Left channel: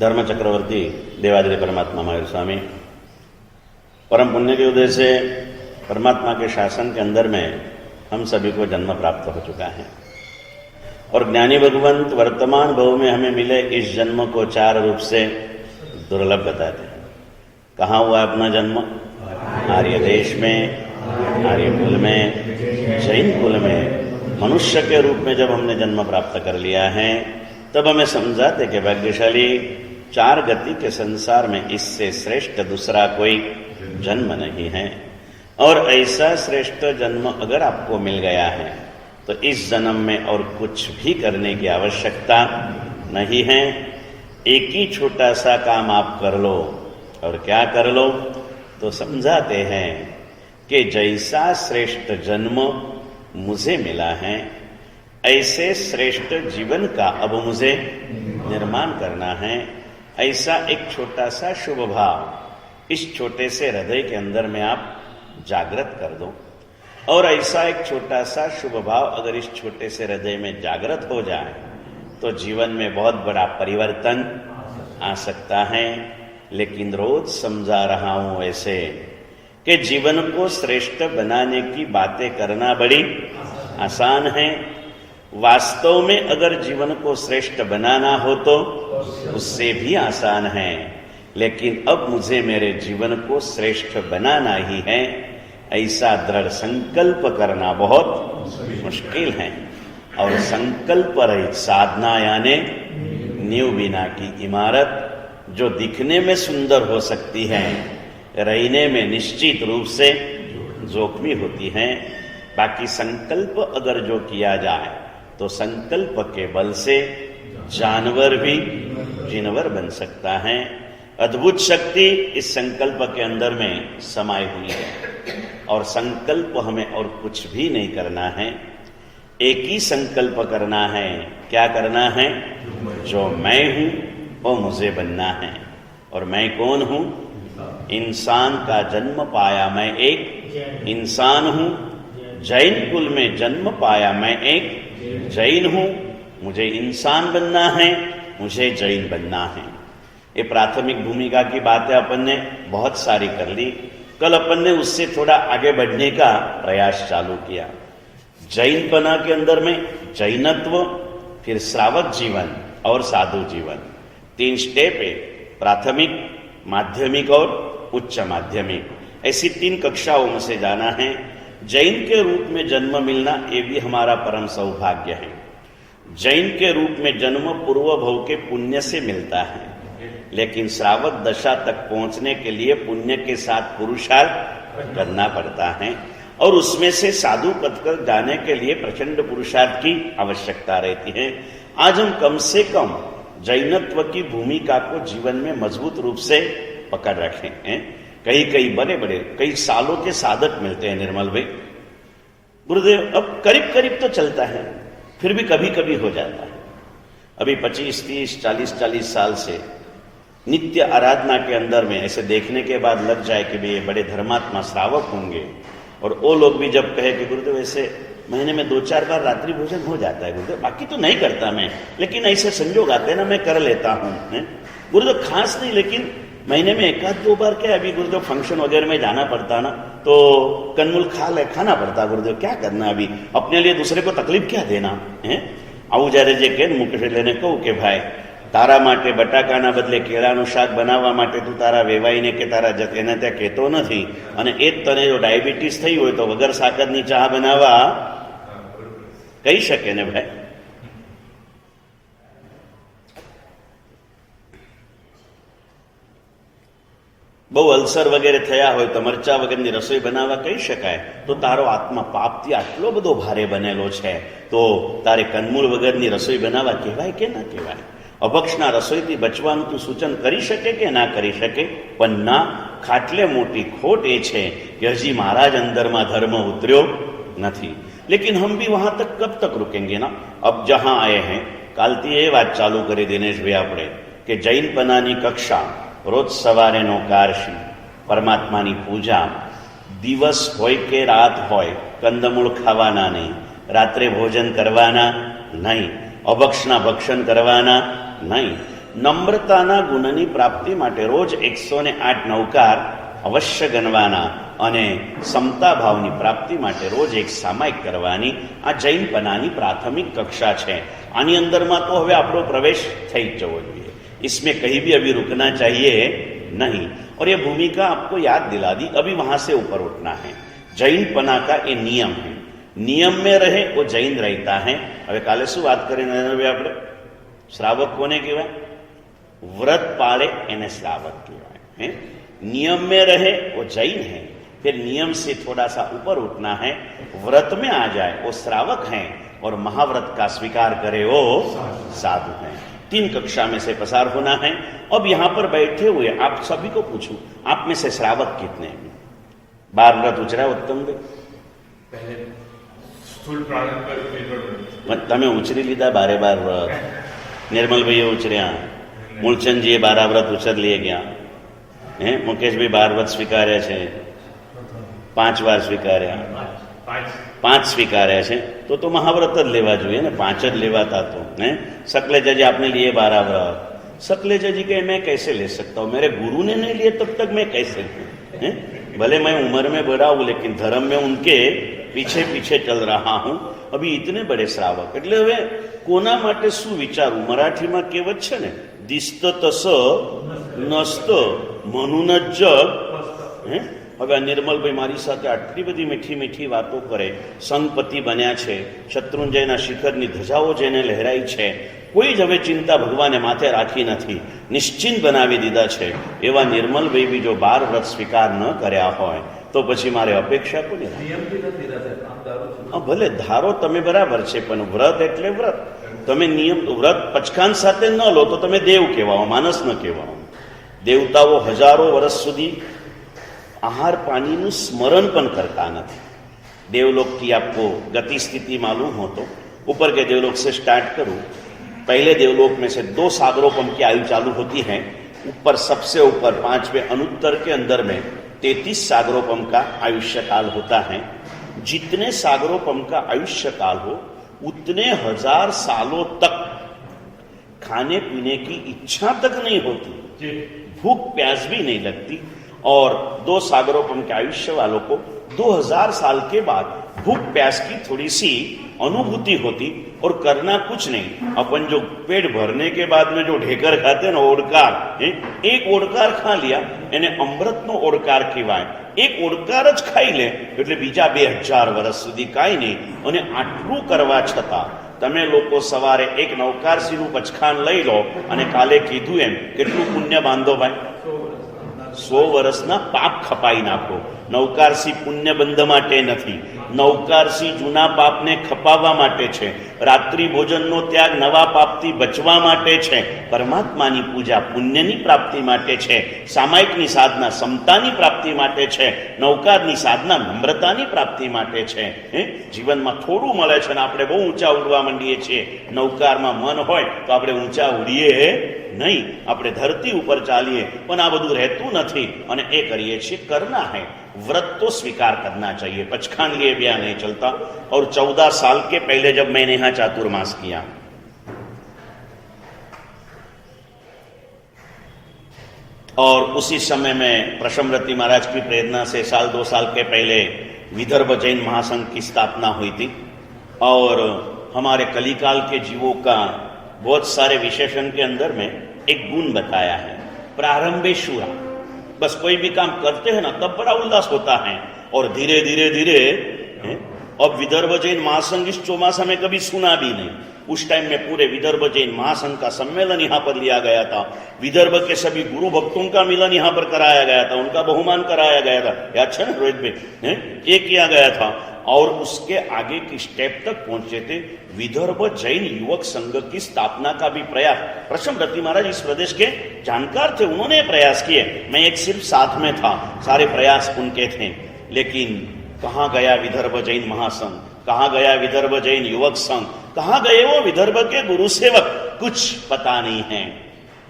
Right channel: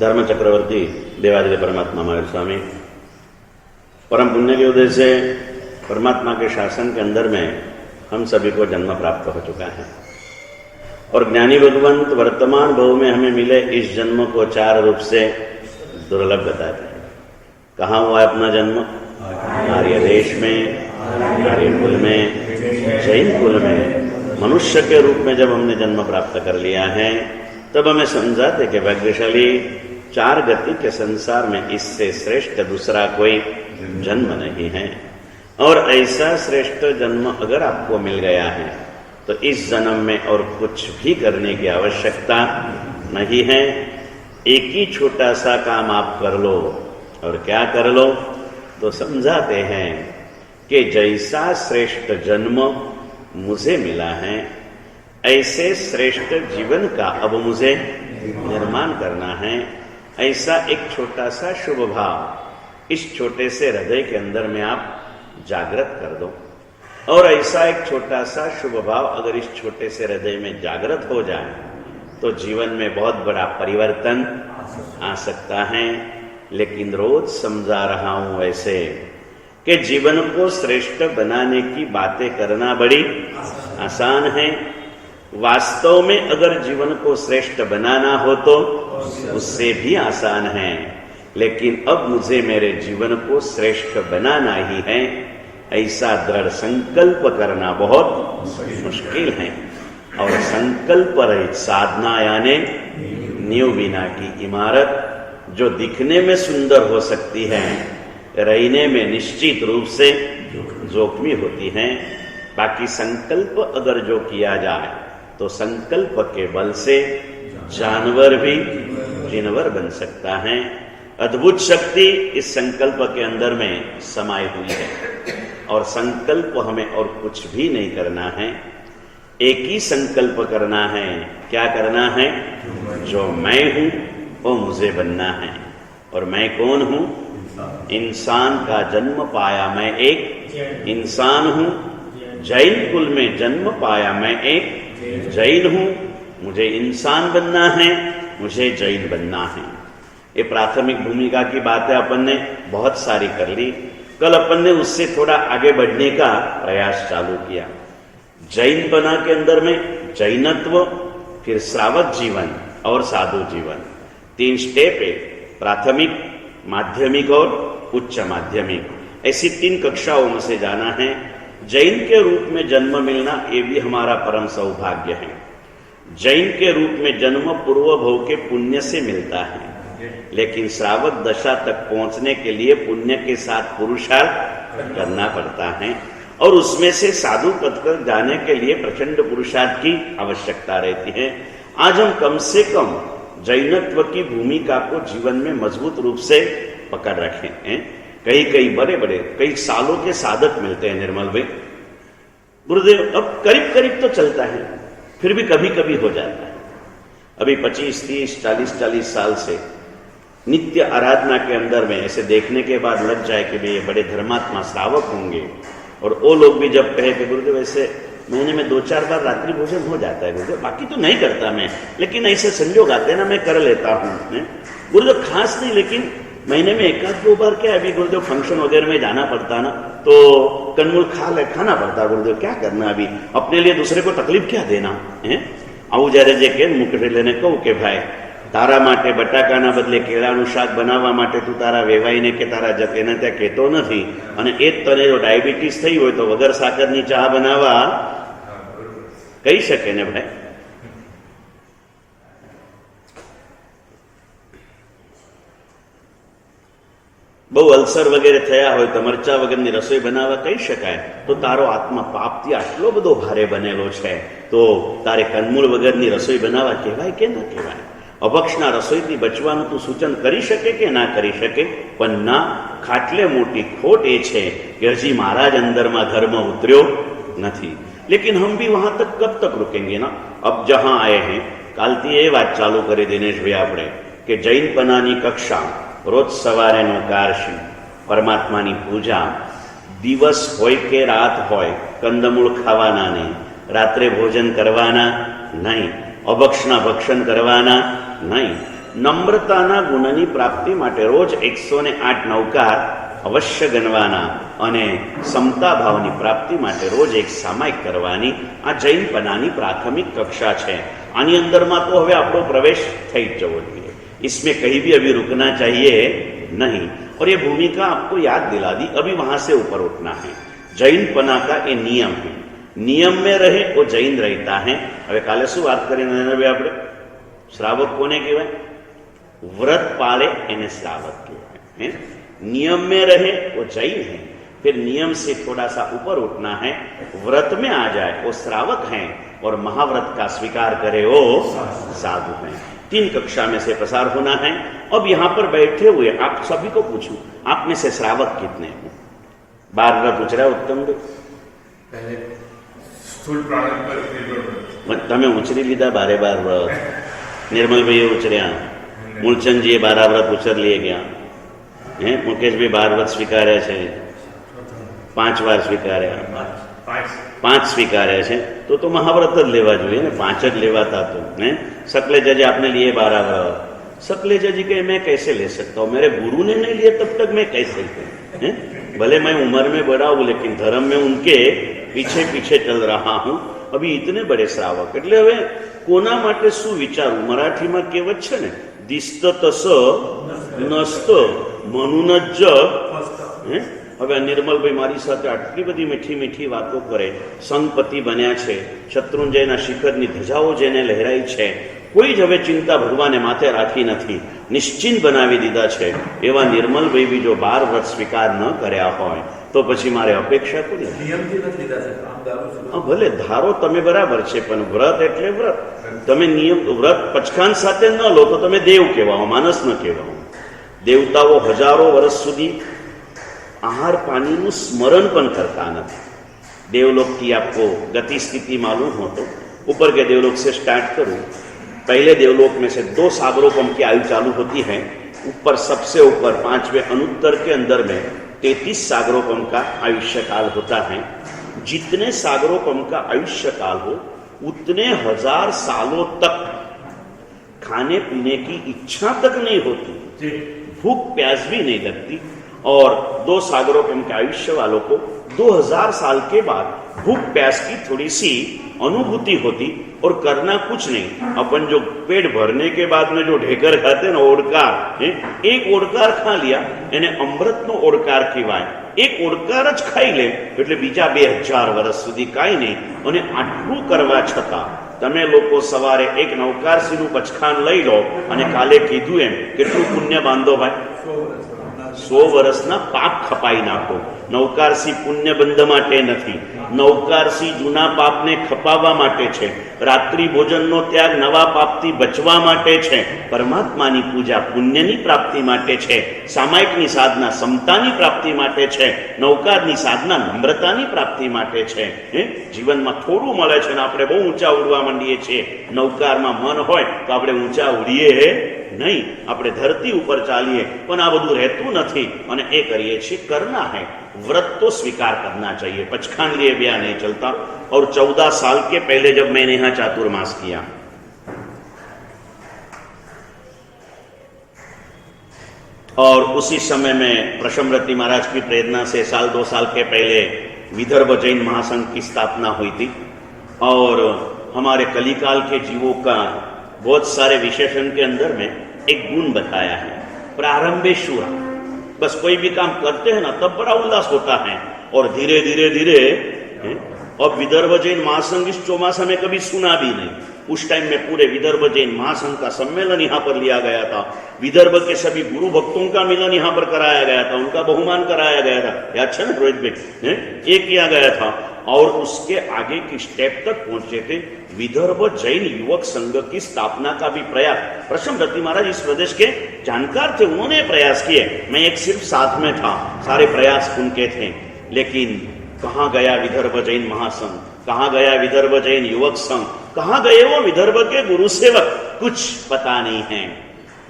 धर्म चक्रवर्ती देवादिदेव परमात्मा महावीर स्वामी परम पुण्य के उदय से परमात्मा के शासन के अंदर में हम सभी को जन्म प्राप्त हो चुका है और ज्ञानी भगवंत वर्तमान भव में हमें मिले इस जन्म को चार रूप से दुर्लभ बताते हैं। कहाँ हुआ अपना जन्म? आर्य देश में, आर्य कुल में, जैन कुल में मनुष्य के रूप में जब हमने जन्म प्राप्त कर लिया है तब हमें समझाते कि भाग्यशाली चार गति के संसार में इससे श्रेष्ठ दूसरा कोई जन्म नहीं है। और ऐसा श्रेष्ठ जन्म अगर आपको मिल गया है तो इस जन्म में और कुछ भी करने की आवश्यकता नहीं है। एक ही छोटा सा काम आप कर लो। और क्या कर लो? तो समझाते हैं कि जैसा श्रेष्ठ जन्म मुझे मिला है ऐसे श्रेष्ठ जीवन का अब मुझे निर्माण करना है। ऐसा एक छोटा सा शुभ भाव इस छोटे से हृदय के अंदर में आप जागृत कर दो। और ऐसा एक छोटा सा शुभ भाव अगर इस छोटे से हृदय में जागृत हो जाए तो जीवन में बहुत बड़ा परिवर्तन आ सकता है। लेकिन रोज समझा रहा हूं ऐसे कि जीवन को श्रेष्ठ बनाने की बातें करना बड़ी आसान है। वास्तव में अगर जीवन को श्रेष्ठ बनाना हो तो उससे भी आसान है। लेकिन अब मुझे मेरे जीवन को श्रेष्ठ बनाना ही है ऐसा दृढ़ संकल्प करना बहुत मुश्किल है। और संकल्प रहित साधना यानी नींव बिना की इमारत जो दिखने में सुंदर हो सकती है रहने में निश्चित रूप से जोखमी होती है। बाकी संकल्प अगर जो किया जाए तो संकल्प के बल से जानवर भी जिनवर बन सकता है। अद्भुत शक्ति इस संकल्प के अंदर में समाई हुई है। और संकल्प हमें और कुछ भी नहीं करना है, एक ही संकल्प करना है। क्या करना है? जो मैं हूं वो मुझे बनना है। और मैं कौन हूं? इंसान का जन्म पाया मैं एक इंसान हूं। जैन कुल में जन्म पाया मैं एक जैन हूं। मुझे इंसान बनना है, मुझे जैन बनना है। ये प्राथमिक भूमिका की बातें अपन ने बहुत सारी कर ली। कल अपन ने उससे थोड़ा आगे बढ़ने का प्रयास चालू किया। जैन बना के अंदर में जैनत्व, फिर श्रावक जीवन और साधु जीवन, तीन स्टेप है। प्राथमिक, माध्यमिक और उच्च माध्यमिक, ऐसी तीन कक्षाओं में से जाना है। जैन के रूप में जन्म मिलना ये भी हमारा परम सौभाग्य है। जैन के रूप में जन्म पूर्व भव के पुण्य से मिलता है। लेकिन श्रावक दशा तक पहुंचने के लिए पुण्य के साथ पुरुषार्थ करना पड़ता है। और उसमें से साधु पद पर जाने के लिए प्रचंड पुरुषार्थ की आवश्यकता रहती है। आज हम कम से कम जैनत्व की भूमिका को जीवन में मजबूत रूप से पकड़ रखे हैं। कई बड़े बड़े कई सालों के साधक मिलते हैं निर्मल भाई। गुरुदेव अब करीब करीब तो चलता है, फिर भी कभी कभी हो जाता है। अभी 25, 30, 40 साल से नित्य आराधना के अंदर में ऐसे देखने के बाद लग जाए कि भाई ये बड़े धर्मात्मा श्रावक होंगे। और वो लोग भी जब कहे कि गुरुदेव ऐसे महीने में 2-4 बार रात्रि भोजन हो जाता है गुरुदेव, बाकी तो नहीं करता मैं, लेकिन ऐसे संजोग आते हैं ना मैं कर लेता हूँ गुरुदेव। खास नहीं, लेकिन महीने में 1-2 बार क्या अभी गुरुदेव फंक्शन वगैरह में जाना पड़ता ना तो कन्मुल खाना पड़ता। गुरुदेव क्या करना, अभी अपने लिए दूसरे को तकलीफ क्या देना है। आવું જ્યારે જે કે મુકેશ લેને કહું કે ભાઈ તારા માટે બટાકાના બદલે કેળાનું શાક બનાવવા માટે તું તારા વેવાઈને કે તારા એને ત્યાં કહેતો નથી અને એ જ તને જો ડાયાબિટીસ થઈ હોય તો વગર સાકરની ચા બનાવવા કહી શકે ને ભાઈ। બહુ અલ્સર વગેરે થયા હોય તો મરચા વગરની રસોઈ બનાવવા કહી શકાય। તો તારો આત્મા પાપથી આટલો બધો ભારે બનેલો છે તો તારે કંદમૂળ વગરની રસોઈ બનાવવા કહેવાય કે ના કહેવાય? અભક્ષના રસોઈથી બચવાનું તું સૂચન કરી શકે કે ના કરી શકે? પણ ના, ખાટલે મોટી ખોટ એ છે કે હજી મારા જ અંદરમાં ધર્મ ઉતર્યો નથી। लेकिन हम भी वहां तक कब तक रुकेंगे ना। अब जहां आए हैं कालती ये बात चालू करे दिनेश भाई आपने कि जैन पनानी कक्षा रोज सवारे नो कारशी परमात्मानी पूजा दिवस होय के रात होय कंदमूळ खावाना नहीं, रात्रे भोजन करवाना नहीं, अभक्षना भक्षण करवाना नहीं। નમ્રતાના ગુણની પ્રાપ્તિ માટે રોજ 108 નવકાર અવશ્ય ગણવાના અને સમતા ભાવની પ્રાપ્તિ માટે રોજ એક સામાયિક કરવાની આ જૈનપનાની પ્રાથમિક કક્ષા છે. આની અંદરમાં તો હવે આપણો પ્રવેશ થઈ જ જવો જોઈએ. इसमें कहीं भी अभी रुकना चाहिए नहीं. और ये भूमिका आपको याद दिला दी, अभी वहां से ऊपर उठना है. जैनपना का ये नियम है. नियम में रहे वो जैन रहता है. હવે કાલે શું વાત કરી નરેન્દ્રભાઈ? આપણે શ્રાવક કોને કહેવાય? व्रत पाले એને श्रावक કહેવાય. नियम में रहे वो जैन है. फिर नियम से थोड़ा सा ऊपर उठना है, व्रत में आ जाए वो श्रावक हैं, और महाव्रत का स्वीकार करे वो साधु हैं. 3 कक्षा में से प्रसार होना है. अब यहाँ पर बैठे हुए आप सभी को पूछूं, आप में से श्रावक कितने हैं? 12 व्रत उचरा उत्तम भाई? पहले स्थूल प्रारंभ पर તમે ઉચરી લીધા 12 વ્રત? નિર્મલભાઈએ ઉચર્યા, મૂળચંદજીએ 12 વ્રત ઉચર લઈ ગયા, મુકેશભાઈ 12 વ્રત સ્વીકાર્યા છે, 5 વાર સ્વીકાર્યા, 5 સ્વીકાર્યા છે. तो महाव्रत જ લેવા જોઈએ ને, 5 જ લેવાતા तो हैं. सकलेजा जी आपने लिए 12 व्रत. सकलेजा जी के मैं कैसे ले सकता हूँ? मेरे गुरु ने नहीं लिए तब तक मैं कैसे लूँ? भले मैं उम्र में बड़ा हूँ लेकिन धर्म में उनके पीछे पीछे चल रहा हूँ. अभी इतने बड़े श्रावक એટલે હવે કોના માટે શું વિચારવું? મરાઠીમાં કહેવત છે ને, દિસ્ત તસ નસ્ત મનુન જગ. હવે આ નિર્મલભાઈ મારી સાથે આટલી બધી મીઠી મીઠી વાતો કરે, સંગપતિ બન્યા છે, શત્રુંજયના શિખરની ધજાઓ જેને લહેરાઈ છે, કોઈ જ હવે ચિંતા ભગવાને માથે રાખી નથી, નિશ્ચિંત બનાવી દીધા છે. એવા નિર્મલભાઈ બી જો 12 વ્રત સ્વીકાર ન કર્યા હોય તો પછી મારે અપેક્ષા કોની? ભલે ધારો તમે બરાબર છે, પણ વ્રત એટલે વ્રત. તમે નિયમ વ્રત પચખાન સાથે ન લો તો તમે દેવ કહેવાઓ, માનસ ન કહેવાઓ. દેવતાઓ હજારો વર્ષ સુધી आहार पानी नु स्मरण पण करता नहीं. देवलोक की आपको गति स्थिति मालूम हो तो ऊपर के देवलोक से स्टार्ट करूं. पहले देवलोक में से 2 सागरोपम की आयु चालू होती है. ऊपर सबसे ऊपर 5वें अनुत्तर के अंदर में 33 सागरोपम का आयुष्य काल होता है. जितने सागरोपम का आयुष्य काल हो उतने 1000 सालों तक खाने पीने की इच्छा तक नहीं होती, भूख प्यास भी नहीं लगती. और 2 सागरोपम के आयुष्य वालों को 2000 साल के बाद भूख प्यास की थोड़ी सी अनुभूति होती और करना कुछ नहीं. अपन जो पेट भरने के बाद में जो ढेकर खाते ना, ओडकार, एक ओडकार खा लिया એને અમૃતનો ઓડકાર કહેવાય. એક ઓડકાર જ ખાઈ લે એટલે બીજા 2000 વર્ષ સુધી કાંઈ નહીં. અને આટલું કરવા છતાં તમે લોકો સવારે એક નવકારસીનું પચખાન લઈ લો અને કાલે કીધું એમ કેટલું પુણ્ય બાંધો ભાઈ? 100 વર્ષના પાપ ખપાઈ નાખો. નવકારસી પુણ્ય બંધ માટે નથી, નવકારસી જૂના પાપને ખપાવવા માટે છે. રાત્રિ ભોજનનો ત્યાગ નવા પાપથી બચવા માટે છે. પરમાત્માની પૂજા પુણ્યની પ્રાપ્તિ માટે છે. સામાયિકની સાધના સમતાની પ્રાપ્તિ માટે છે. નવકારની સાધના નમ્રતાની પ્રાપ્તિ માટે છે. જીવનમાં થોડું મળે છે ને આપણે બહુ ઊંચા ઉડવા માંડીએ છીએ. નવકારમાં મન હોય તો આપણે ઊંચા ઉડીએ नहीं, આપણે ધરતી ઉપર ચાલીએ, પણ આ બધું રહેતું નથી અને એ કરીએ છીએ. करना है, व्रत तो स्वीकार करना चाहिए. पचखान लिए ब्याह नहीं चलता. और 14 साल के पहले जब मैंने यहाँ चातुर्मास किया, और उसी समय में प्रशमरति महाराज की प्रेरणा से 1-2 साल के पहले विदर्भ जैन महासंघ की स्थापना हुई थी. और हमारे कलिकाल के जीवों का बहुत सारे विशेषण के अंदर में एक गुण बताया है, प्रारंभेशुरा. बस कोई भी काम करते हैं ना तब बड़ा उल्लास होता है. और धीरे धीरे धीरे अब विदर्भ जैन महासंघ इस चौमासा में कभी सुना भी नहीं. उस टाइम में पूरे विदर्भ जैन महासंघ का सम्मेलन यहाँ पर लिया गया था. विदर्भ के सभी गुरु भक्तों का मिलन यहाँ पर कराया गया था, उनका बहुमान कराया गया था. याद है ना रोहित भाई? ये किया गया था. और उसके आगे की स्टेप तक पहुंचे थे. विदर्भ जैन युवक संघ की स्थापना का भी प्रयास, प्रशमरति महाराज इस प्रदेश के जानकार थे, उन्होंने प्रयास किए. मैं एक सिर्फ साथ में था, सारे प्रयास उनके थे. लेकिन कहाँ गया विदर्भ जैन महासंघ? कहाँ गया विदर्भ जैन युवक संघ? कहाँ गए वो विदर्भ के गुरु सेवक? कुछ पता नहीं है.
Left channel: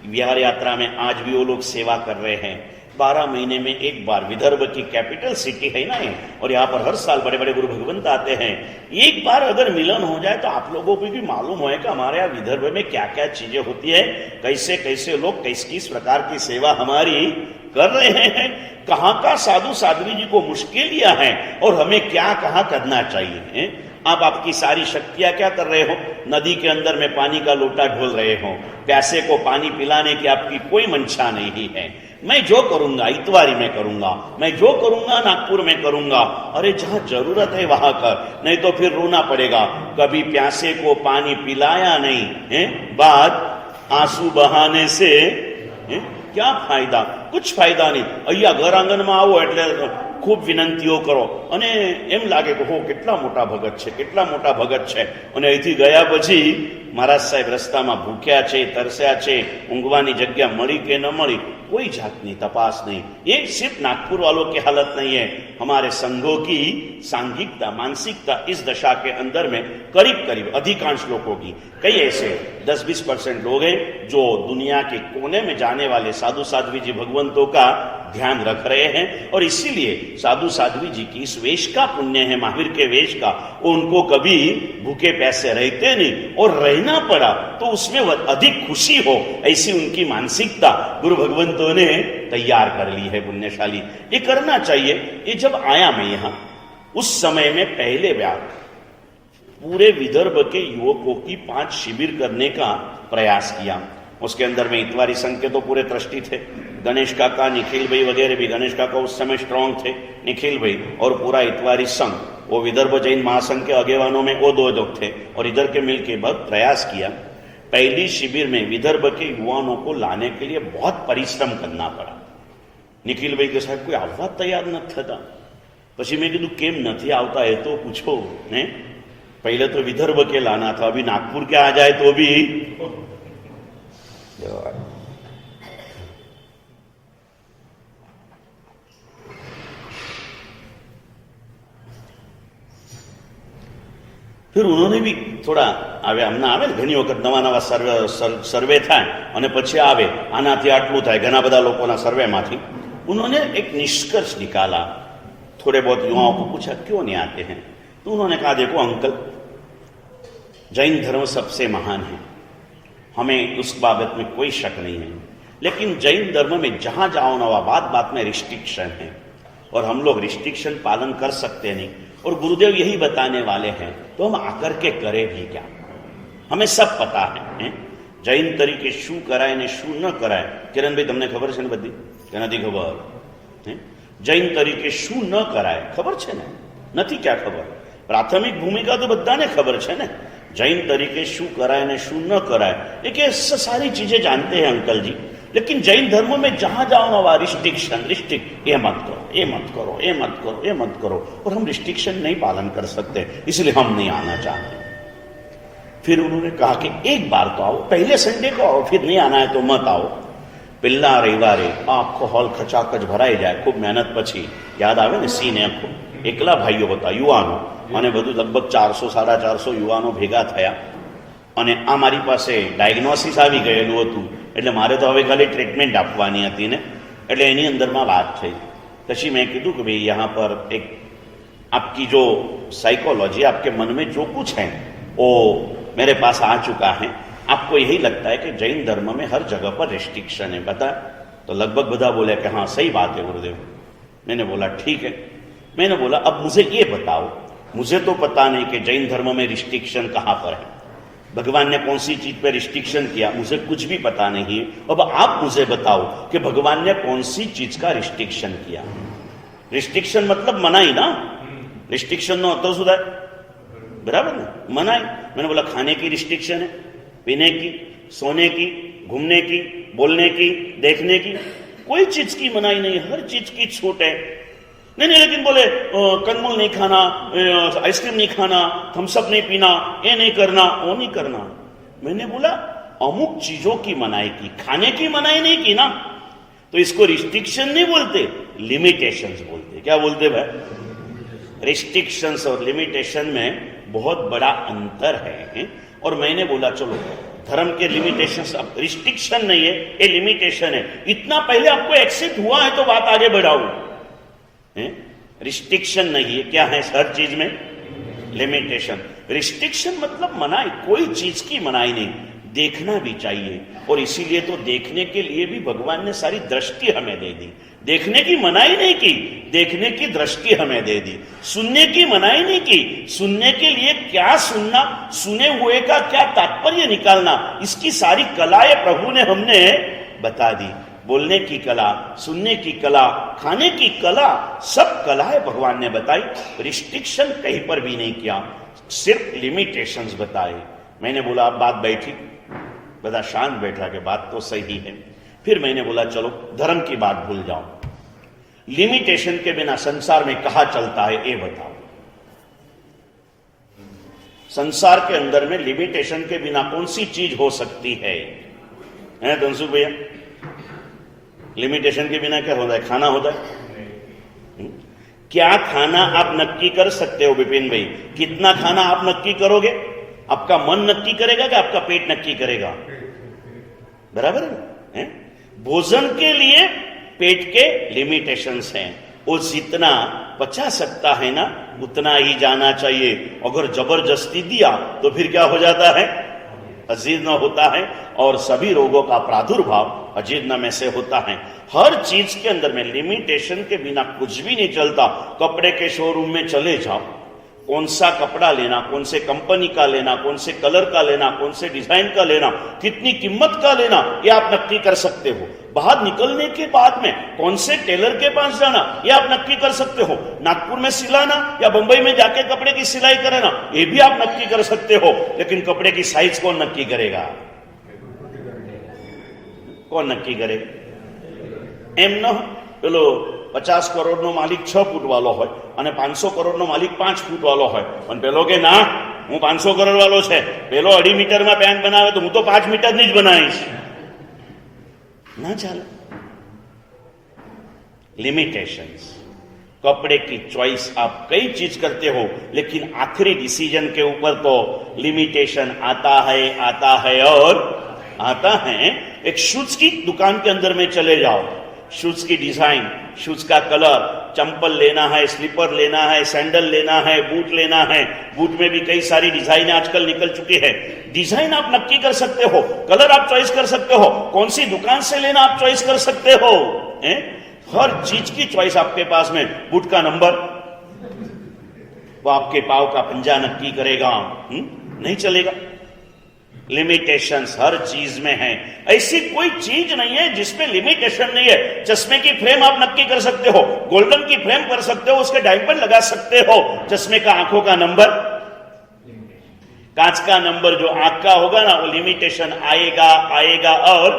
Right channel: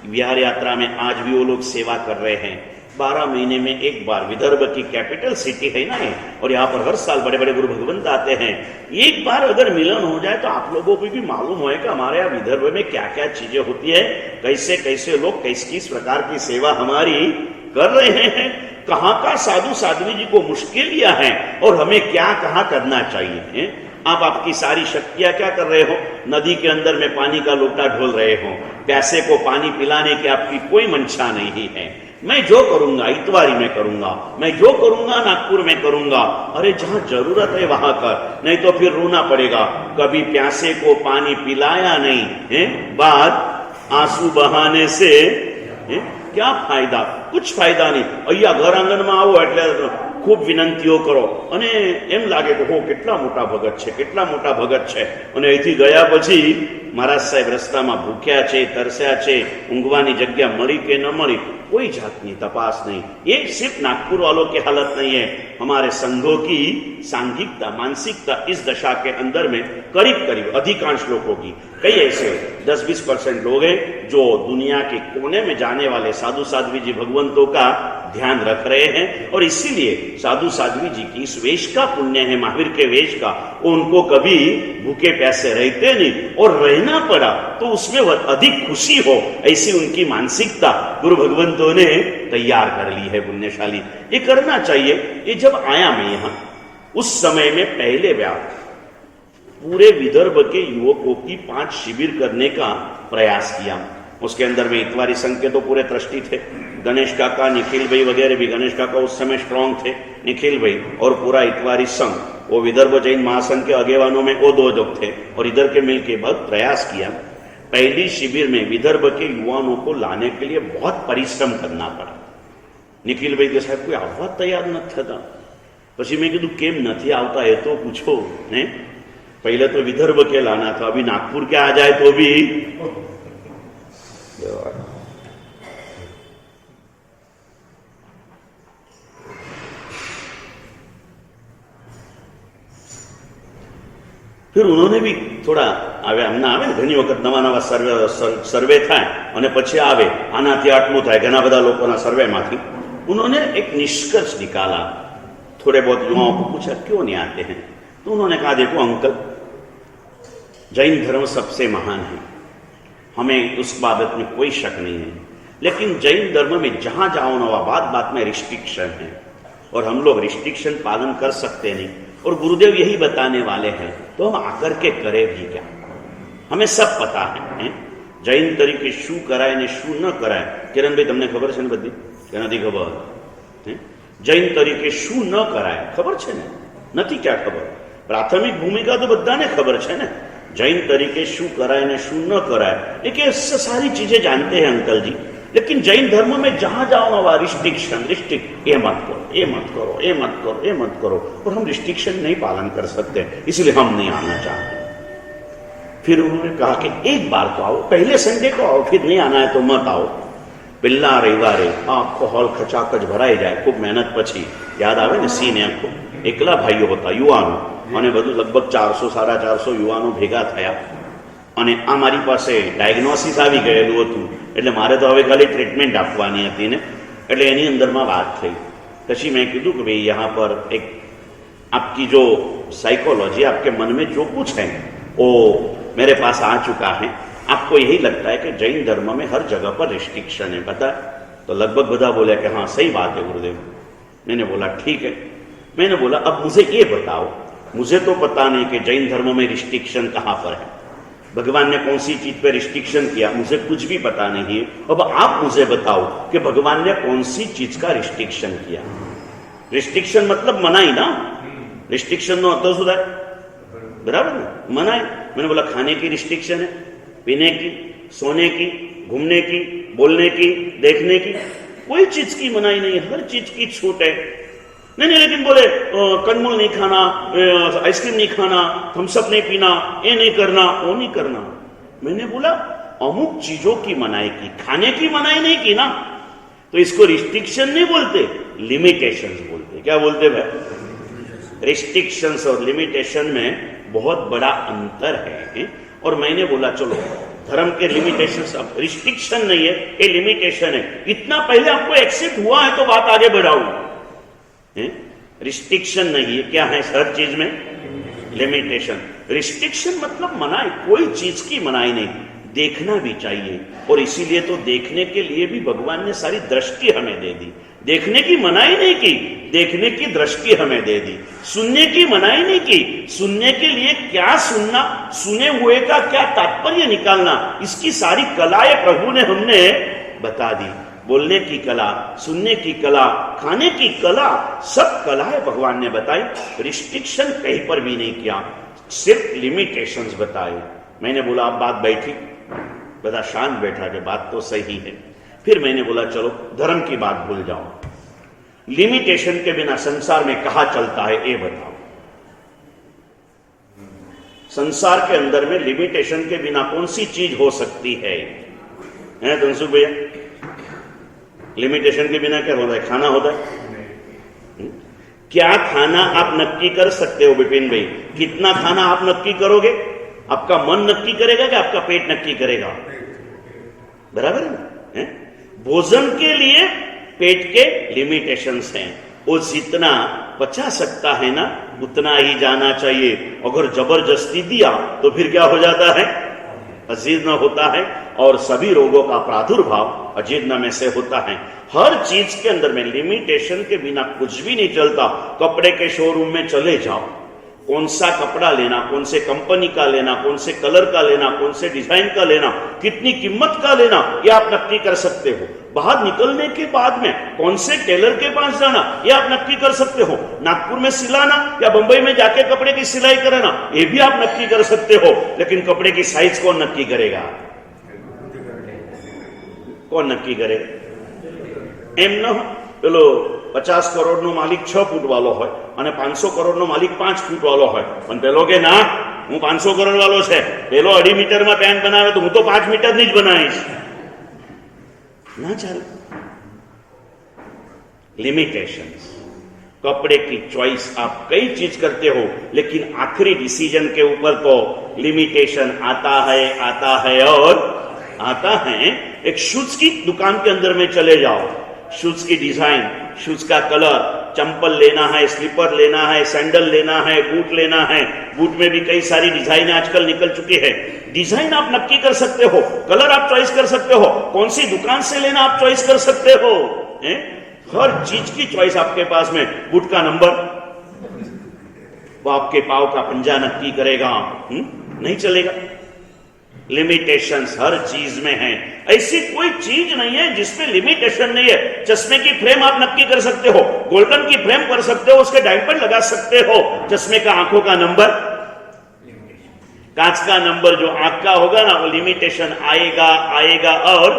विहार यात्रा में आज भी वो लोग सेवा कर रहे हैं. 12 महीने में एक बार, विदर्भ की कैपिटल सिटी है ना ये, और यहाँ पर हर साल बड़े बड़े गुरु भगवंत आते हैं। एक बार अगर मिलन हो जाए तो आप लोगों को भी मालूम हो कि हमारे यहाँ विदर्भ में क्या क्या चीजें होती है, कैसे कैसे लोग किस प्रकार की सेवा हमारी कर रहे हैं, कहाँ का साधु साध्वी जी को मुश्किलियां हैं और हमें क्या कहाँ करना चाहिए है? आप आपकी सारी शक्तियां क्या कर रहे हो? नदी के अंदर में पानी का लोटा ढोल रहे हो, प्यासे को पानी पिलाने की आपकी कोई मंशा नहीं है। मैं जो करूंगा इतवारी में करूंगा, मैं जो करूंगा नागपुर में करूंगा। अरे जहां जरूरत है वहां कर, नहीं तो फिर रोना पड़ेगा, कभी प्यासे को पानी पिलाया नहीं है, बाद आंसू बहाने से है? क्या फायदा? कुछ फायदा नहीं। અહીંયા ઘર આંગણમાં આવો એટલે ખૂબ વિનંતીઓ કરો અને એમ લાગે કે હો કેટલા મોટા ભગત છે, કેટલા મોટા ભગત છે, અને અહીંથી ગયા પછી महाराज साहेब रस्ताમાં ભૂખ્યા છે, તરસ્યા છે, ઊંઘવાની જગ્યા મળી કે ન મળી, कोई जातनी तपास नहीं। ये सिर्फ नागपुर वालों की हालत नहीं है, हमारे संघों की सांघिकता मानसिकता इस दशा के अंदर में करीब करीब अधिकांश लोगों की, कई ऐसे 10-20% लोग हैं जो दुनिया के कोने में जाने वाले साधु साध्वी जी भगवंतों का ध्यान रख रहे हैं। और इसीलिए साधु साध्वी जी की इस वेश का पुण्य है, महावीर के वेश का, उनको कभी भूखे प्यासे रहते नहीं, और रहना पड़ा तो उसमें अधिक खुशी हो, ऐसी उनकी मानसिकता गुरु भगवंतों ने तैयार कर ली है। पुण्यशाली ये करना चाहिए। ये जब आया मैं यहां, उस समय में पहले व्याप पूरे विदर्भ के युवकों की 5 शिविर करने का प्रयास किया। उसके अंदर में इतवारी संघ के तो पूरे ट्रस्टी थे, गणेश काका, निखिल भाई वगैरह भी। गणेश काका उस समय स्ट्रांग थे, निखिल भाई और पूरा इतवारी संघ, वो विदर्भ जैन महासंघ के अगेवानों में वो 2 लोग थे, और इधर के मिलके बहुत प्रयास किया। पहली शिविर में विदर्भ के युवाओं को लाने के लिए बहुत परिश्रम करना पड़ा। निखिल भाई के साथ कोई આવવા તૈયાર ન થતા। પછી મેં કીધું કેમ નથી આવતા એ તો પૂછો ને, पहले तो विदर्भ के लाना था, अभी नागपुर के आ जाए तो भी। फिर उन्होंने भी थोड़ा आवे, हमने आवे घनी वखत नवा नवा सर्वे था અને પછી આવે આનાથી આટલું થાય, ઘણા બધા લોકોના સર્વેમાંથી उन्होंने एक निष्कर्ष निकाला। थोड़े बहुत युवाओं को पूछा क्यों नहीं आते हैं, तो उन्होंने कहा देखो अंकल, जैन धर्म सबसे महान है, हमें उस बाबत में कोई शक नहीं है, लेकिन जैन धर्म में जहां जाओ ना बात में रिस्ट्रिक्शन है, और हम लोग रिस्ट्रिक्शन पालन कर सकते नहीं, और गुरुदेव यही बताने वाले हैं, तो हम आकर के करें भी क्या? हमें सब पता है जैन तरीके शू कराय ने शू न कराय। किरण भाई तमने खबर है ने बधी के नहीं खबर? जैन तरीके शू न कराय खबर है ने? नहीं क्या खबर? प्राथमिक भूमिका तो बधाने खबर है ने, जैन तरीके शू कराय ने शू न कराय, लेकिन सारी चीजें जानते हैं अंकल जी। लेकिन जैन धर्म में जहां जाओ ना वहां रिस्ट्रिक्ट, ये मत करो, ये मत करो, ये मत करो, ये मत करो, और हम रिस्ट्रिक्शन नहीं पालन कर सकते, इसलिए हम नहीं आना चाहते। फिर उन्होंने कहा कि एक बार तो आओ, पहले संडे को आओ, फिर नहीं आना है तो मत आओ। पिल्ला रविवारे आखो हॉल खचाखच भराई जाए, खूब मेहनत पछी याद आवे ने सीन आखो एकला भाईओ होता युवानो, અને બધું લગભગ 400-450 યુવાનો ભેગા થયા, અને આ મારી પાસે ડાયગ્નોસિસ આવી ગયેલું હતું, એટલે મારે તો હવે ખાલી ટ્રીટમેન્ટ આપવાની હતી ને, એટલે એની અંદરમાં વાત થઈ। પછી મેં કીધું કે ભાઈ यहाँ पर एक आपकी जो साइकोलॉजी, आपके मन में जो कुछ है वो मेरे पास आ चुका है। आपको यही लगता है कि जैन धर्म में हर जगह पर रिस्ट्रिक्शन है, पता? तो लगभग बधा बोले कि हाँ सही बात है गुरुदेव। मैंने बोला ठीक है। मैंने बोला अब मुझे ये बताओ, मुझे तो पता नहीं कि जैन धर्म में रिस्ट्रिक्शन कहाँ पर है, भगवान ने कौन सी चीज पे रिस्ट्रिक्शन किया, मुझे कुछ भी पता नहीं है। अब आप मुझे बताओ कि भगवान ने कौन सी चीज का रिस्ट्रिक्शन किया। रिस्ट्रिक्शन मतलब मनाई ना, रिस्ट्रिक्शन नो तो सुधार बराबर ना, मनाई। मैंने बोला खाने की रिस्ट्रिक्शन है, पीने की, सोने की, घूमने की, बोलने की, देखने की, कोई चीज की मनाई नहीं, हर चीज की छूट है। नहीं नहीं, लेकिन बोले कंदमूल नहीं खाना, आइसक्रीम नहीं खाना, थम्सअप नहीं पीना, ये नहीं करना, वो नहीं करना। मैंने बोला अमुक चीजों की मनाई की, खाने की मनाई नहीं की ना, तो इसको रिस्ट्रिक्शन नहीं बोलते, लिमिटेशंस बोलते। क्या बोलते भाई? रिस्ट्रिक्शंस और लिमिटेशन में बहुत बड़ा अंतर है। और मैंने बोला चलो धर्म के लिमिटेशंस, अब रिस्ट्रिक्शन नहीं है, ये लिमिटेशन है। इतना पहले आपको एक्सेप्ट हुआ है तो बात आगे बढ़ाओ। रिस्ट्रिक्शन नहीं है, क्या है हर चीज में लिमिटेशन। रिस्ट्रिक्शन मतलब मनाही, कोई चीज की मनाही नहीं, देखना भी चाहिए। और इसीलिए तो देखने के लिए भी भगवान ने सारी दृष्टि हमें दे दी। देखने की मनाही नहीं की, देखने की दृष्टि हमें दे दी। सुनने की मनाही नहीं की, सुनने के लिए क्या सुनना, सुने हुए का क्या तात्पर्य निकालना, इसकी सारी कलाएं प्रभु ने हमने बता दी। बोलने की कला, सुनने की कला, खाने की कला, सब कलाएं भगवान ने बताई। रिस्ट्रिक्शन कहीं पर भी नहीं किया, सिर्फ लिमिटेशंस बताए। मैंने बोला अब बात बैठी, बड़ा शांत बैठा के बात तो सही है। फिर मैंने बोला चलो धर्म की बात भूल जाओ, लिमिटेशन के बिना संसार में कहां चलता है ये बताओ। संसार के अंदर में लिमिटेशन के बिना कौन सी चीज हो सकती है? धनसुख भैया, लिमिटेशन के बिना क्या होता है? खाना होता है। क्या खाना आप नक्की कर सकते हो विपिन भाई? कितना खाना आप नक्की करोगे? आपका मन नक्की करेगा कि आपका पेट नक्की करेगा? बराबर है ना? भोजन के लिए पेट के लिमिटेशंस हैं, वो जितना पचा सकता है ना उतना ही जाना चाहिए। अगर जबरदस्ती दिया तो फिर क्या हो जाता है? अजीर्ण होता है, और सभी रोगों का प्रादुर्भाव अजीर्ण में से होता है। हर चीज के अंदर में लिमिटेशन के बिना कुछ भी नहीं चलता। कपड़े के शोरूम में चले जाओ, कौन सा कपड़ा लेना, कौन से कंपनी का लेना, कौन से कलर का लेना, कौन से डिजाइन का लेना, कितनी कीमत का लेना, ये आप नक्की कर सकते हो। बाहर निकलने के बाद में कौन से टेलर के पास जाना, ये आप नक्की कर सकते हो। नागपुर में सिलाना या बंबई में जाके कपड़े की सिलाई कराना, ये भी आप नक्की कर सकते हो। लेकिन कपड़े की साइज कौन नक्की करेगा? कौन नक्की करेगा? एम न पेलो 50 करोड़ नो मालिक 6 फूट वालो होय અને 500 करोड़ नो मालिक 5 फूट वालो होय, અને પેલો કે ના હું 500 करोड़ वालो છે, પેલો 2.5 मीटर में पेंट बनावे तो હું तो 5 मीटर ની જ બનાવીશ, ना चले। लिमिटेशंस, कपड़े की चॉइस आप कई चीज करते हो, लेकिन आखिरी डिसीजन के ऊपर तो लिमिटेशन आता है और आता है। एक शूज की दुकान के अंदर में चले जाओ, शूज की डिजाइन, शूज का कलर, चंपल लेना है, स्लीपर लेना है, सैंडल लेना है, बूट लेना है। बूट में भी कई सारी डिजाइन आजकल निकल चुकी है। डिजाइन आप नक्की कर सकते हो, कलर आप चॉइस कर सकते हो, कौन सी दुकान से लेना आप चॉइस कर सकते हो। हर चीज की चॉइस आपके पास में। बूट का नंबर वो आपके पाव का पंजा नक्की करेगा, नहीं चलेगा। लिमिटेशंस हर चीज में है, ऐसी कोई चीज नहीं है जिसमें लिमिटेशन नहीं है। चश्मे की फ्रेम आप नक्की कर सकते हो, गोल्डन की फ्रेम कर सकते हो, उसके डायमंड लगा सकते हो। चश्मे का आंखों का नंबर, कांच का नंबर जो आंख का होगा ना, वो लिमिटेशन आएगा। और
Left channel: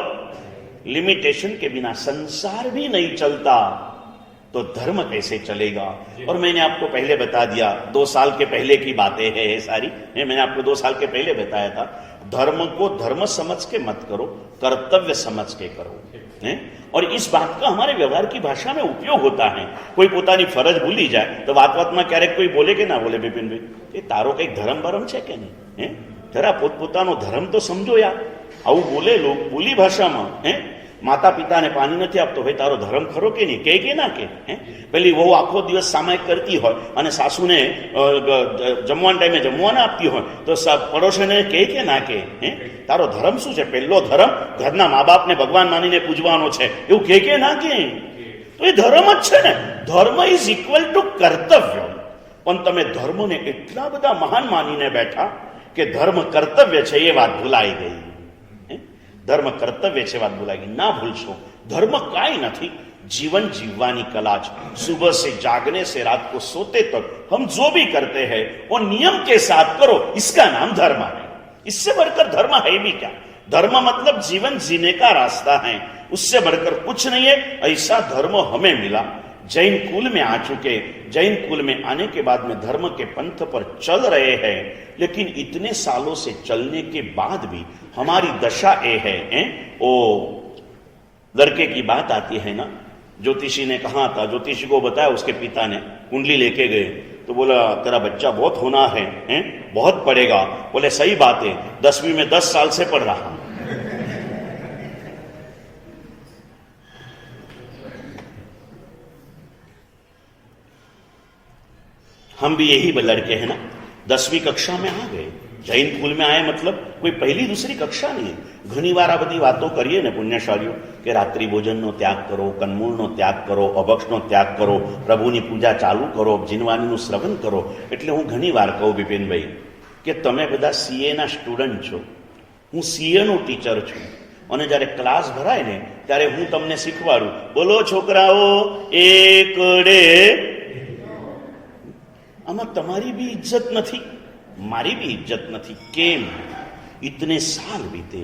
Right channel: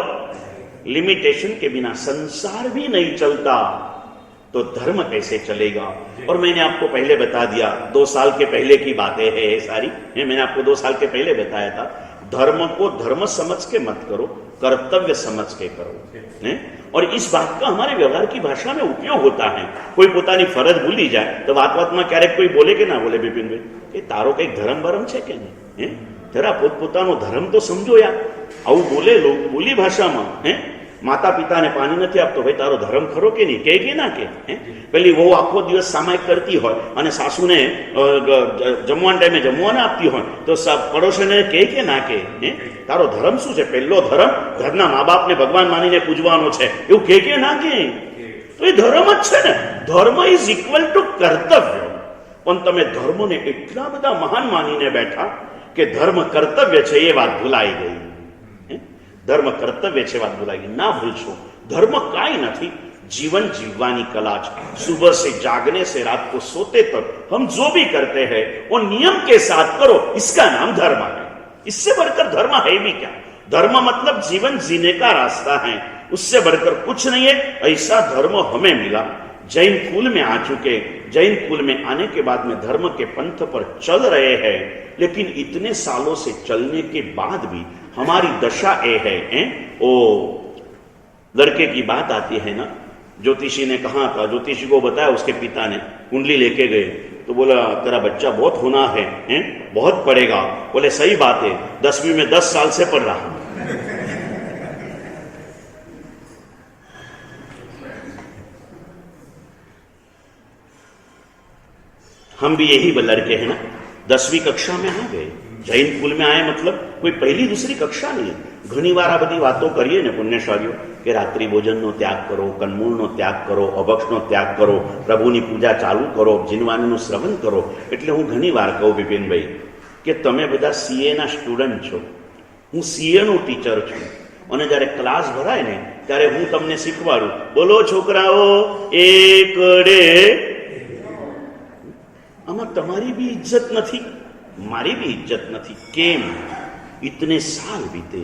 लिमिटेशन के बिना संसार भी नहीं चलता, तो धर्म कैसे चलेगा? और मैंने आपको पहले बता दिया, 2 साल के पहले की बातें हैं ये सारी, मैंने आपको 2 साल के पहले बताया था। धर्म को धर्म समझ के मत करो, कर्तव्य समझ के करो। और इस बात का हमारे व्यवहार की भाषा में उपयोग होता है। कोई પોતાની ફરજ ભૂલી જાય તો વાતમાં ક્યારેક કોઈ બોલે કે ના બોલે, બિપિનભાઈ એ તારો કઈ ધર્મ બરમ છે કે નહીં? જરા પોતપોતાનો ધર્મ તો સમજો યાર। આવું બોલે લોક બોલી ભાષામાં। માતા પિતાને પાણી નથી આપતો, ભાઈ તારો ધર્મ ખરો કે નહીં? કે ના કે? પેલી વહુ આખો દિવસ સામાયિક કરતી હોય અને સાસુને જમવાના ટાઈમે જમવા ના આપતી હોય તો પડોશીને કે ના કે? તારો ધર્મ શું છે? પહેલો ધર્મ ઘરના મા બાપને ભગવાન માનીને પૂજવાનો છે, એવું કે ના કે? તો એ ધર્મ જ છે ને। ધર્મ ઇઝ ઇક્વલ ટુ કર્તવ્ય। પણ તમે ધર્મને એટલા બધા મહાન માનીને બેઠા કે ધર્મ કર્તવ્ય છે એ વાત ભૂલાઈ ગઈ। धर्म कर्तव्य છે વાત ભૂલાઈ ગઈ। ના ભૂલશો, ધર્મ કાંઈ નથી, जीवन जीववानी कला। सुबह से जागने से रात को सोते तक हम जो भी करते हैं वो नियम के साथ करो, इसका नाम धर्म है। इससे बढ़कर धर्म है भी क्या? धर्म मतलब जीवन जीने का रास्ता है, उससे बढ़कर कुछ नहीं है। ऐसा धर्म हमें मिला, जैन कुल में आ चुके, जैन कुल में आने के बाद में धर्म के पंथ पर चल रहे हैं। लेकिन इतने सालों से चलने के बाद भी हमारी दशा ये है। ओ लड़के की बात आती है ना, ज्योतिषी ने कहा था, ज्योतिषी को बताया, उसके पिता ने कुंडली लेके गए तो बोला तेरा बच्चा बहुत होना है, बहुत वक्त पड़ेगा। बोले सही बात है, 10वीं में 10 साल से पढ़ रहा हूं। हम भी यही लड़के हैं ना, 10वीं कक्षा में आ गए, जैन कुल में आए मतलब कोई पहली दूसरी कक्षा नहीं। घनी वार आ बधी वातो करिए ने पुण्यशालीओ કે રાત્રિ ભોજનનો ત્યાગ કરો, કંદમૂળનો ત્યાગ કરો, અભક્ષનો ત્યાગ કરો, પ્રભુની પૂજા ચાલુ કરો, જીનવાણીનું શ્રવણ કરો. એટલે હું ઘણી વાર કહું વિપિનભાઈ કે તમે બધા સીએના સ્ટુડન્ટ છો, હું સીએનો ટીચર છું, અને જ્યારે ક્લાસ ભરાય ને ત્યારે હું તમને શીખવાડું, બોલો છોકરાઓ એકડે. આમાં તમારી બી ઇજ્જત નથી, મારી भी इज्जत नहीं. केम? इतने साल बीते,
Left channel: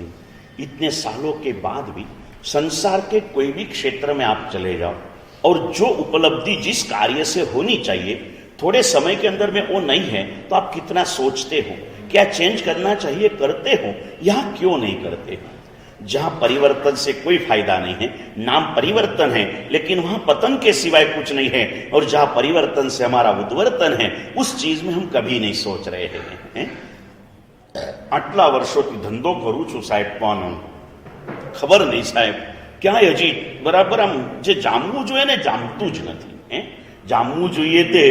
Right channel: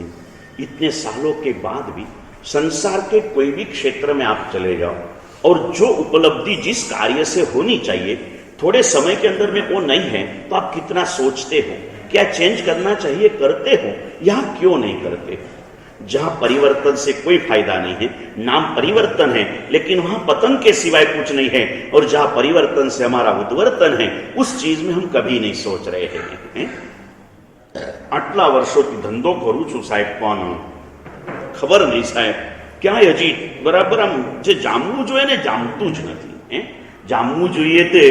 इतने सालों के बाद भी संसार के कोई भी क्षेत्र में आप चले जाओ और जो उपलब्धि जिस कार्य से होनी चाहिए थोड़े समय के अंदर में वो नहीं है, तो आप कितना सोचते हो, क्या चेंज करना चाहिए, करते हो, यहाँ क्यों नहीं करते? जहां परिवर्तन से कोई फायदा नहीं है, नाम परिवर्तन है लेकिन वहां पतन के सिवाय कुछ नहीं है, और जहां परिवर्तन से हमारा उद्वर्तन है उस चीज में हम कभी नहीं सोच रहे हैं. आटला वर्षोથી ધંધો કરું છું સાહેબ, પણ ખબર નહીં સાહેબ ક્યાંય હજી બરાબર આમ જે જામવું જોઈએ ને જામતું જ નથી. જામવું જોઈએ તે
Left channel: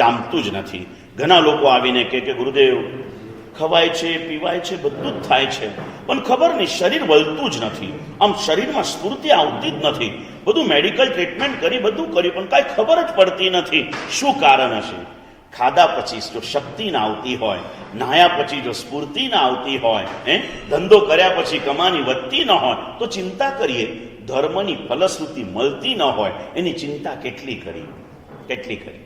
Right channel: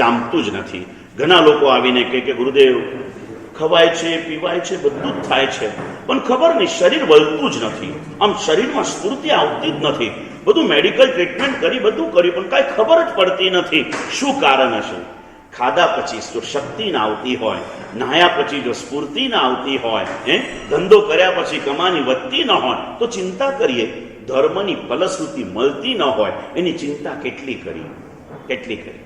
જામતું જ નથી. ઘણા લોકો આવીને કે ગુરુદેવ ખવાય છે, પીવાય છે, બધું જ થાય છે, પણ ખબર નહીં શરીર વળતું જ નથી, આમ શરીરમાં સ્ફૂર્તિ આવતી જ નથી. બધું મેડિકલ ટ્રીટમેન્ટ કરી, બધું કર્યું, પણ કાંઈ ખબર જ પડતી નથી. શું કારણ હશે? ખાધા પછી જો શક્તિ ના આવતી હોય, નાહ્યા પછી જો સ્ફૂર્તિ ના આવતી હોય, ધંધો કર્યા પછી કમાની વધતી ન હોય, તો ચિંતા કરીએ. ધર્મની ફલશ્રુતિ મળતી ન હોય એની ચિંતા કેટલી કરી, કેટલી કરી.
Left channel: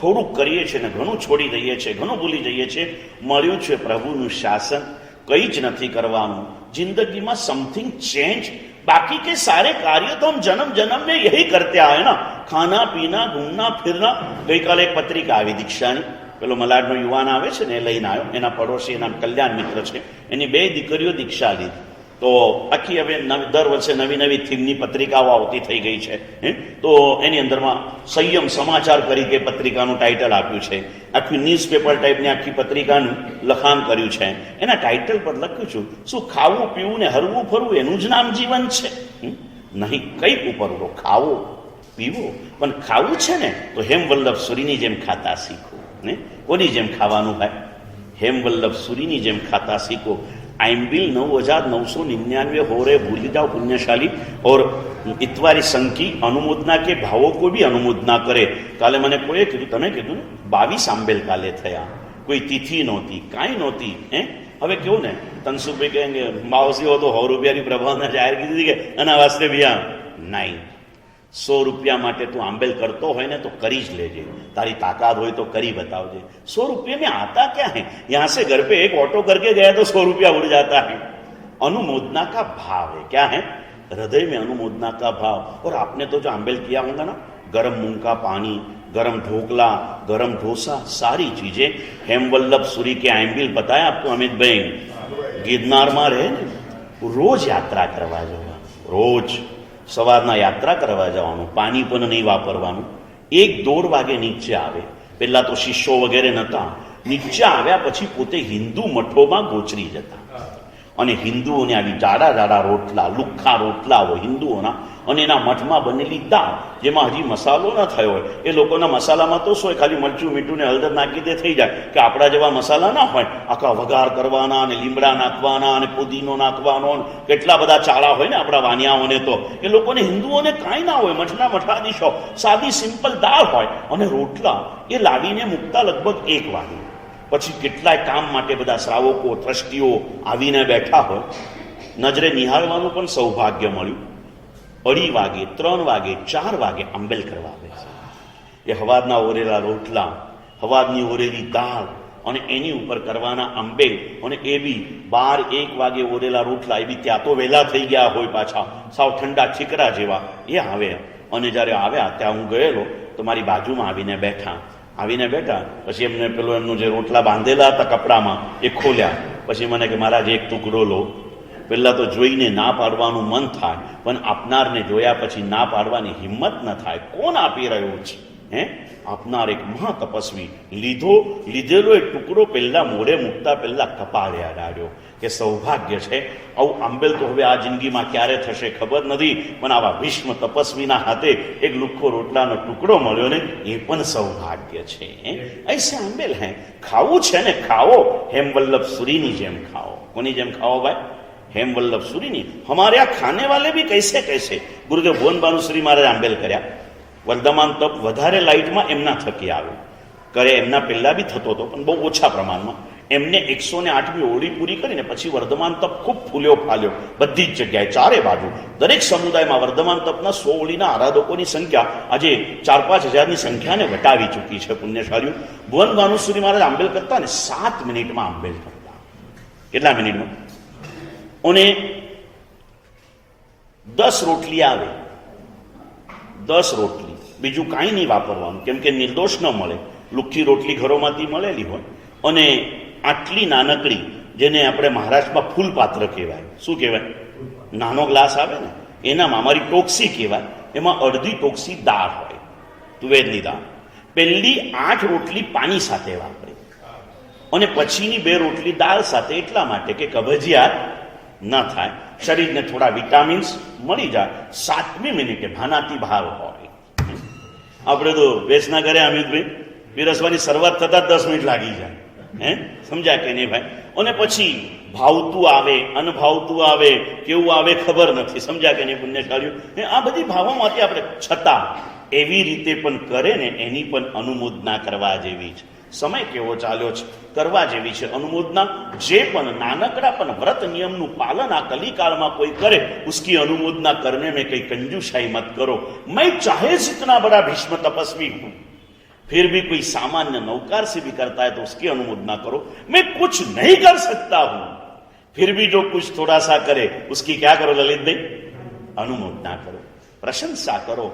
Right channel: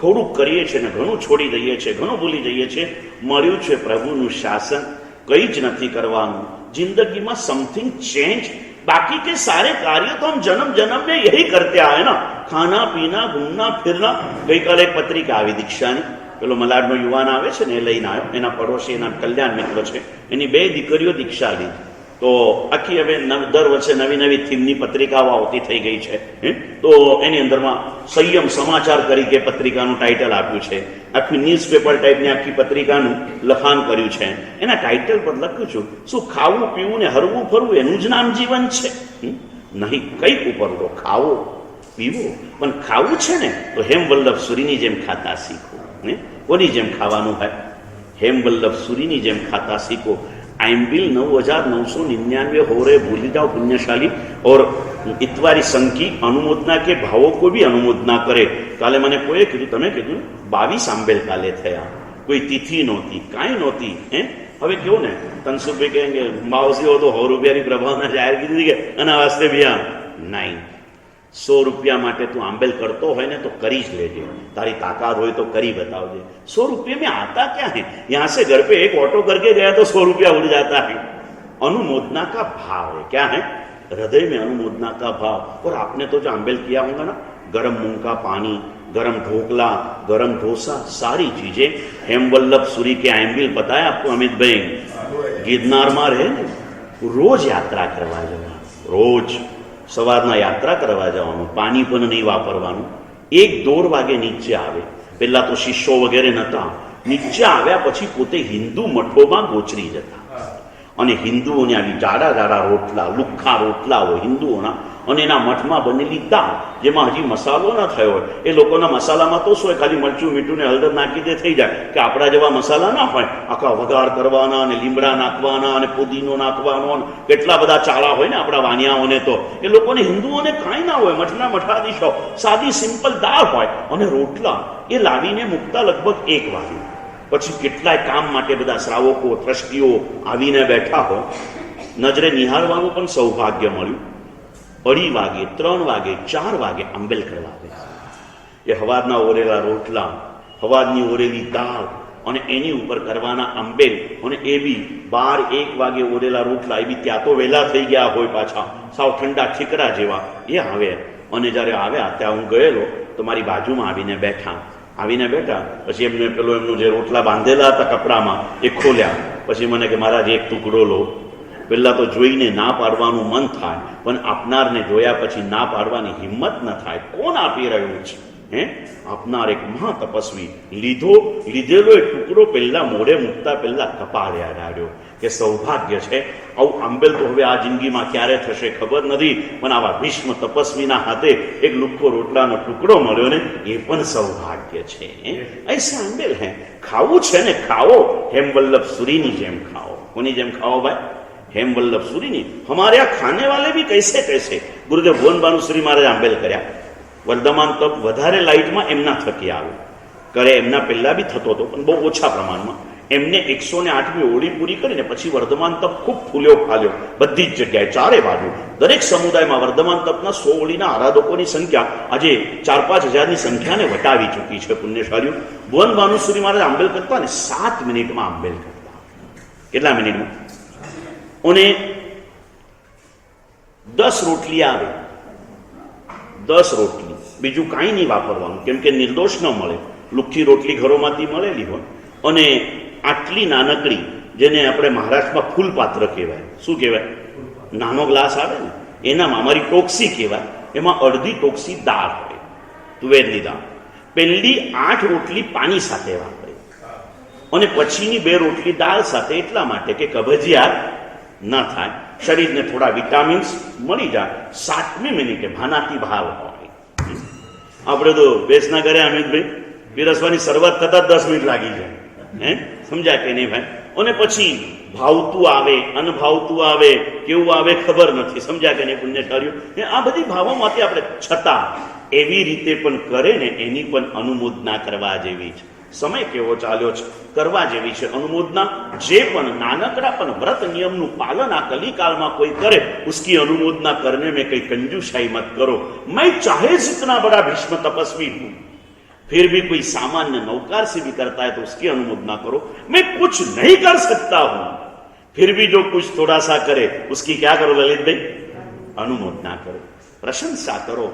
થોડુંક કરીએ છીએ ને ઘણું છોડી દઈએ છીએ, ઘણું ભૂલી જઈએ છીએ. મળ્યું છે પ્રભુનું શાસન, કંઈ જ નથી કરવાનું. जिंदगी में समथिंग चेंज, बाकी के सारे कार्य तो हम जन्म जन्म में यही करते आए ना, खाना पीना घूमना फिरना. गई काले एक पत्रिका આવી દીક્ષાની, પેલો મલાડનો યુવાન આવે છે ને એ લઈને આવ્યો, એના પડોશી એના કલ્યાણ મિત્ર છે, એની 2 દીકરીઓ દીક્ષા લીધી. તો આખી હવે દર વર્ષે નવી નવી થીમની પત્રિકાઓ આવતી થઈ ગઈ છે. તો એની અંદરમાં સંયમ સમાચાર તરીકે પત્રિકાનું ટાઇટલ આપ્યું છે. આખી ન્યૂઝપેપર ટાઈપની આખી પત્રિકાનું લખાણ કર્યું છે. એના ટાઇટલ પર લખ્યું છું, શું ખાવું પીવું ને હરવું ફરવું એનું જ નામ જીવન છે? નહીં, કંઈક ઉપર તો ખાવો પીવો, પણ ખાવું છે ને તો હેમવલ્લભ સુરીની જેમ ખાતા શીખો. કોની જેમ ખાવાનું હોય? હેમવલ્લભ સુરીની જેમ ખાતા सीखो. आइम्बिल 9999 हो रहे भूल जाओ पुण्यशाली, और इतवारी संख्या अनुमोदना के भावों को भी अनुमोदना करे. काले मैंने कोई कीधु, तमे कीधु 22 आंबेल काले थया, कोई तिथि नहोती, काई नहोती. हवे केवुं ने तनसुखभाई कहेंगे मावसी हो तो 100 रुपयानी प्रभावना जाहिर कीधी के एना वास्ते भैया नहीं, 100 रुपया माटे तू आंबेल करतो होय ने तो करी ज लेजे, तारी ताकत होय तो करी बतावजे. 100 रुपये में आता क्या है? यहाँ से घर पे एक ऑटो करके गया तो 100 रुपया उड़ जाता है. अनुमोदना का भाव है. क्या है? हृदय में अनुमोदना का भाव. और आपने तो जो आंबेल किया होगा ना, गरम मूंग का पानी, गरम ढोकला, गरम डोसा, सारी चीजें हेमवल्लभ सूरी के आंबेल बताया आपको अमित भाई. गिरनार में रहे रोज यात्रा करवा जाओ, रोज સવારના યાત્રા કરવા જવાનું, પાણી પણ નહીં વાપરવાનું. 1-1.5 વાગે નીચે આવે. પહેલા તો શિષ્યો વગેરે નહોતા. નીચે આવ્યા પછી પોતે હિન્દુ મઠોમાં ગોચરી જતા, અને હિન્દુઓને આવી જાડા જાડા રોટલા, લુખ્ખા રોટલા હોય હિન્દુઓના, અને એના મઠમાં બનેલી દાળ જેમાં હજી મસાલો ન થયો હોય. એ લોકોના મસાલામાં તો શું હોય, ખાલી મરચું મીઠું ને હળદર નાખી દે થઈ જાય. કે આપણા જેવા મસાલા ના હોય, આખા વઘાર કરવાના અને લીમડા નાખવાના અને પુદીનો નાખવાનો, કેટલા બધા ચાળા હોય ને આપણા વાણિયાઓને. તો એ લોકોને હિન્દુઓને કાંઈ ના હોય, મઠના મઠાધીશો સાદી સિમ્પલ દાળ હોય અને રોટલા એ લાવીને મૂકતા લગભગ 1 વાગે. પછી કેટલાય કામ માટે બધા શ્રાવકો ટ્રસ્ટીઓ આવીને બેઠા હોય. નજરે નિહાળવાનું પણ સૌભાગ્ય મળ્યું. 2:30 વાગે, 3 વાગે, 4 વાગે આંબેલ કરવા આવે છે. એ હવારના ઓરેલા રોટલા, હવારની ઓરેલી દાળ અને એની ઉપર કરવાના આંબેલ, અને એ બી 12-1 વાગે ઓરેલા રોટલા, એ બી ત્યાં તો વહેલા થઈ ગયા હોય પાછા, સાવ ઠંડા ઠીકરા જેવા. એ આવે, અને જ્યારે આવ્યા ત્યાં હું ગયેલો તો મારી બાજુમાં આવીને બેઠા. પછી એમને પેલો એમનું જે રોટલા બાંધેલા હતા કપડામાં એ ખોલ્યા. પછી મને કે મહારાજ એક ટુકડો લો. પહેલાં તો જોઈને ના પાડવાનું મન થાય, પણ આપનારને જોયા પછી ના પાડવાની હિંમત ન થાય. કોણ આપી રહ્યું છે? હે આપનાર એક મહાતપસ્વી લીધેલો એ ટુકડો પહેલા મોઢે મૂકતા પહેલા કપાળે અડાડ્યો કે સૌભાગ્ય છે, આવું આંબેલ તો હવે આ જિંદગીમાં ક્યારે થશે ખબર નથી, પણ આવા ભીષ્મ તપસ્વીના હાથે એક લુખ્ખો રોટલાનો ટુકડો મળ્યો ને એ પણ સૌભાગ્ય છે. ऐसे आंबेल है, खाવું છે ને ખાઓ, हेमवल्लभ सूरी ની જેમ ખાઓ. કોની જેમ ખાઓ ભાઈ? हेमवल्लभ सूरी ની. हमारे यहाँ खाने वाले भी कैसे गुरुदेव भुवन भानुश्री महाराज आंबेल કર્યા. વર્ધમાન તપ વધારે લાઇટમાં એમના થકી આવ્યું કરે, એમના પહેલા બી થતો હતો પણ બહુ ઓછા પ્રમાણમાં. એમને 108મી ઓળી પૂરી કરીને પછી વર્ધમાન તપ ખૂબ ફૂલ્યો ફાલ્યો બધી જ જગ્યાએ, ચારે બાજુ દરેક સમુદાયમાં વર્ધમાન તપના 100 ઓળીના આરાધકોની સંખ્યા આજે 4-5 હજારની સંખ્યાને વટાવી ચૂકી છે. પુણ્યશાળીઓ ભુવન ભાનુશ્રી મહારાજ આંબેલ કરતા ને 7 મિનિટમાં આંબેલ કરતા. કેટલા મિનિટમાં? અને 10 રોટલી આવે, 10 રોટલી, બીજું કાંઈ નહીં વાપરવાનું, કેમ કે નિર્દોષ ન મળે. લુખ્ખી રોટલી ઘરોમાંથી મળેલી હોય અને આટલી નાનકડી, જેને આપણે મહારાષ્ટ્રમાં ફૂલપાત્ર કહેવાય. શું કહેવાય? નાનો ગ્લાસ આવે ને એનામાં અમારી ટોક્સી કહેવાય, એમાં અડધી ટોક્સી દાળ હોય, તુવેરની દાળ. પહેલી 8 રોટલી પાણી સાથે વાપરે અને પછીની 2 રોટલી દાળ સાથે, એટલા માટે કે કબજિયાત ન થાય, શરીરને થોડા વિટામિન્સ મળી જાય. 7મી મિનિટે ભાનાતી ભાવ હોય. આપણે તો વેચના કરે અમિતભાઈ, પીરસવાની શરૂઆત થતા 10 મિનિટ લાગી જાય. સમજ્યા કે નહીં ભાઈ? અને પછી ભાવતું આવે, અનભાવતું આવે, કેવું આવે ખબર નથી. સમજ્યા કે નહીં પુણ્યશાળીઓ? આ બધી ભાવોમાંથી આપણે છતાં એવી રીતે પણ કરે ને એની પણ અનુમોદના કરવા જેવી છે. સમય કેવો ચાલ્યો છે, કરવા જેવી છે અનુમોદના. જે પણ નાનકડા પણ વ્રત નિયમનું પાલન આ કલિકાલમાં કોઈ કરે, उसकी अनुमोदना करने में कई कंजूसाई मत करो. मैं चाहे जितना बड़ा भीष्म तपस्वी हूं, फिर भी कोई सामान्य नौकार से भी करता है तो उसकी अनुमोदना करो. मैं कुछ नहीं कर सकता हूं, फिर भी जो कुछ थोड़ा सा करे उसकी क्या करो ललित भाई? अनुमोदना करो, प्रशंसा करो.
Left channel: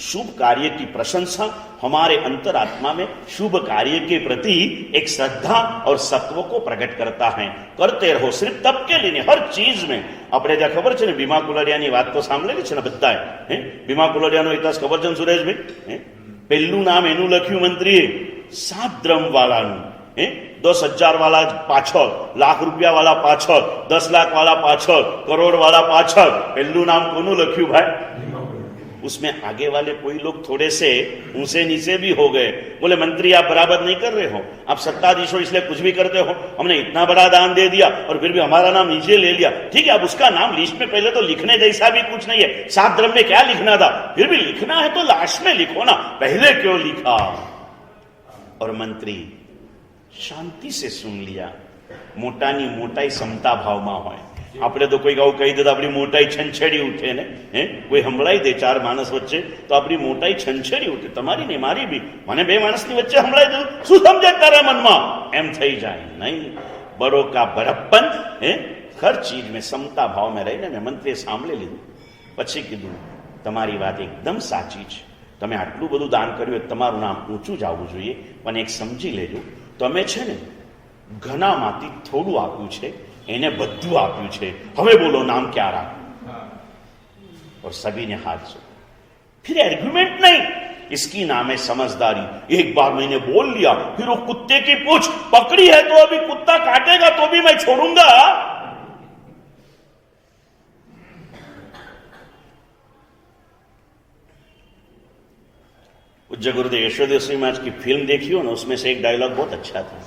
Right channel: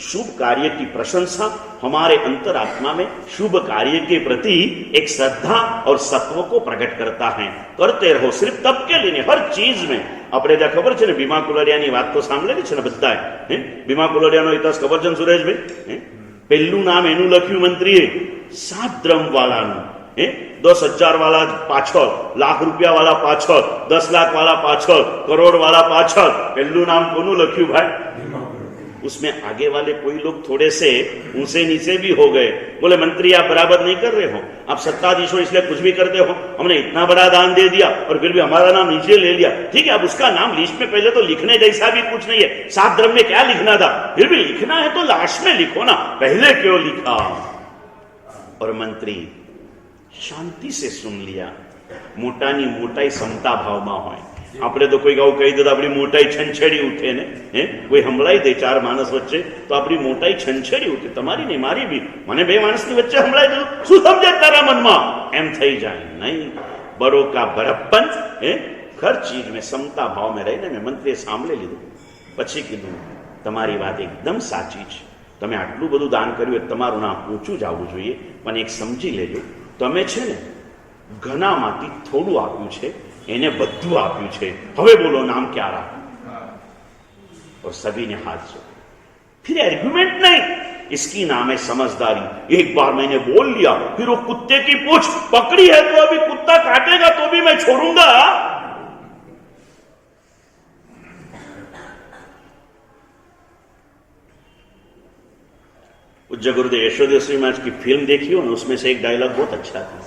शुभ कार्य की प्रशंसा हमारे अंतरात्मा में शुभ कार्य के प्रति एक श्रद्धा और सत्व को प्रकट करता है. करते रहो, सिर्फ तब के लिए हर चीज में. આપણે ત્યાં ખબર છે ને ભીમા કુલરિયાની વાત તો સાંભળેલી છે ને બધાએ. ભીમા કુલરિયાનો ઇતિહાસ ખબર છે ને સુરેશભાઈ? પહેલું નામ એનું લખ્યું મંત્રીએ 7 દ્રમ વાળાનું. 10,000 वाला पाछल, लाख रुपया वाला पाछल, 10 लाख वाला पाछल, करोड़ वाला पाछल. पहलू नाम कोनु लख्यू भाई? उसमें आगे वाले कोई लोग थोड़े से ऊंचे नीचे भी हो गए. बोले मंत्री आप बराबर नहीं कर रहे हो, आप सत्ताधीश हो इसलिए कुछ भी करते हो, हमने इतना बड़ा दान दे दिया और फिर भी हमारा नाम नीचे ले लिया. ठीक है, अब उसका नाम लिस्ट में पहले तो लिखने जैसा भी कुछ नहीं है. 7 द्रम में क्या लिखना था? फिर भी लिखना है तो लास्ट में लिखो ना, पहले क्यों लिखा? और मंत्री शांति से सुन लिया. मोटानी मोटाई समता भावમાં હોય. આપણે તો કોઈ આવું કહી દે તો આપણી મોટાઈ છંછેડી ઉઠે ને. કોઈ સંભળાઈ દે 4 માણસ વચ્ચે તો આપણી મોટાઈ છંછેડી ઉઠે. તમારી ને મારી બી, મને 2 માણસની વચ્ચે સંભળાઈ દઉં, શું સમજે તારા મનમાં? એમ થઈ જાય. નહીં, બડો કા બड़प्पन. હર ચીજ में समता भाव में રહીને મેં મંત્રીએ સાંભળી લીધું. પછી કીધું તમારી વાત એકદમ સાચી છે, તમે આટલું બધું દાન કર્યું, તમારું નામ ઊંચું જ આવવું જોઈએ, પણ એક સમજી લેજો, તમે છે ને ઘણામાંથી થોડું આપ્યું છે, એને બધું આપ્યું છે. હવે બોલો નામ क्या रहा? और सभी ने हाथ जोड़ा. फिर आर्गुमेंट नहीं, इसकी नाम है समझदारी. एक बार मैंने बोल लिया, फिर वो कुत्ते की पूंछ पकड़ी है तो अभी कुत्ता काटेगा तो भी मैं छोड़ूंगा. पूज्य गुरुदेव यशोदेव श्री महाराज की फिल्म देखी हो ना, उसमें से एक डायलॉग बहुत अच्छा था.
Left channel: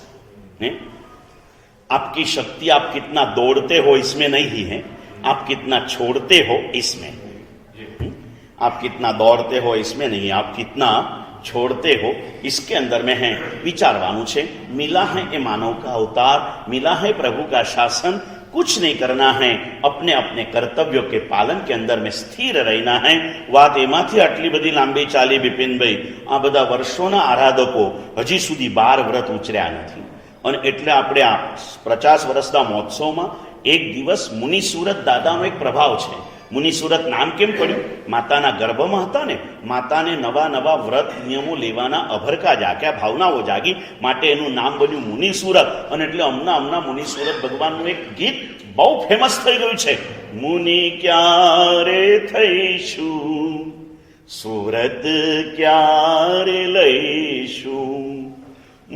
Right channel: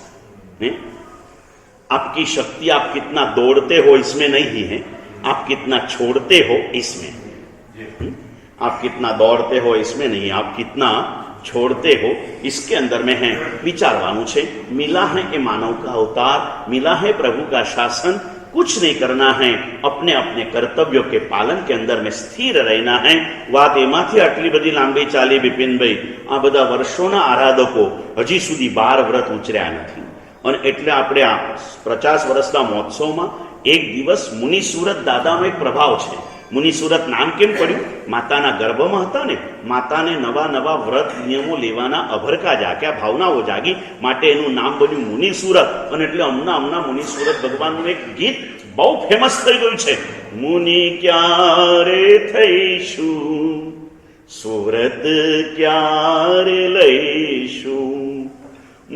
आपकी शक्ति आप कितना दौड़ते हो इसमें नहीं है, आप कितना छोड़ते हो इसमें. आप कितना दौड़ते हो इसमें नहीं, आप कितना छोड़ते हो इसके अंदर में है. विचारवानु छे. मिला है ये मानव का अवतार, मिला है प्रभु का शासन. कुछ नहीं करना है, अपने अपने कर्तव्यों के पालन के अंदर में स्थिर रहना है. વાત એમાંથી આટલી બધી લાંબી ચાલી બિપિનભાઈ, આ બધા વર્ષોના આરાધકો હજી સુધી 12 વ્રત ઉચર્યા નથી. અને એટલે આપણે આ 50 વર્ષના મહોત્સવમાં એક દિવસ મુનિ સુરત દાદાનો એક પ્રભાવ છે. મુનિ સુરત નામ કેમ પડ્યું? માતાના ગર્ભમાં હતા ને, માતાને નવા નવા વ્રત નિયમો લેવાના અભરકા જાગ્યા, ભાવનાઓ જાગી, માટે એનું નામ બન્યું મુનિ સુરત. અને એટલે હમણાં મુનિ સુરત ભગવાનનું એક ગીત બહુ ફેમસ થઈ ગયું છે. મુનિ ક્યારે થઈશું સુરત ક્યારે લઈશું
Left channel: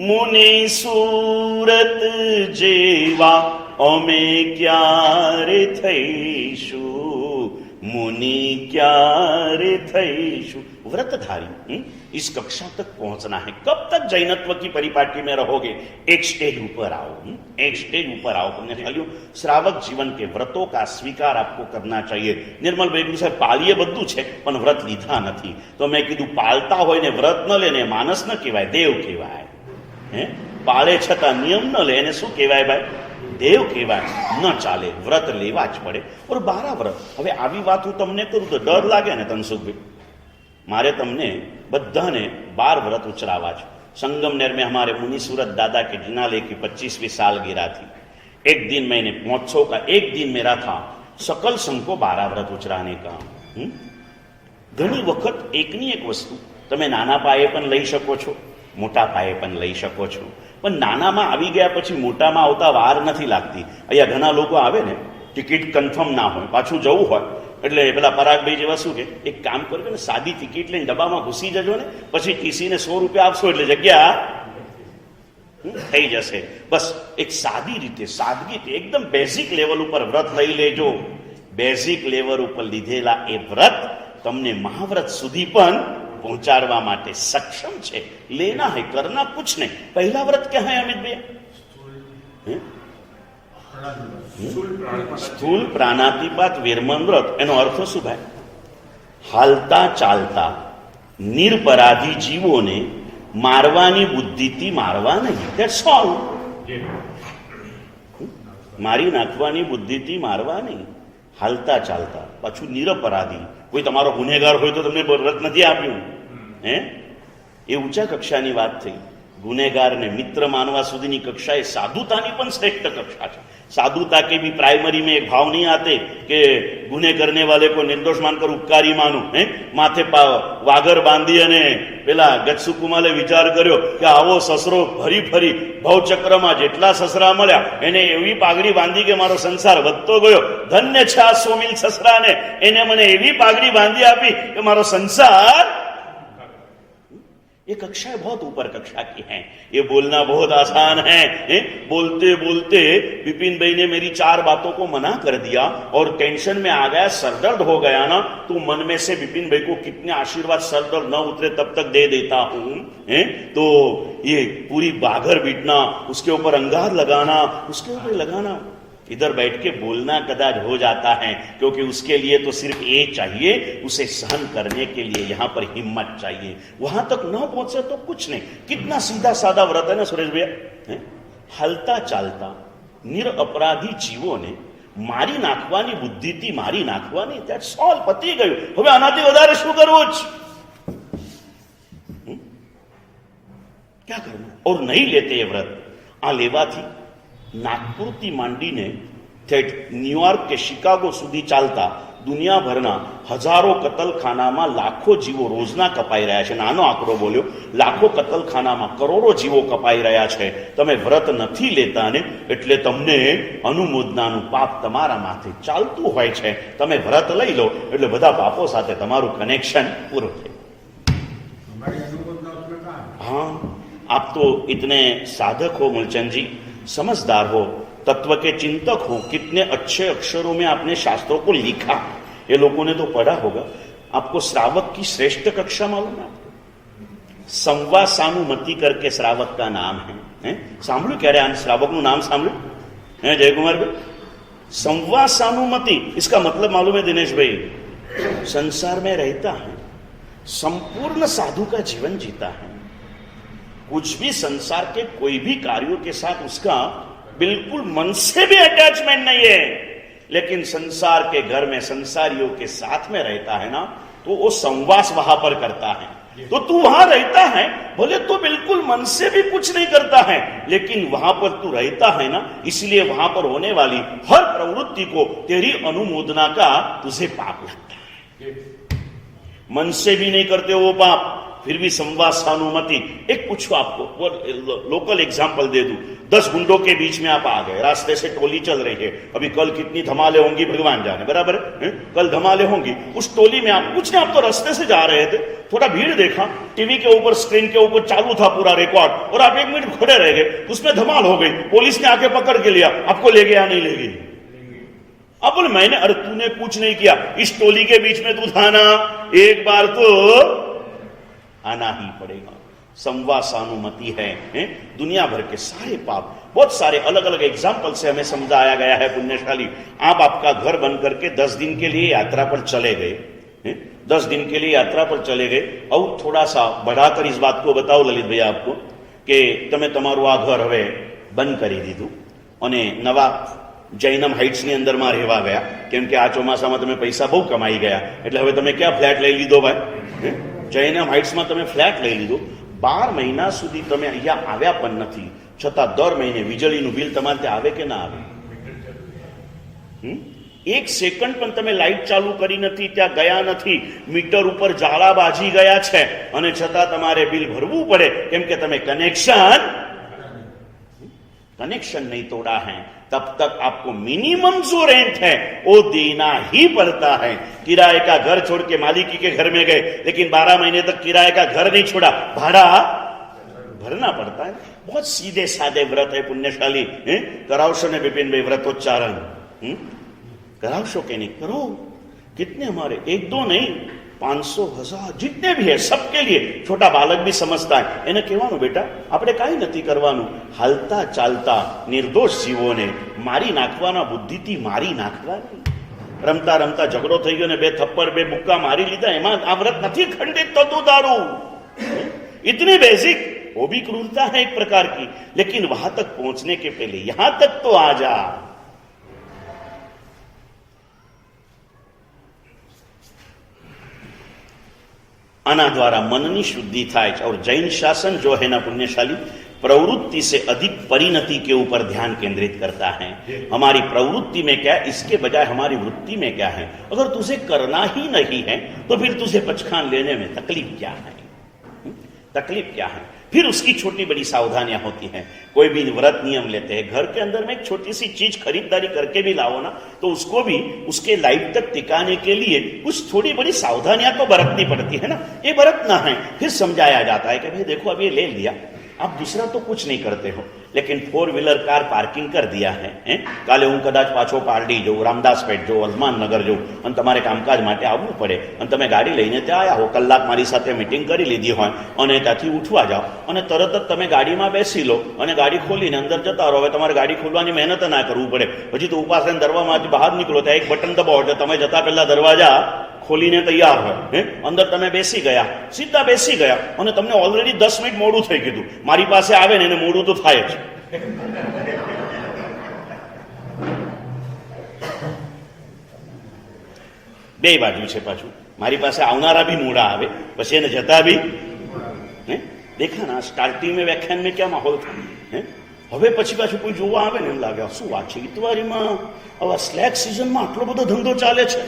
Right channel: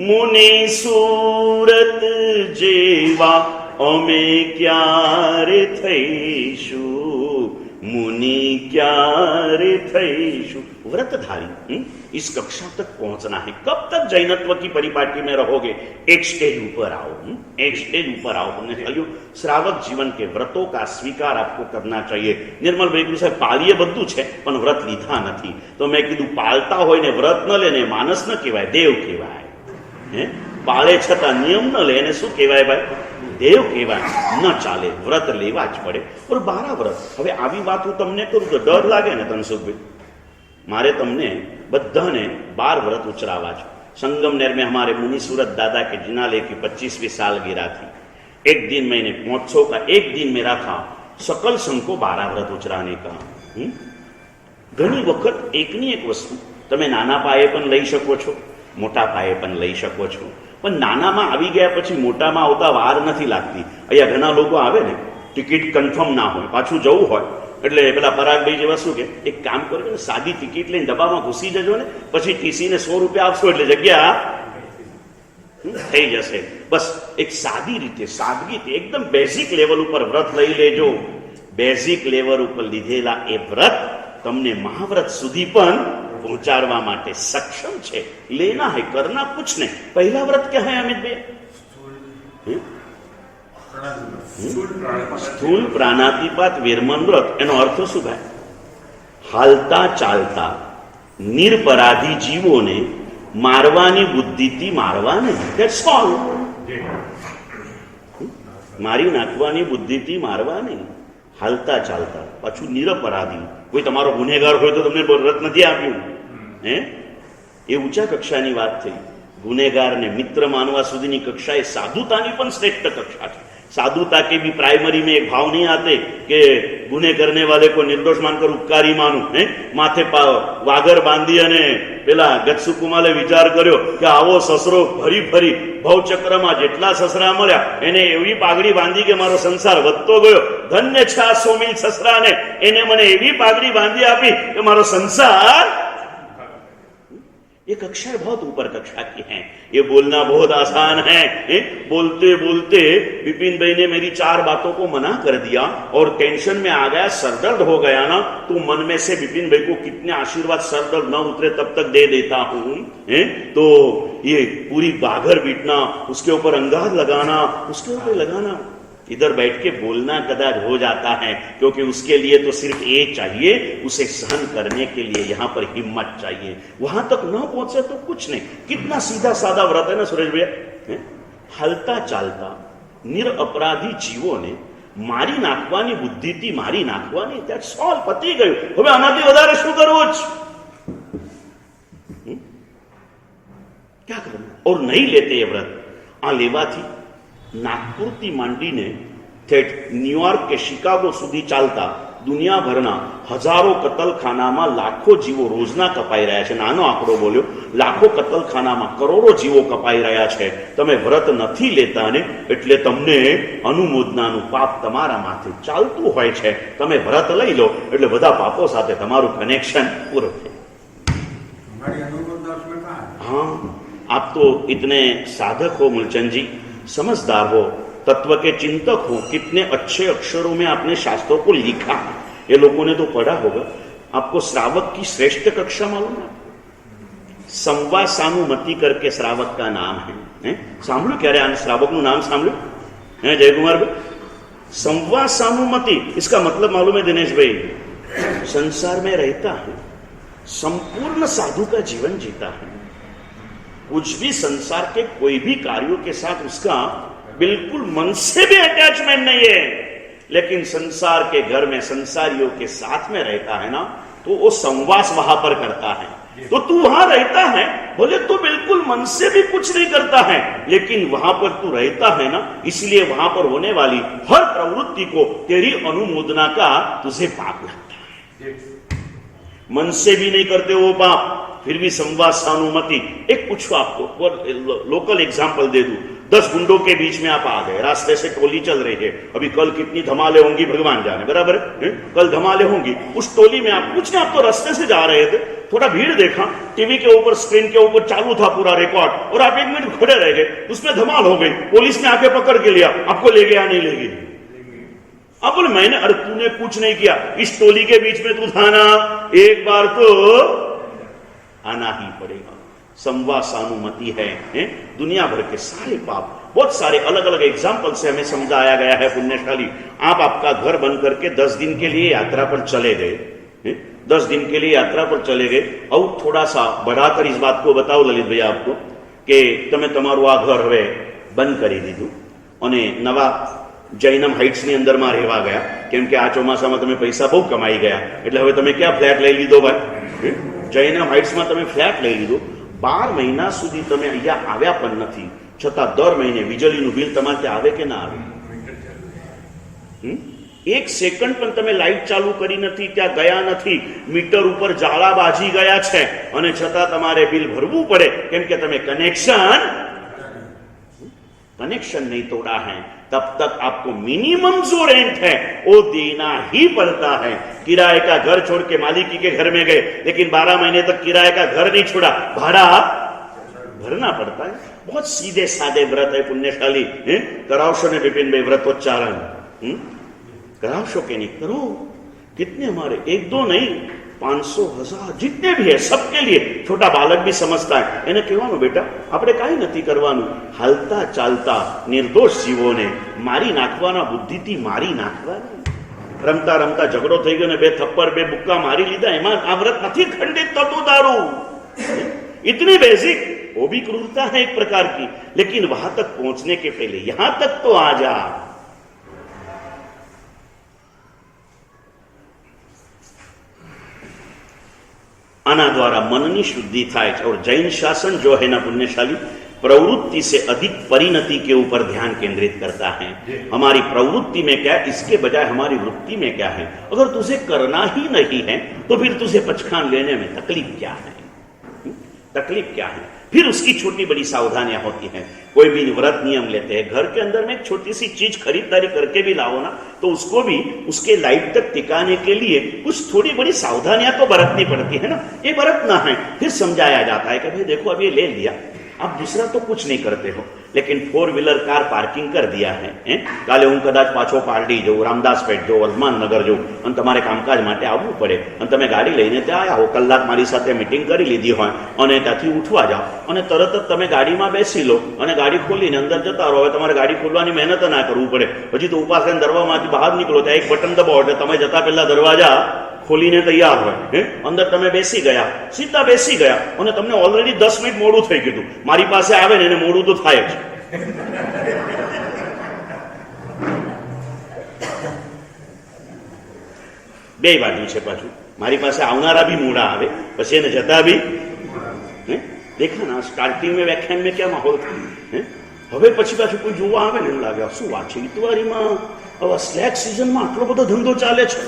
મુનિ સુરત જેવા અમે ક્યારે થઈશું मुनि क्यारे थईशु व्रतधारी इस कक्षा तक पहुंचना है। कब तक जैनत्व की परिपाटी में रहोगे? एक स्टेज ऊपर आओ, एक स्टेज ऊपर आओ। तुमने खाली श्रावक जीवन के व्रतों का स्वीकार आपको करना चाहिए। निर्मल भाई साहब पाळीए बधुं छे पण व्रत लीधा नथी, तो मैं कीधुं पाळता होय ने व्रत न लेने मानस न कहेवाय, देव कहेवाय। पाळे छतां नियम न ले शुं कहेवाय भाई? देव कहेवाय। न चाले, व्रत लेवा ज पड़े। और 12 व्रत। हवे आवी वात हूँ तमने करूं तो डर लागे ने तनसुखभाई? मारे तमने बधाने 12 व्रत उचरावा छे। संगमनेर में हमारे मुनि सूरत दादा के जिनालय की 25वीं सालगिरह थी। एक दिन मैंने महोत्सव का एक दिन मेरा था सकल संघ को 12 व्रत उचराने का। घणी वखत एकनी एक वस्तु तमे नाना पाये पण लई शको छो, मोटा पाये पण लई शको छो। पण नानामां आवी गया पछी मोटामां आवता वार नथी लागती। अहींया घणा लोको आवे ने टिकिट कन्फर्म ना होय, पाछुं जवुं होय એટલે પેલા પરાગભાઈ જેવા શું કે એક કામ કરજો ને, સાદી ટિકિટ લઈને ડબ્બામાં ઘૂસી જજો ને, પછી ટીસી ને 100 રૂપિયા આપશો એટલે જગ્યા થઈ જશે। બસ એક સાદી રીતે, સાદગીથી એકદમ બેઝિક લેવલ ઉપર વ્રત લઈ લેજો। બેઝિક લેવલ ઉપર લીધેલા એ વ્રત તમને મહાવ્રત સુધી પણ पहुंचाड़वा माटे सक्षम छे। लेना है, करना कुछ नहीं। पहला व्रत क्या है अमित भाई? स्थूल प्राणातिपात वीरमन व्रत। एनो अर्थ शुं भाई? हालता चालता निरपराधी जीवों ने मारवानी बुद्धिथी मारवा नहीं। That's all. मारी नाखवानी बुद्धिथी मारवा नहीं। हालता चालता पाछू निरपराधी। कोई तमारो गुનેગાર હોય તો તમને વ્રત નથી આપ્યું હે? એ ઊંચા કક્ષાની વાત થઈ। गुनेगारने मित्र मानवा सुधीनी कक्षा ए साधुतानी पण श्रेष्ठ कक्षा है। साधुता के भी प्राइमरी में एक भाव नहीं आते कि गुने करने वाले को निर्दोष मानकर उपकारी मानू है। माथे वागर बांधी अने पेला गत्सु कुमाले विचार कर्यो कि आवो ससरो फरी फरी भवचक्र में जेटला ससरा मळ्या एने एवी पागड़ी बांधी के मारो संसार वधतो गयो। धन्य छे आ 100 मील ससरा ने, एने मने एवी पागड़ी बांधी आपी कि मारो संसार। ये कक्षाएं बहुत ऊपर कक्षा की हैं। ये बोलना बहुत आसान है। बोलते बोलते विपिन भाई ने मेरी 4 बातों को मना कर दिया और टेंशन में आ गया, सरदर्द हो गया ना, तो मन में से विपिन भाई को कितने आशीर्वाद सरदर्द न उतरे तब तक दे देता हूं। तो ये पूरी बाघर बीटना, उसके ऊपर अंगार लगाना, उसके ऊपर लगाना, इधर बैठ के बोलना कदाच हो जाता है, क्योंकि उसके लिए तो सिर्फ एक चाहिए, उसे सहन करने के लिए यहां पर हिम्मत चाहिए। वहां तक न पहुंचे तो कुछ नहीं। कितना सीधा साधा व्रत है ना सुरेश भैया? हलता चालता निरअपराधी जीवों ने मारी नाखवानी बुद्धिथी मारी नाखवानी। That's all. पती गયું। હવે આનાથી વધારે શું કરવું છે? क्या करना? और नहीं लेते ये व्रत। आ लेवाथी नागपुरથી માંડીને ઠેઠ ન્યુયોર્ક કે શિકાગો સુધી ચાલતા દુનિયાભરના હજારો કતલખાનામાં લાખો જીવો રોજના કપાઈ રહ્યા છે। નાનો આંકડો બોલ્યો, લાખો કતલખાનામાં કરોડો જીવો કપાઈ રહ્યા છે। તમે વ્રત નથી લેતા ને એટલે તમને અનુમોદનાનું પાપ તમારા માથે ચાલતું હોય છે। તમે વ્રત લઈ લો એટલે બધા પાપો સાથે તમારું કનેક્શન પૂરું છે। हाँ, आप तो इतने साधक हो मूलचंद जी, समझदार हो, तत्व के चिंतक हो। कितने अच्छे अक्षरों में आपने शास्त्रों को लिखा। ये लोगों ने तो पढ़ा होगा। आपको श्रावक की श्रेष्ठ कक्षा मालूम है? संवासानुमति करके श्रावक का नाम है। सांभळ्યું क्यारे आ श्रावकનું नाम सांभळ्યું है जयकुमार भाई? संवासानुमति, इसका मतलब मालूम है दिनेश भाई? संसार में रहता है, संपूर्ण साधु का जीवन जीता है। कुछ भी संसार के कोई भी कार्यों के साथ उसका बिल्कुल मन से भी अटैचमेंट नहीं है, लेकिन संसार के घर में संसारियों के साथ में रहता है ना, तो वो संवास वहां पर करता है। तो तू वहां रहता है, बोले तू बिल्कुल मन से भी कुछ नहीं करता है, लेकिन वहां पर तू रहता है ना, इसलिए वहां पर होने वाली हर प्रवृत्ति को तेरी अनुमोदना का तुझे पाप लगता है। मन से भी नहीं करते वो पाप, फिर भी संवासानुमति। एक पूछो आपको, लोकल एग्जाम्पल दे दूं। 10 गुंडों के बीच में आप आ गए, रास्ते से टोली चल रही है, अभी कल कितनी धमाले होंगी भगवान जाने, बराबर है? कल धमाले होंगी, उस टोली में आप कुछ नहीं, आप तो रास्ते से जा रहे थे, थोड़ा भीड़ देखा, टीवी के ऊपर स्क्रीन के ऊपर चालू था पूरा रिकॉर्ड, और आप 1 मिनट खड़े रह गए, उसमें धमाल हो गई, पुलिस ने आके पकड़ के लिया, आपको ले गया नहीं ले गई? आप बोले मैंने, अरे तूने कुछ नहीं किया, इस टोली के बीच में तू था ना, एक बार तो आना ही पड़ेगा। संवासानुमति है? दुनिया भर के सारे पाप, बहुत सारे अलग अलग एग्जाम्पल से हमें समझाया गया है। पुण्यशाली, आप आपका घर बंद करके 10 दिन के लिए यात्रा पर चले गए, 10 दिन के लिए यात्रा पर चले गए, और थोड़ा सा बढ़ाकर इस बात को बताओ ललित भैया आपको कि તમે તમારું આ ઘર હવે બંધ કરી દીધું અને નવા જૈનમ હાઇટ્સની અંદરમાં રહેવા ગયા, કેમ કે આ ચોમાસામાં તમે પૈસા બહુ કમાઈ ગયા, એટલે હવે તમે ક્યાં ફ્લેટ લઈ લીધો ભાઈ? જૈનમ હાઇટ્સમાં તમે ફ્લેટ લઈ લીધો, 12 મહિના સુધી તમે અહીંયા આવ્યા પણ નથી, છતાં દર મહિને વીજળીનું બિલ તમારે ત્યાં આવે કે ના આવે? 1 સેકન્ડ પણ તમે લાઇટ ચાલુ કરી નથી, ત્યાં ગયા નથી, મીટર ઉપર જાળા બાજી ગયા છે, અને છતાં તમારે બિલ ભરવું પડે, કેમ કે તમે कनेक्शन नहीं तोड़ा है। तब तक आपको मिनिमम जो रेंट है वो देना ही पड़ता है। किराए का घर छोड़ के मालिकी के घर में गए, लेकिन 12 महीने तक किराए का घर नहीं छोड़ा, भाड़ा भरना पड़ता है। बहुत सीधे सादे व्रत है पुण्यशाली। करावशो ने विपिन भाई व्रतोच्चारण करावशो के नहीं करो। कितने हमारे 1-2 नहीं 500,000 जितने भी है सबके लिए। छोटा बालक भी समझता है, એને કહેવાનું બેટા આપણે કાંઈ નથી કરવાનું, હાલતા ચાલતા નિર્દોષ જીવોને મારી નાખવાના, બુદ્ધિથી મારી નાખવાની। રમતા રમતા ઝઘડો થઈ ગયો ને 2 થપ્પડ 2 મુક્કા મારી લીધા, એમાં આ વ્રત નથી ખંડિત થતું તારું। इतनी बेसिक, वो भी क्रूरता है एक प्रकार की, लेकिन वहां तक पहुंचने के पहले यहां तक तो आ जा। आना द्वारा मननी शुद्धि थाय और जैन शासन जो है ना पुण्यशाली, प्रवृत्ति से अधिक परिणति के ऊपर ध्यान केंद्रित करता है। हमारी प्रवृत्ति में क्या है, इसके बजाय हमारी वृत्ति में क्या है। अगर तुझे करना ही नहीं है तो फिर तुझे पचखान लेने में तकलीफ क्या है, तकलीफ क्या है। फिर उसकी छोटी बड़ी सावधानियां होती हैं। कोई भी व्रत नियम लेते हैं, घर के अंदर में एक छोटी सी चीज खरीदारी करके भी लाओ ना, तो उसको भी उसके लाइफ तक टिकाने के लिए कुछ थोड़ी बड़ी सावधानियां तो बरतनी पड़ती है ना। ये बरतना है, फिर समझाया जाता है कि भाई देखो अब ये ले लिया, आप दूसरा तो कुछ नहीं करते हो, लेकिन 4 व्हीलर कार पार्किंग कर दिया है। काले हूँ कदाच पाछो पारडी जाऊँ, रामदास पेट जाऊँ, हनुमान नगर जाऊँ, અને તમારે કામકાજ માટે આવવું પડે, અને તમે ગાડી લઈને ત્યાં આવ્યા હો, કલાક મારી સાથે મીટિંગ કરી લીધી હોય, અને ત્યાંથી ઉઠવા જાઓ, અને તરત જ તમે ગાડીમાં બેસી લો અને ગાડી ખોલીને અંદર જતા રહો। હવે તમારે ગાડી ખોલવાની મહેનત ના કરવું પડે, હજી તો ઉપાસ લઈને દરવાજામાંથી બહાર નીકળો ત્યાં એક બટન દબાવો એટલે તમે જતા પહેલા દરવાજા ખોલીને તૈયાર હોય, અંદર તમે બેસી ગયા, સીધા બેસી ગયા, અને તમને ઓલરેડી 10 મિનિટ મોડું થઈ ગયું। મારી પાસે આવે ને એને મોડું તો થાય જ। બે બાજુ છે પાછું, મારી પાસે આવનારા भी મોડા આવે, પછી એને જતા भी देखा ना। स्टार्टिंग में व्याख्यान में क्या माहौल था, હવે પછી પાછું કોઈ જોવા આવે ને એમ લાગે શું વાત છે, ઇતવારીમાં હવે સ્લેક સિઝનમાં આટલો બધો ધંધો ચાલે છે,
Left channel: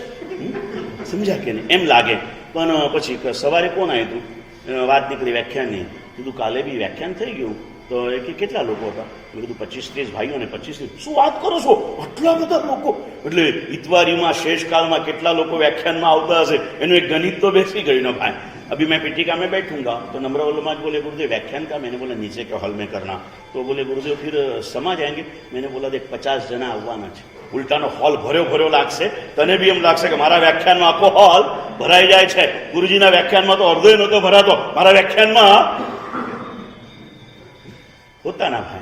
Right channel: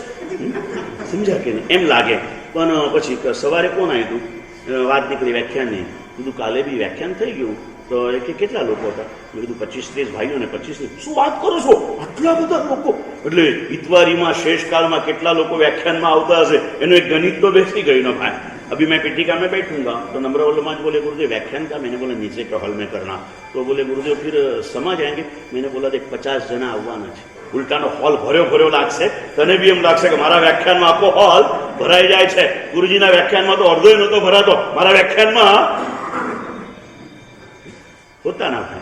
સમજ્યા કે નહીં એમ લાગે। પણ પછી સવારે કોણ આવ્યું હતું, વાત નીકળી વ્યાખ્યાનની, કીધું કાલે બી વ્યાખ્યાન થઈ ગયું, તો એ કે કેટલા લોકો હતા, મેં કીધું 25-30 ભાઈઓ ને 25। શું વાત કરો છો, આટલા બધા લોકો? એટલે ઇતવારીમાં શેષકાળમાં કેટલા લોકો વ્યાખ્યાનમાં આવતા હશે એનું એક ગણિત તો બેસી ગયું ને ભાઈ। अभी मैं पीठिका में बैठूंगा तो नम्रवल्लभ बोले गुरुदेव व्याख्यान का, मैंने बोला नीचे के हॉल में करना, तो बोले गुरुदेव फिर समा जाएंगे। मैंने बोला देख 50 जना આવવાના છે, ઉલટાનો હોલ ભર્યો લાગશે, તને બી એમ લાગશે કે મારા વ્યાખ્યાનમાં આખો હોલ ભરાઈ જાય છે। ગુરુજીના વ્યાખ્યાનમાં તો અડધો નહોતો ભરાતો, મારા વ્યાખ્યાનમાં होता ना भाई।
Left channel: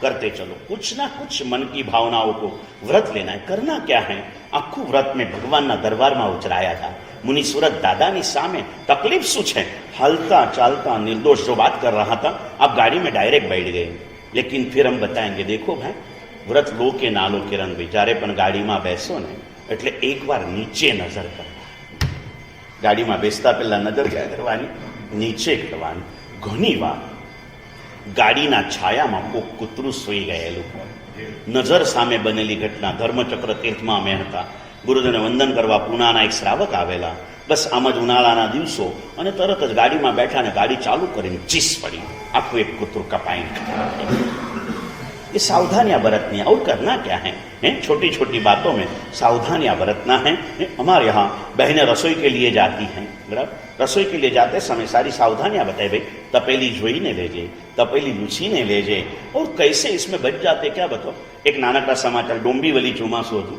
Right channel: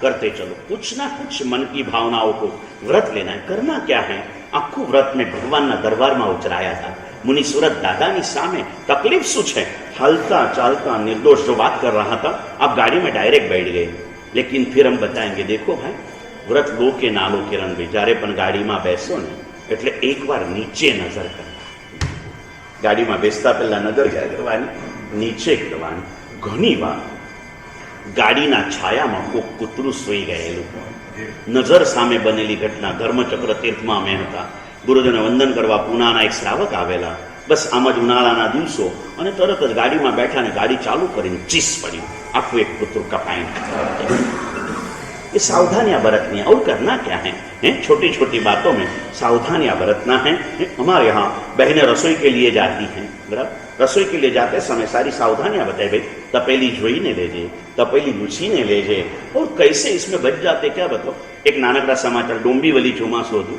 करते चलो कुछ ना कुछ मन की भावनाओं को व्रत लेना है। करना क्या है, આખું વ્રત મેં ભગવાનના દરબારમાં ઉચરાયા था। मुनीश्वरत दादानी सामे तकलीफ शू है, हालता चालता निर्दोष जो बात कर रहा था, आप गाड़ी में डायरेक्ट बैठ गए। लेकिन फिर हम बताएंगे देखो भाई, व्रत लो के ना लो किरण भाई, જ્યારે પણ ગાડીમાં બેસો ને એટલે એકવાર નીચે નજર કરવાની, ગાડીમાં બેસતા પહેલા નજર કરવાની, નીચે કરવાની। ઘણી વાર ગાડીના છાયામાં કોક કૂતરું સૂઈ ગયેલું, નજર સામે બનેલી ઘટના। ધર્મચક્ર તીર્થમાં અમે હતા, ગુરુજીને વંદન કરવા પૂનાના એક શ્રાવક આવેલા, બસ આમ જ ઉનાળાના દિવસો, અને તરત જ ગાડીમાં બેઠા ને ગાડી ચાલુ કરીને ચીસ પડી, આખું એક કૂતરું કપાઈ। ये सावधानियां बरतनी है। और करना क्या है, छोटी छोटी बातों में सावधानियां बरतना है। हमारे यहाँ बहनें रसोई के लिए जाती हैं, रसोई के लिए जाते समय सारी सावधानियां बताए, भाई तपेली જોઈને લેજે, તપેલી લૂછીને લેજે, और कैसे इसमें बच जाते क्या बताओ। एक नानकड़ा समाचार, डोंबिवली ચોમાસું હતું,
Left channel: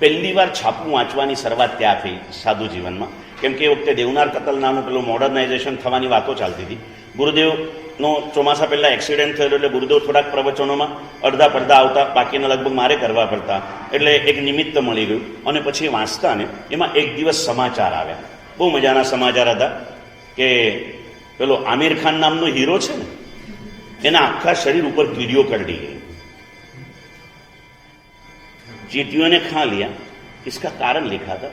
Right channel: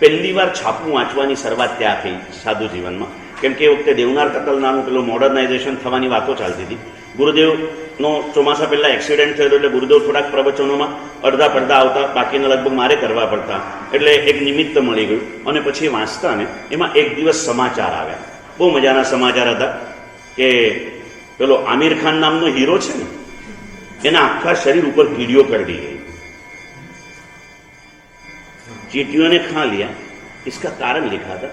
પહેલી વાર છાપું વાંચવાની શરૂઆત ત્યાં થઈ સાધુ જીવનમાં, કેમ કે એ વખતે દેવનાર કતલનાનું પેલું મોડર્નાઇઝેશન થવાની વાતો ચાલતી હતી। ગુરુદેવનો ચોમાસા પહેલાં એક્સિડન્ટ થયેલો, એટલે ગુરુદેવ થોડાક પ્રવચનોમાં અડધા પડધા આવતા, બાકીના લગભગ મારે કરવા પડતા, એટલે એક નિમિત્ત મળી ગયું। અને પછી વાંચતા ને એમાં એક દિવસ સમાચાર આવ્યા, બહુ મજાના સમાચાર હતા કે પેલો આમિર ખાન નામનો હીરો છે ને, એના આખા શરીર ઉપર કીડીઓ કરડી गई, चींटियों ने खा लिया। इसका कारण लिखा था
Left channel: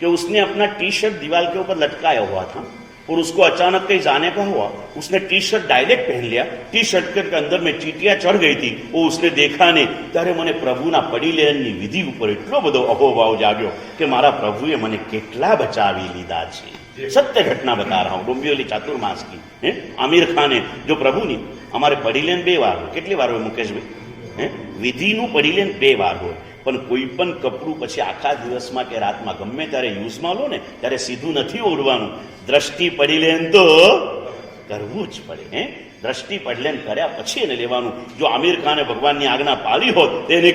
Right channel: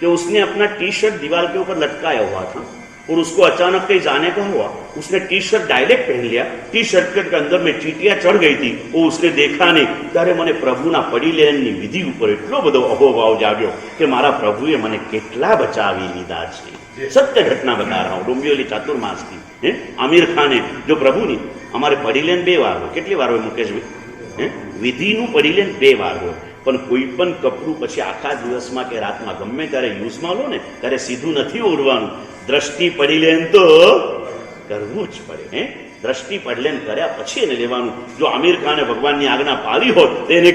कि उसने अपना टी शर्ट दीवार के ऊपर लटकाया हुआ था और उसको अचानक कहीं जाने का हुआ, उसने टी शर्ट डायरेक्ट पहन लिया, टी शर्ट के अंदर में चींटियां चढ़ गई थी, वो उसने देखा नहीं। ત્યારે મને પ્રભુના પડી લેવાની વિધિ ઉપર એટલો બધો અહોભાવ જાગ્યો કે મારા પ્રભુએ મને કેટલા બચાવી લીધા છે। सत्य घटना बता रहा हूँ, डोंबिवली चातुर्मास की। आमिर खाने जो प्रभु नहीं, हमारे पड़ीलेन 2 વાર हो, કેટલી વાર હોય મુકેશભાઈ? વિધિનું પડીલેન 2 વાર હોય, પણ કોઈ પણ કપડું પછી આખા દિવસમાં કે રાતમાં ગમે ત્યારે યુઝમાં લો ને ત્યારે સીધું નથી ઓઢવાનું, દ્રષ્ટિ પડીલેન તો કરવું જ પડે। દ્રષ્ટિ પડલેન કર્યા પછી એને લેવાનું। જો આમિર ખાને ભગવાનની આજ્ઞા પાળી હોત તો એને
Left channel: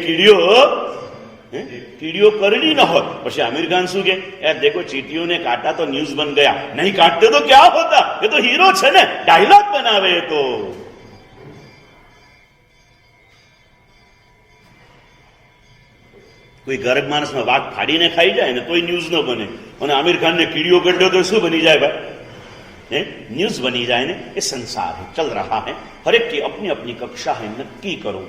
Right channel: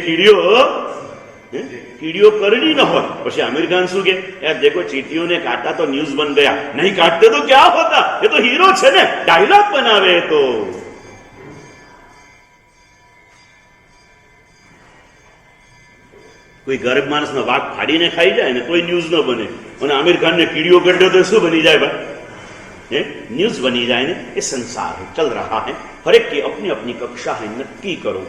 कीड़ियों करनी न हो। પછી आमिर खान શું કે, यार देखो चींटियों ने काटा तो न्यूज बन गया, नहीं काटते तो क्या होता, ये तो हीरो છે ને, डायलॉग बनावे। तो કોઈ ગરીબ માણસનો વાઘ ફાડીને ખાઈ જાય ને તોય ન્યૂઝ ન બને, અને આમિર ખાનને કીડીઓ કરડે તો શું બની જાય ભાઈ? न्यूज बनी जाए ना। ये संसार है, चल रहा है, हर एक की अपनी अपनी कक्षा है, नक्की करो।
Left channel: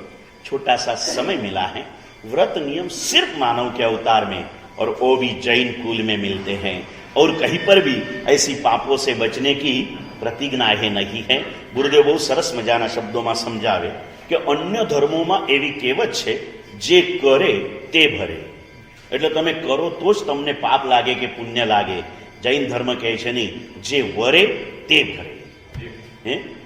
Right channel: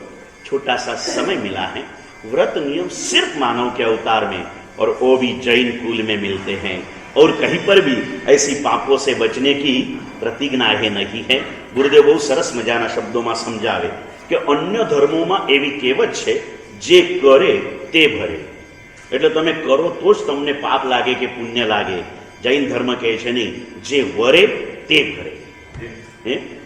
छोटा सा समय मिला है, व्रत नियम सिर्फ मानव के अवतार में और वो भी जैन कुल में मिलते हैं, और कहीं पर भी ऐसी पापों से बचने की प्रतिज्ञाएं नहीं है। गुरुदेव बहुत सरस मजाना शब्दों में समझावे कि अन्य धर्मों में एवी कहेवत है, जे करे ते भरे। એટલે તમે કરો તો જ તમને પાપ લાગે કે પુણ્ય લાગે। જૈન ધર્મ કહે છે નહીં, જે વરે તે ભરે।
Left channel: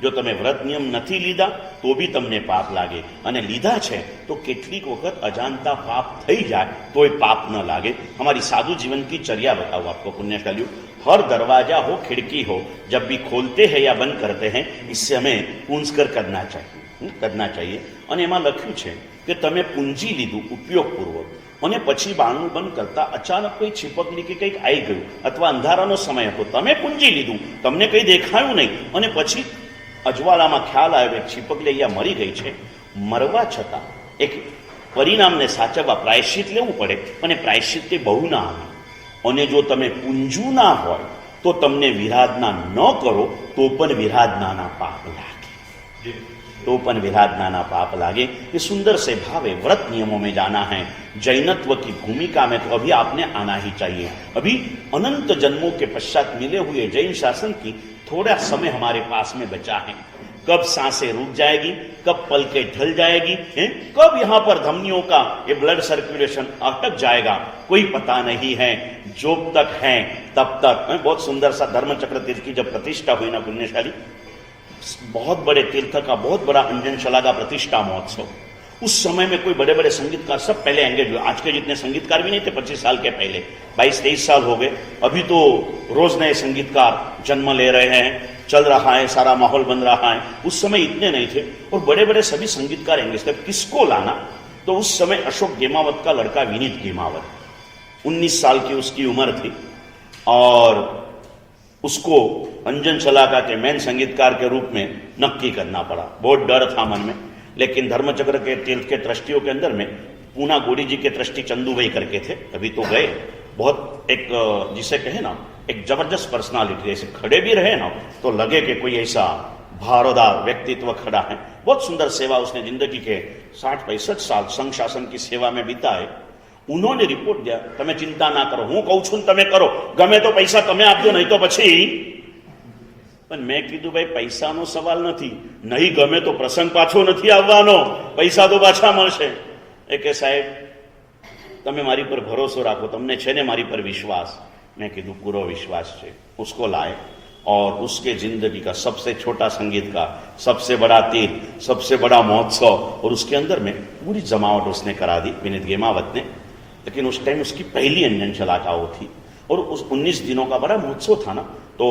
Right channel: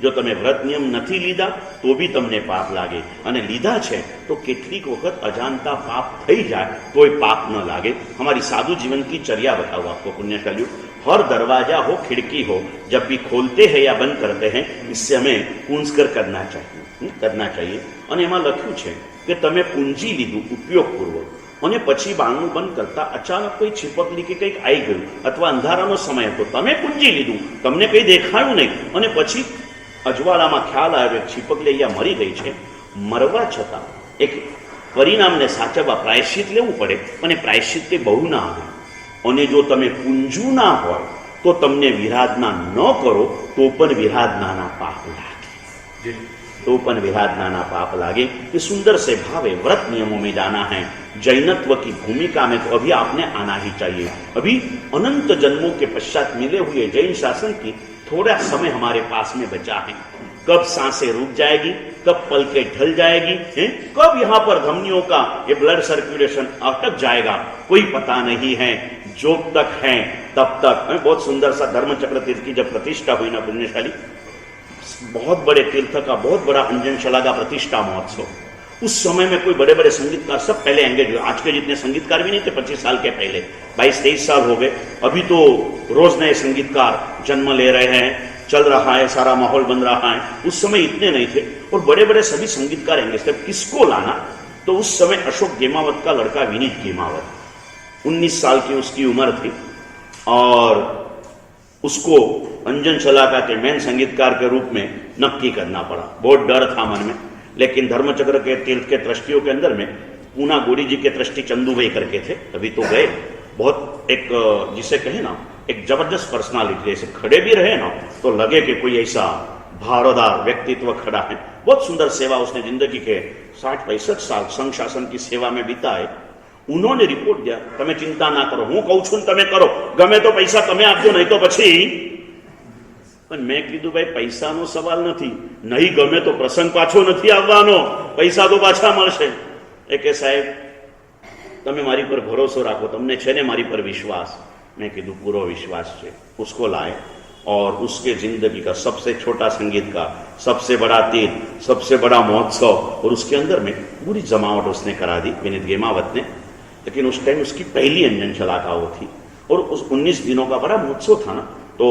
જો તમે વ્રત નિયમ નથી લીધા તો બી તમને પાપ લાગે, અને લીધા છે તો કેટલીક વખત અજાણતા પાપ થઈ જાય તોય પાપ ન લાગે। हमारी साधु जीवन की चर्या बताऊँ आपको पुण्यशालियों। हर दरवाजा हो, खिड़की हो, जब भी खोलते हैं या बंद करते हैं, इससे हमें पूंजकर करना चाहिए। અને એમાં લખ્યું છે કે તમે પૂંજી લીધું ઉપયોગપૂર્વક, અને પછી બારણું બંધ કરતા અચાનક કોઈ છીપકલી કે કંઈક આવી ગયું, અથવા અંધારાનો સમય હતો, તમે પૂંજી લીધું, તમને કંઈ દેખાયું નહીં, અને પછી અજવાળામાં ખ્યાલ આવ્યો કે છીપકલી અહીંયા મરી ગઈ છે, મરવા છતાં એક પરિણામને સાચવવા પ્રાયશ્ચિત લેવું પડે, અને પ્રાયશ્ચિત તે બહુ ના આવે। અને જો તમે પૂંજું ના હોય તો તમને વિરાધના ન કરો તો પણ વિરાધનાના પાપ લાગે, पाप लागे। ये सुंदर से भावे व्रत नियमों में जाना है। जैनत्व की भूमिका में तो अभी आपने आना ही चाहिए। अभी अनंत जन्मों के पश्चात मिले हुए जैन शासन की थोड़ा समय हमारे पास में बचा है। कब सांसें रुक जाएगी, कब पलकें ढल जाएगी, कब यहाँ पर धमनियों का ये ब्लड सर्कुलेशन अटक जाएगा, कोई पता नहीं है। जो तक है तब तक। बहुत सुंदर सा धर्मचक्र तीर्थ की जब प्रतिष्ठा हुई ना पुण्यशाली, बहुत बड़े तीर्थ का बहुत बड़ा अंजनशला का प्रतिष्ठा महोत्सव, उस समय में कोई बड़े बड़े संगीतकार सब पहले एंगेज हुए। आज के जितने संगीतकार भी नहीं थे 25 साल के पहले, 22-23 साल हो गए। अभी तो रोज नए संगीतकार जन्म ले रहे हैं, चल रहा है, सारा माहौल बन रहा है। उस समय इतने नहीं थे, और बड़े बड़े सभी संगीतकार एंगेज थे। किसको लाना, तो उस समय अशोक गेमावत का लड़का विनीत गेमावत, 19 साल की उसकी उम्र थी, और उसको अंजन शलाका के मेन संगीतकार के रूप में नक्की करना पड़ा। बहुत डर था मन में, लेकिन धर्मचक्र के तीर्थ के ट्रस्टियों के अंदर में पूना गोड़ी जी के ट्रस्टी चंदू भाई करके थे, अभी तो गए। बहुत एक जिसे कहे ना, एक जबरदस्त पर्सनालिटी, ऐसे खड़े भी रहे ना तो लगे कि कोई ऐसा भारदार व्यक्तित्व खड़ा है। बहुत सुंदर सेवा उसने जिंदगी के 60-65 साल संघ शासन की सेवा में बिताए। उन्होंने रिपोर्ट दिया, તમે ચિંતા ના કરો, હું કહું છું તમે કરો, ગમે તો પૈસા તમે આપજો, નહીં તો પછી। પણ મેં કીધું ભાઈ પૈસાનો સવાલ નથી, નહીં ગમે તો પ્રસંગ પાછો નથી આવવાનો, પૈસા તો પાછા મળશે। એ કે સાહેબ તમે મારી પર ભરોસો રાખો, તમને છે ને મારી પર વિશ્વાસ? મેં કીધું પૂરો વિશ્વાસ છે। उसको लाए और उसके जिंदगी का सबसे छोटा संगीत का सबसे बड़ा तीर, सबसे बड़ा महोत्सव, और उसके अंदर में पूरी जमावट उसने करा दी विनीत गेमावत ने। लेकिन उस टाइम उसकी पहली अंजन शलाका वो थी, और उस 19 दिनों का बड़ा महोत्सव था ना, तो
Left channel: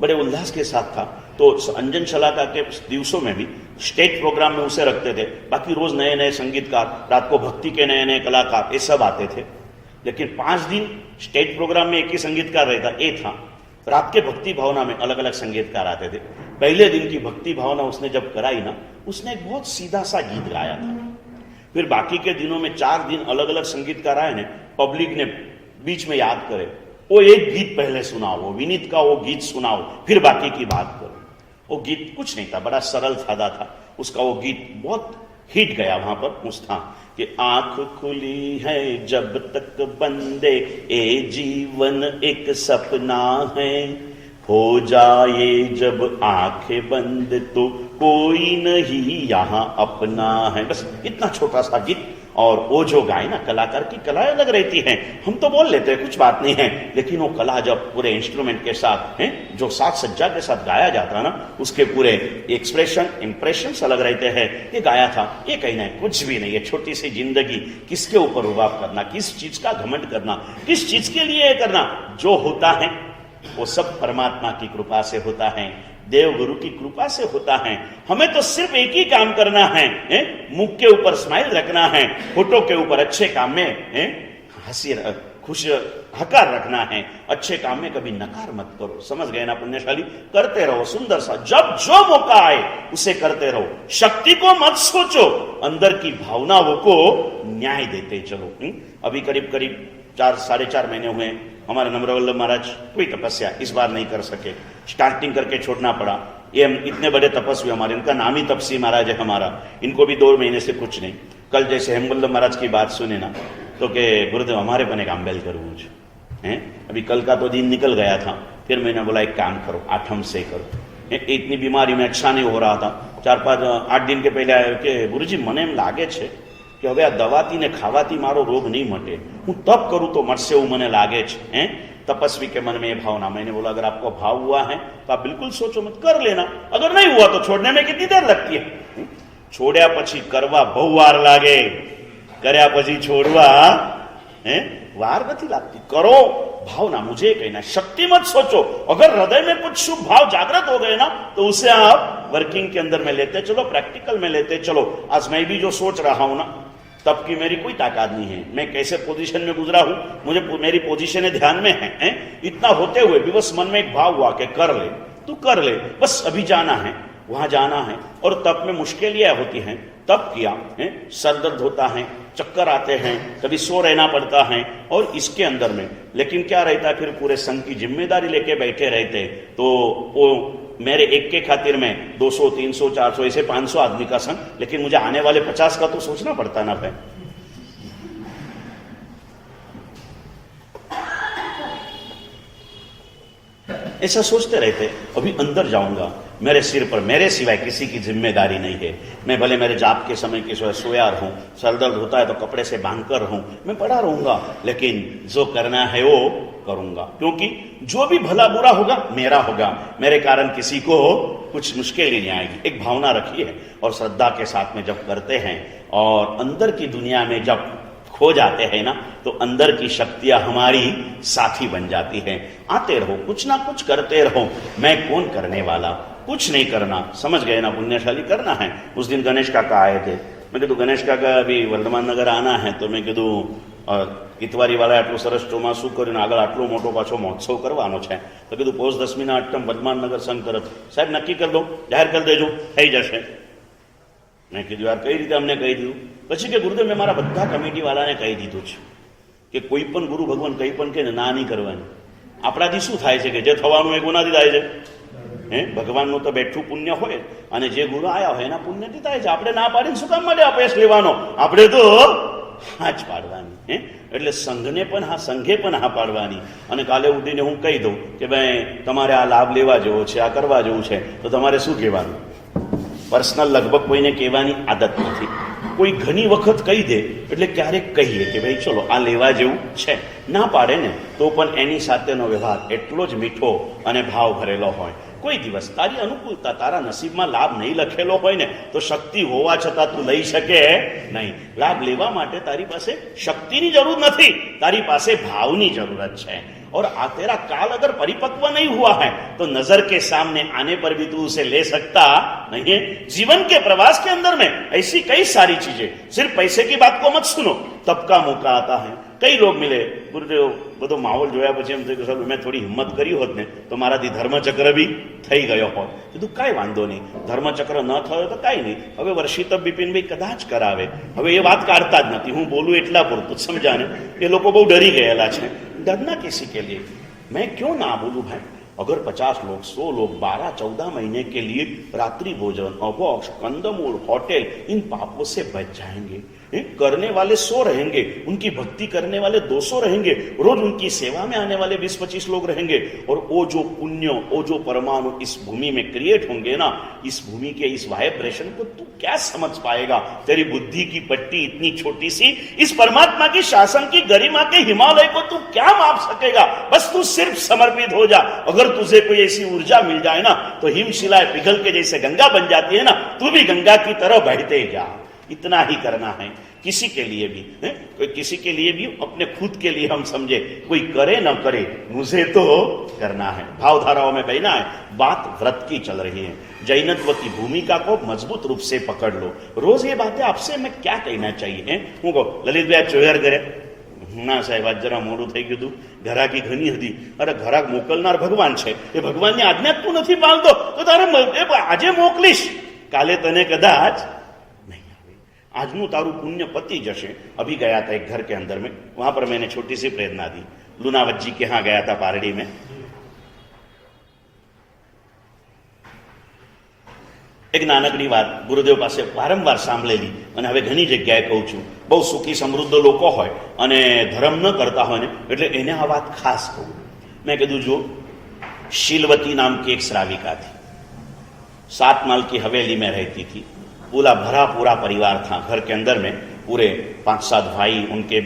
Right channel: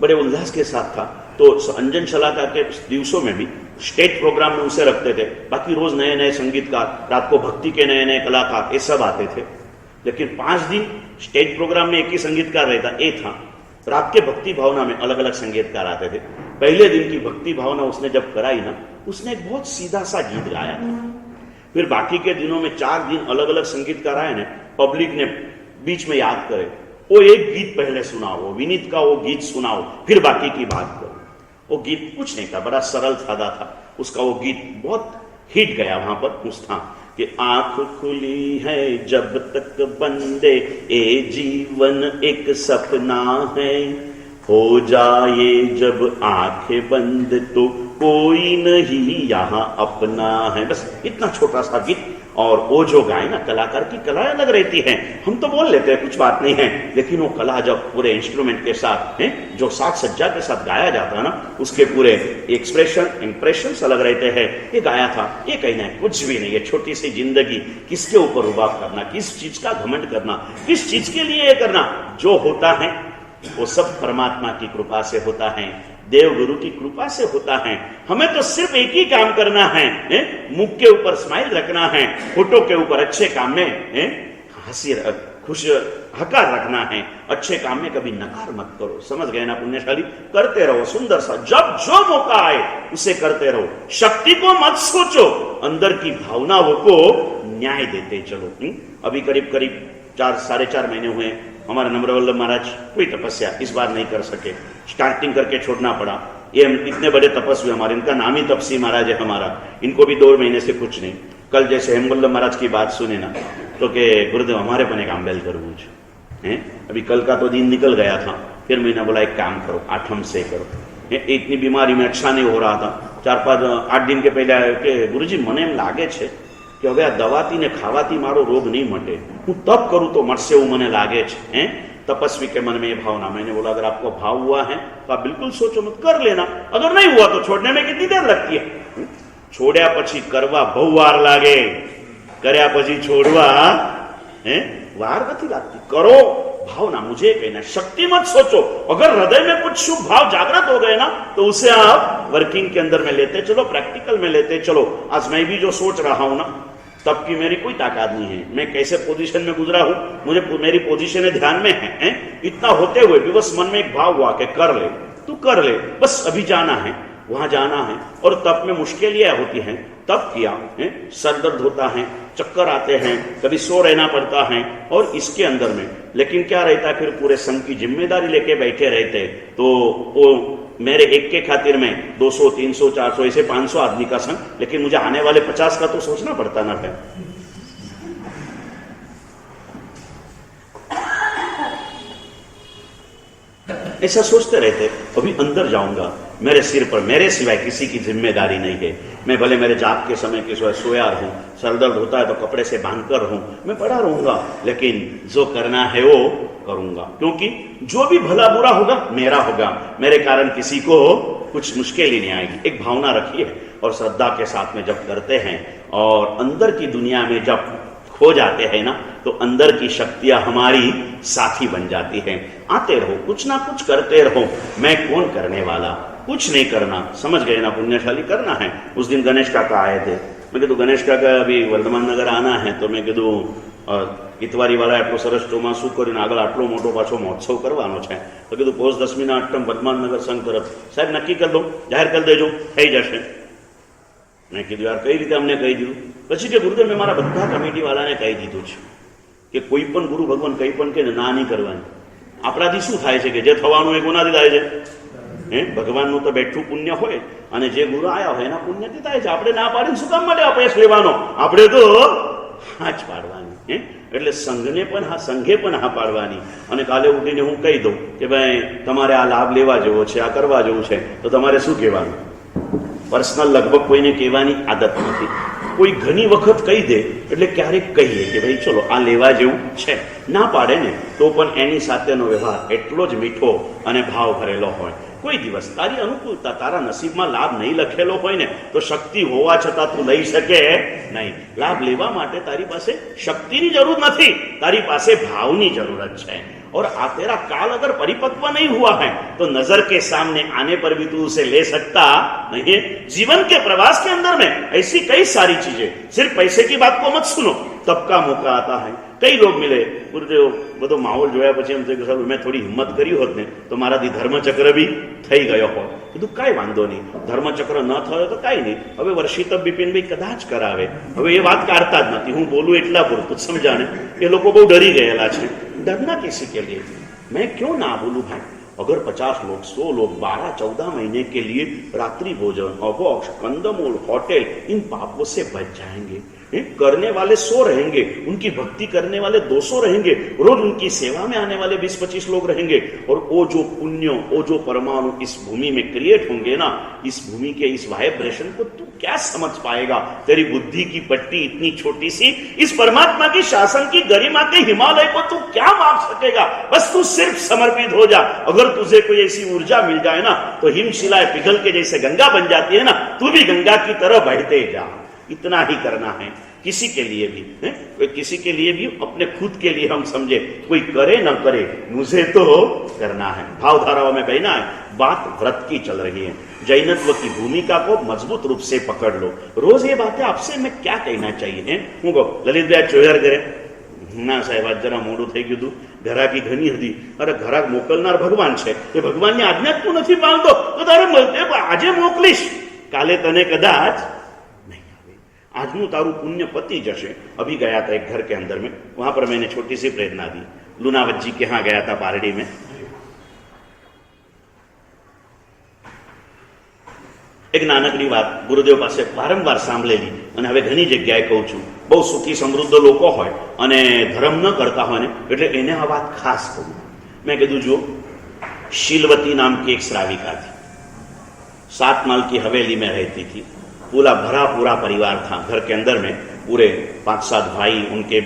बड़े उल्लास के साथ था। तो अंजन शलाका के दिवसों में भी स्टेट प्रोग्राम में उसे रखते थे, बाकी रोज नए नए संगीतकार, रात को भक्ति के नए नए कलाकार, ये सब आते थे। लेकिन 5 दिन स्टेट प्रोग्राम में एक ही संगीतकार रहता, ये था। रात के भक्ति भावना में अलग अलग संगीतकार आते थे। पहले दिन की भक्ति भावना उसने जब कराई ना, उसने एक बहुत सीधा सा गीत गाया था। फिर बाकी के दिनों में 4 दिन अलग अलग संगीतकार आए ने, पब्लिक ने बीच में याद करे, वो एक गीत पहले सुनाओ, विनीत का वो गीत सुनाओ, फिर बाकी की बात करो। वो गीत कुछ नहीं था, बड़ा सरल सादा था। उसका वो गीत बहुत हिट गया वहां पर। उस था कि आंख खुली है जब तक बंदे, ए जीवन एक सपना है, हो जाए जब आंखें बंद तो कोई नहीं यहाँ अपना है। बस इतना छोटा सा गीत। और वो जो गाए ना, कलाकार की कला अलग रहती है। हम तो बोल लेते हैं कुछ बात नहीं है, लेकिन वो कला जब पूरे इंस्ट्रूमेंट के साथ है, जो साज सज्जा के साथ गाया जाता है ना, उसके पूरे एक्सप्रेशन इंप्रेशन अलग रहते हैं। ये गाया था, ये कहना है कुछ भी नहीं, ये छोटी सी जिंदगी किसके ऊपर रुबाब करना, किस चीज का घमंड करना, किस चीज के लिए ये करना, जो होता है वो सब परमात्मा की कृपा से होता है, देव गुरु की कृपा से होता है। हमें तो सिर्फ एक ही काम करना है, मुख के ऊपर स्माइल रखना है, फोटो के ऊपर अच्छे काम में हंसी खुश हकार रखना है, अच्छे काम में कभी नकार मत करो। समझ गए ना पुण्यशाली? करते रहो सुंदर सा, जब जो मौका आए उसे करते रहो। शक्ति को मत सोचो, अंदर की भावनाओं को न्याय देते चलो। अभी करीब करीब 4-4.5 महीने हुए हमारे नम्रवल्लभ महाराज कोई तपस्या इस बार नहीं कर सके, स्टार्टिंग करके छोड़ना पड़ा। ये इतने बड़े तपस्वी हमारे, इनका नाम ही तपसी महाराज है हमारा, इनको भी 2 महीने से कुछ नहीं। कल जैसे हेमवल्लभ महाराज की बात सुने ना, तो के गुरुदेव हमारे को एक आंबेल करूँ है। अभी कल का तो दिन निकल गया था, फिर मैंने बोला एक काम करो, 8 से करो। इतनी बीमारी में अच्छा नहीं हो रहा था, 4-5-8 दिन के पहले आए कि गुरुजी મને એમ લાગે છે કે હવે આ દવાથી ને ખાવાથી મારો રોગ नहीं मटे, હું तप करूं तो मटसे એવું મને लागे છે। तपस्वी के मन में ये भावना। मैंने बोला अगर आपको भाव हुआ है तो आप बिल्कुल सोचो मत, कर लेना, अगर नहीं हुआ तो छोड़ने में कितनी देर लगती है। छोड़्या પછી કરવા બહુ વાર લાગે, કર્યા પછી છોડવા વાર નથી લાગતી। करो भावना, मुझे कहना शक्ति मत सोचो। अगर हृदय में कुछ शुभ भाव जागृत हो गए ना, तो उसे आप वर्किंग के अंदर में लेते चलो, प्रैक्टिकल में लेते चलो। आज मैं भी जो सोच रहा हूं ना, तब की मेरी कोई ताकत नहीं है, मैं कैसे पोजीशन में गुजरा हूं, मुझे मेरी पोजीशन ध्यान में है। इतना होते हुए भी बस मन में एक भाव हुआ कि कर ले, तू कर ले, बस अभी जाना है, वहां जाना है। और तब में मुश्किलें होती हैं, तब किया है, सर दर्द होता है, चक्कर आते हैं, कभी सो रहना पड़ता है। और इसके अंदर में लेकिन क्या रहता, फिर पूरे संघ की जिम्मेदारी लेके बैठे रहते, तो वो मेरे एक के खातिर में 200, 300, 400 ऐसे 500 आदमी का संघ, लेकिन मुझे आने वाले 50 का तो सोचना पड़ता ना फिर। ऐसा सोचते रहते, अभी अंदर जाऊंगा, मेरे सिर पर मेरे सिवाय किसी की जिम्मेदारी नहीं है। मैं भले मेरे जाप के समय के सिवाय सोया रहूं, सर दर्द होता है तो कपड़े से बांध कर रहूं, मैं पड़ा रहूंगा, लेकिन जो करना है वो करूंगा, क्योंकि जो भी भला बुरा होगा मेरा होगा, मेरे कारण किसी को कुछ मुश्किल ही नहीं आएगी। एक भावना रखी है, और श्रद्धा के साथ में जब करते हैं और अंदर की दुनिया में जब खो जाते हैं ना, तो अंदर की शक्तियां हमारी साथी बन जाती हैं। आते रहो, कुछ ना कुछ करते रहो, मैं कौन करने वाला, कुछ नहीं करना। समझ गए ना पुण्यशाली? करना है। उस दिन गणेश काका आए थे, मैं कीधु गणेश काका अभी वर्धमान नगर आना है, तो मैं कीधु इतवारी वाला आटलो सरस ચોમાસું કર્યું, આગળ આટલો મોટો પાછો મહોત્સવ કરવાનો છે, તો કીધું પોષ 10મીના અષ્ટમ વર્ધમાન નગર સંઘ તરફ સાહેબ નક્કી કરી દો, જાહેર કરી દેજો, થઈ જશે। મેં કીધું યાર કઈ રીતે અમને કહી દીધું? પછી કે ગુરુદેવ મેં મારા બધા કમિટી વાળાને કહી દીધું છે કે કોઈ પણ ગુરુ ભગવાન કંઈ પણ કે ના નહીં કરવાની। આપણાથી શું થાય છે કે જે થવાનું એ કોનાથી થાય છે? ભગવાનનું તો બેઠું પુણ્ય હોય, અને જે ગુરુ આયા હોય એના પુણ્યથી થાય છે। આપણે ના પાડીને શું કામ માટે અપયશ લેવાનો? આપણે તો હા જ પાડવાની। એટલે સંઘને પણ હા, સંઘે પણ હા પાડવાની। અને કાલે ઉઠીને હું કહી દઉં કે ભાઈ તમારે આ લાભ લેવા જેવો છે, આ કરવા જેવું છે, તો તમારે શું કહેવાનું? પર્સનલ લગભગ કોઈને કહેવાની આદત નથી। કોઈ ઘણી વખત કહી દે એટલે ક્યારેક કહીએ કે ભાઈ ચલો આ લેવા જેવું છે, ના પાડે ને તો પણ એની સાથેનો વ્યવહાર એટલો જ મીઠો અને ભાવ ભરેલો હોય. કોઈ દિવસ તારી અનુકૂળતા, તારા નસીબમાં લાભ નહીં લખેલો હોય ને તો શક્તિ હોવા છતાં તું લઈ શકે નહીં. લાભ લેવા માટે તારી પાસે શક્તિની જરૂર નથી, તારી પાસે ભાવની જરૂરત છે. और तेरा काल अगर परिपक्व नहीं हुआ है तो नजर के सामने आने पर भी तू उसे ले सकता नहीं है. जीवन के प्रवास के अंदर में ऐसी कई सारी चीजें, सिर्फ पैसे की बात को मत सुनो. तबका मौका आता है, कई लोग मिले, गुरुदेव બધો માહોલ જોયા પછી એમ થયું કે સાહેબ મેં થોડી હિંમત કરી હોત ને તો મારાથી ધર્મચક્ર બી થઈ ગયો હોત. કીધું કાંઈ વાંધો નહીં, ધર્મચક્ર ન થયો તો કાંઈ નહીં, હવે વર્ષિત બિપિનભાઈ કદાચ કરાવે. હવે એ વાત કાઢતા જ નથી, હું બોલું એટલા પૂરતું સમજાને. એ લોકો બહુ ડરી ગયેલા છે. डरना किसी के लिए, मैं क्यों ना बोलूं भाई. अगर 50 लोग 100 लोग 12-14 महीने के लिए रात्रि भोजन, अबॉक्स, कंदमूल, होटल, इन पापों से बच जाएंगे. करने वाले 100 रहेंगे, उनकी भक्ति करने वाले 200 रहेंगे, रोज उनकी सेवा में आने वाले 20-25 लोग रहेंगे. और वो जो पुण्य, वो जो परमाणु इस भूमि में क्रिएट होंगे ना, इस भूमि के इस वाइब्रेशन को तू क्या समझ पाएगा. तेरी बुद्धि की पट्टी इतनी छोटी सी, इस परमात्मा की शासन की गरिमा के हिमालय को तू क्या माप सकेगा. बस तू सिर्फ समर्पित हो जा. अगर तुझे कोई ऐसी ऊर्जा मिल जाए ना तो हिमशिलाएं पिघल के जैसे गंगा बन जाती है ना, तू भी गंगा की तरह बहते जा. इतना ही करना है. किसी के लिए भी है, किसी के लिए भी, अपने खुद के लिए हम समझे, कोई करे ना करे, मुझे तो करना है. भावधाराओं में कहना है, बात व्रत की चल रही है. जैनत्व की भूमिका को मजबूत रूप से पकड़ लो. रोज ये बातें आपसे मैं क्या कहना चाहिए. હું કહું લલિતભાઈ ચોયર કરે, ના સાહેબ આજ જરા મોડું થઈ ગયું હતું, ઘરાકી ઘણી હતી. અરે ઘરાક મોકલનાર ભગવાન છે, એ ભગવાનની આજ્ઞા તું નથી પાળતો તો તારે આજે મોકલીશ, કાલે તને કદાચ नहीं आवे. આજનું તારું પુણ્ય પતી જશે. अभी गया था एक घर के अंदर में, वहां पर मैंने छोटी सी प्रेरणा दी. लूनावत जी के यहाँ गया था पारडी में. એક નાનકડી વાત ગુરુદેવ પાસે વારંવાર સાંભળેલી અને હવે ઘણી જગ્યાએ કહું છું. બહુ સુખી સમૃદ્ધ લોકો હોય અને ધર્મ ન કરતા હોય ને એટલે એને આ વાત ખાસ કહું. મેં કીધું જો शीलवती नाम की एक श्राविका थी, 7 माल की हवेली में रहती थी. पूरा भरा पूरा परिवार था. घर के अंदर में पूरे 5-7 भाई, उनके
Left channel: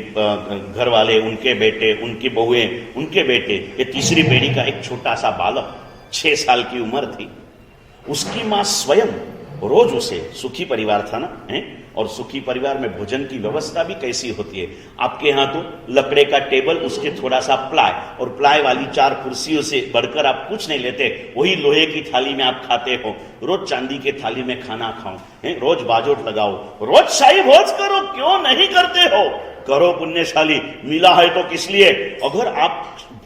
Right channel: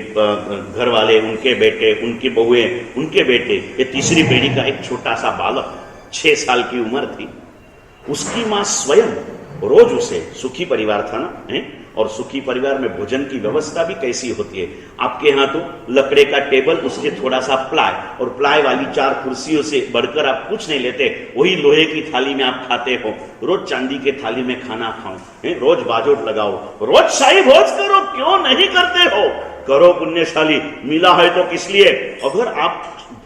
घर वाले, उनके बेटे, उनकी बहुएं, उनके बेटे, ये तीसरी पीढ़ी का एक छोटा सा बालक 6 साल की उम्र थी. उसकी माँ स्वयं रोज उसे, सुखी परिवार था ना है, और सुखी परिवार में भोजन की व्यवस्था भी कैसी होती है. आपके यहाँ तो लकड़े का टेबल, उसके थोड़ा सा प्लाई, और प्लाई वाली 4 कुर्सियों से बढ़कर आप कुछ नहीं लेते. वही लोहे की थाली में आप खाते हो. रोज चांदी के थाली में खाना खाओ, रोज बाजोट लगाओ, रोज शाही भोज करो. क्यों नहीं करते हो? करो पुण्यशाली. मिला है तो किस लिए. अगर आप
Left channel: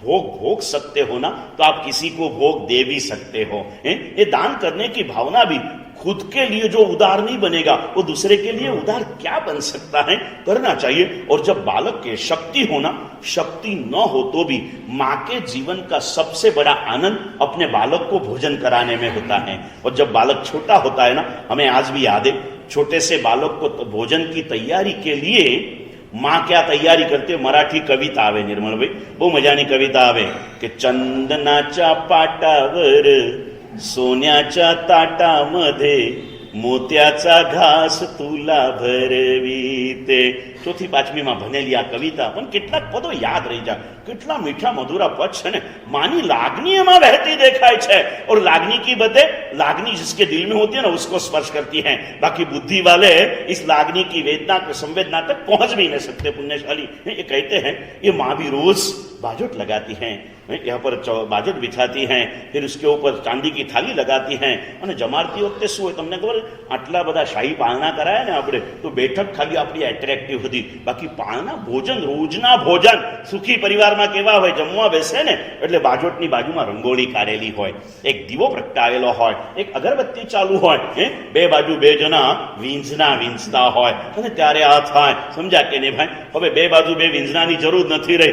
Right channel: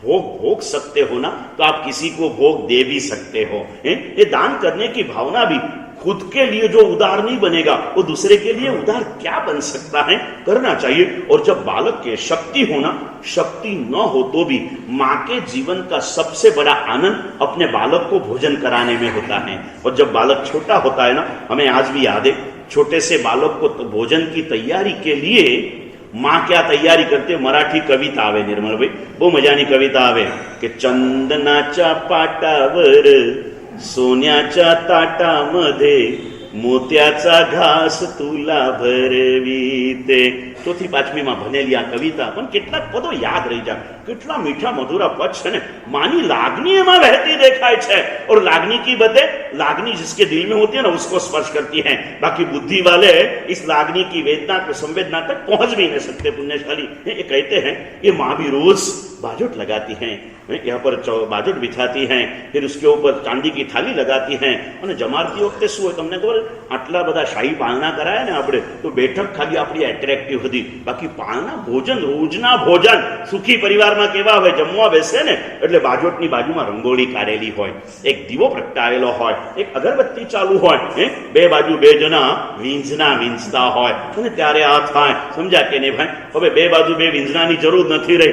भोग सकते हो ना तो आप किसी को भोग दे भी सकते हो. ये दान करने की भावना भी खुद के लिए जो उदार नहीं बनेगा वो दूसरे के लिए उदार क्या बन सकता है. करना चाहिए. और जब बालक के शक्ति होना, शक्ति न हो तो भी माँ के जीवन का सबसे बड़ा आनंद अपने बालक को भोजन कराने में होता है. और जब बालक छोटा होता है ना, हमें आज भी याद है, छोटे से बालक को तो भोजन की तैयारी के लिए माँ क्या तैयारी करते. मराठी कविता आवे निर्मल भाई, बहु मजानी कविता आवे कि चंदनाच्या पाटावर सोन्याच्या ताटामध्ये मोत्याचा घास तुला भरवीते. 4th-5મી માં ભણેલી આ કવિતા પણ કેટલાક પદો યાદ રહી જાય. કેટલા મીઠા મધુરા પદ છે ને. માની લાગણી એમાં વહેતી દેખાય છે. और लागनी की बदले लागनी जिसके दिल में होती है ना उसको स्पर्श करती है. बाकी बुद्धि वाले इस लागनी की वेदना को, संवेदना तक पहुंच भी नहीं सकते. पुण्यशाली ये कहते हैं ये माँ भी रोज बाजोट लगाती हैं, यहाँ पर बाजोट बिछाती हैं, फिर उसके ऊपर चांदी की थाली लगाती हैं અને જમાડતી વખતે શું હોય તમને ખબર, આટલા બધા શાહી પાલના કરાય ને આપણે તો બેઠક ખાલી આપણી એટ્રેક્ટિવ હતી. બાકી પાલના ભોજન, રોજના ભોજન સુખી પરિવારમાં કેવા હોય, જમવા બેસે ને એટલે બાજોટની બાજુમાં રંગોળી કાઢેલી હોય, એક દીવો પ્રગટાવેલો હોય, એક અગરબત્તી ચાલુ હોય, બે બાજુ 2 જણા વીંઝના વીંઝતા હોય. અને ત્યારે આ થાય, સમજ્યા કે નહીં ભાઈ. હવે 2 બાજુ 2 વીંઝનાની જરૂર નથી રહી.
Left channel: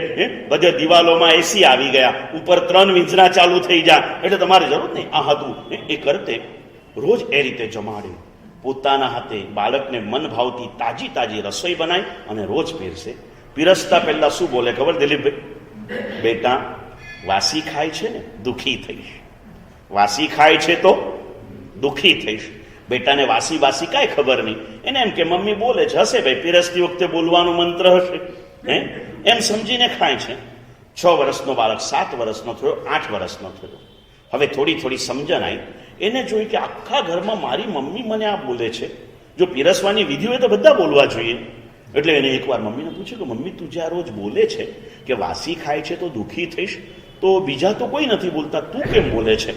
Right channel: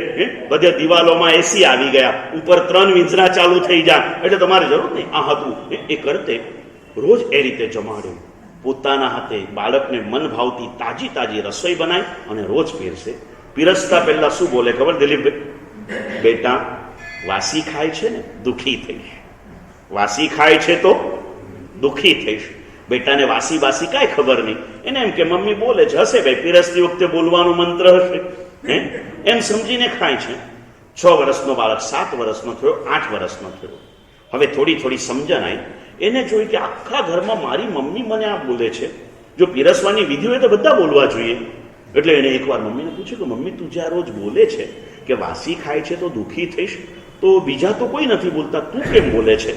બધે દિવાલોમાં એસી આવી ગયા, ઉપર 3 વીંઝના ચાલુ થઈ જાય એટલે તમારે જરૂર નહીં. આ હતું એ કરતે. રોજ એ રીતે જમાડે, પોતાના હાથે બાળકને મન ભાવતી તાજી તાજી રસોઈ બનાય અને રોજ પીરસે. પીરસતા પહેલા શું બોલે ખબર દિલીપભાઈ? બેટા વાસી ખાય છે ને દુઃખી થઈશ, વાસી ખાય છે તો દુઃખી થઈશ. બેટાને વાસી બાસી કાંઈ ખબર નહીં, એને એમ કે મમ્મી બોલે છે, હશે ભાઈ, પીરસતી વખતે બોલવાનો મંત્ર હશે, એમ સમજીને ખાય છે. 6 વર્ષનો બાળક 7 વર્ષનો થયો, 8 વર્ષનો થયો. હવે થોડી થોડી સમજણ આવી. એને જોઈ કે આખા ઘરમાં મારી મમ્મી મને આ બોલે છે, જો પીરસવાની વિધિ હોય તો બધા બોલવા જોઈએ. એટલે એને એકવાર મમ્મીને પૂછ્યું કે મમ્મી તું જે આ રોજ બોલે છે કે વાસી ખાય છે તો દુઃખી થઈશ, તો બીજા તો કોઈ નથી બોલતા, તું કેમ બોલે છે?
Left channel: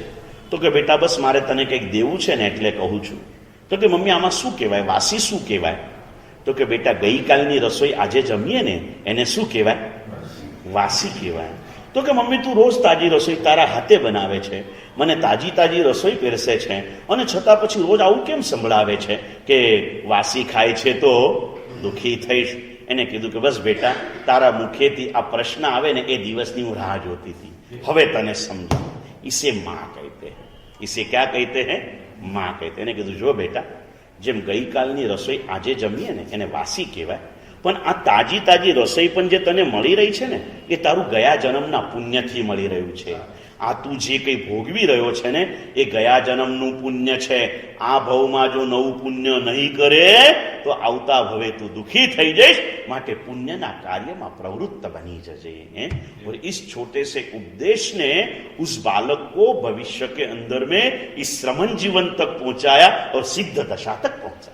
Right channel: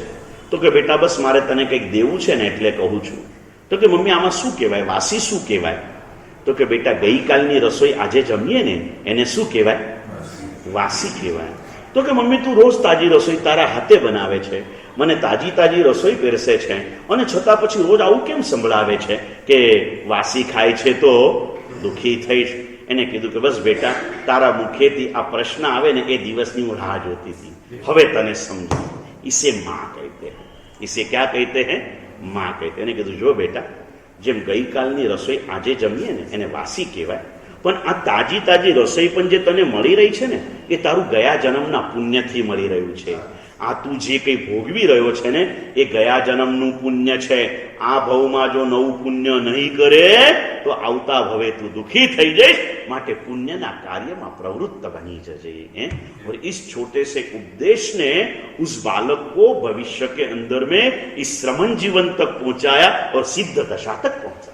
તો કે બેટા બસ મારે તને કંઈક દેવું છે ને એટલે કહું છું. તો કે મમ્મી આમાં શું કહેવાય, વાસી શું કહેવાય? તો કે બેટા ગઈકાલની રસોઈ આજે જમીએ ને એને શું કહેવાય? વાસી કહેવાય. તો કે મમ્મી તું રોજ તાજી રસોઈ તારા હાથે બનાવે છે, મને તાજી તાજી રસોઈ પીરસે છે, અને છતાં પછી રોજ આવું કેમ સંભળાવે છે કે વાસી ખાય છે તો દુઃખી થઈશ? એને કીધું કે બસ બેટા તારા મુખેથી આ પ્રશ્ન આવે ને એ દિવસની હું રાહ જોતી હતી, હવે તને સમજો. इसे माँ कहते हैं. इसे क्या कहते हैं? माँ कहते हैं. એને કીધું જો બેટા, જેમ ગઈકાલની રસોઈ આજે જમીએ ને એને વાસી કહેવાય, પણ આ તાજી તાજી રસોઈ પણ જે તને મળી રહી છે ને એ તારું ગયા જન્મના પુણ્યથી મળી રહ્યું છે. આ તું જે કંઈ ભોગવી રહ્યો છે ને એ ગયા જન્મનું પુણ્ય છે. આ ભવમાં જો નવું પુણ્ય નહીં કરે તો આવતા ભવે તું દુઃખી થઈ જઈશ, માટે પુण्यના કાર્યમાં પ્રવૃત્ત बनी जजे. और इस छोटे से उपदेश ने उस बालक को भविष्य के अंदर में इस श्रमण जीवन तक पहुंचाया और सिद्ध दशा तक पहुंचा.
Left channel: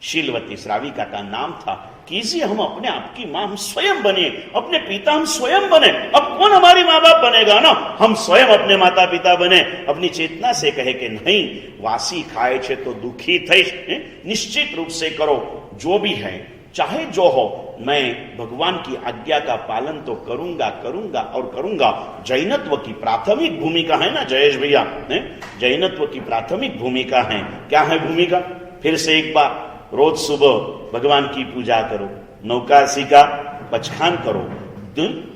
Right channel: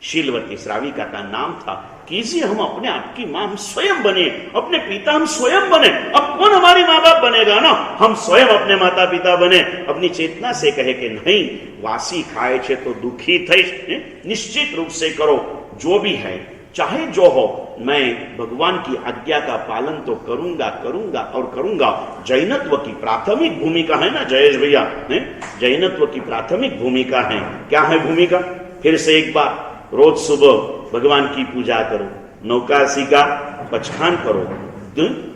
शीलवती श्राविका का नाम था. कीजिए हम अपने आपकी माँ हम स्वयं बने, अपने पिता हम स्वयं बने. अब कौन हमारी माँ बाप बनेगा ना, हम स्वयं अपने माता पिता बने. अपनी चेतना से कहे कि नहीं वासी खाए छे तो दुखी थईश, निश्चित रूप से करो जो भी है चाहे जो हो, मैं भगवान की आज्ञा का पालन तो करूंगा करूंगा और करूंगा. जैनत्व की प्राथमिक भूमिका है ना जयेश भैया, जैनत्व की प्राथमिक भूमिका है. क्या है भूमिका? फिर से एक बार, रोज सुबह भगवान की पूजा करो, नौकासी का पचखान करो,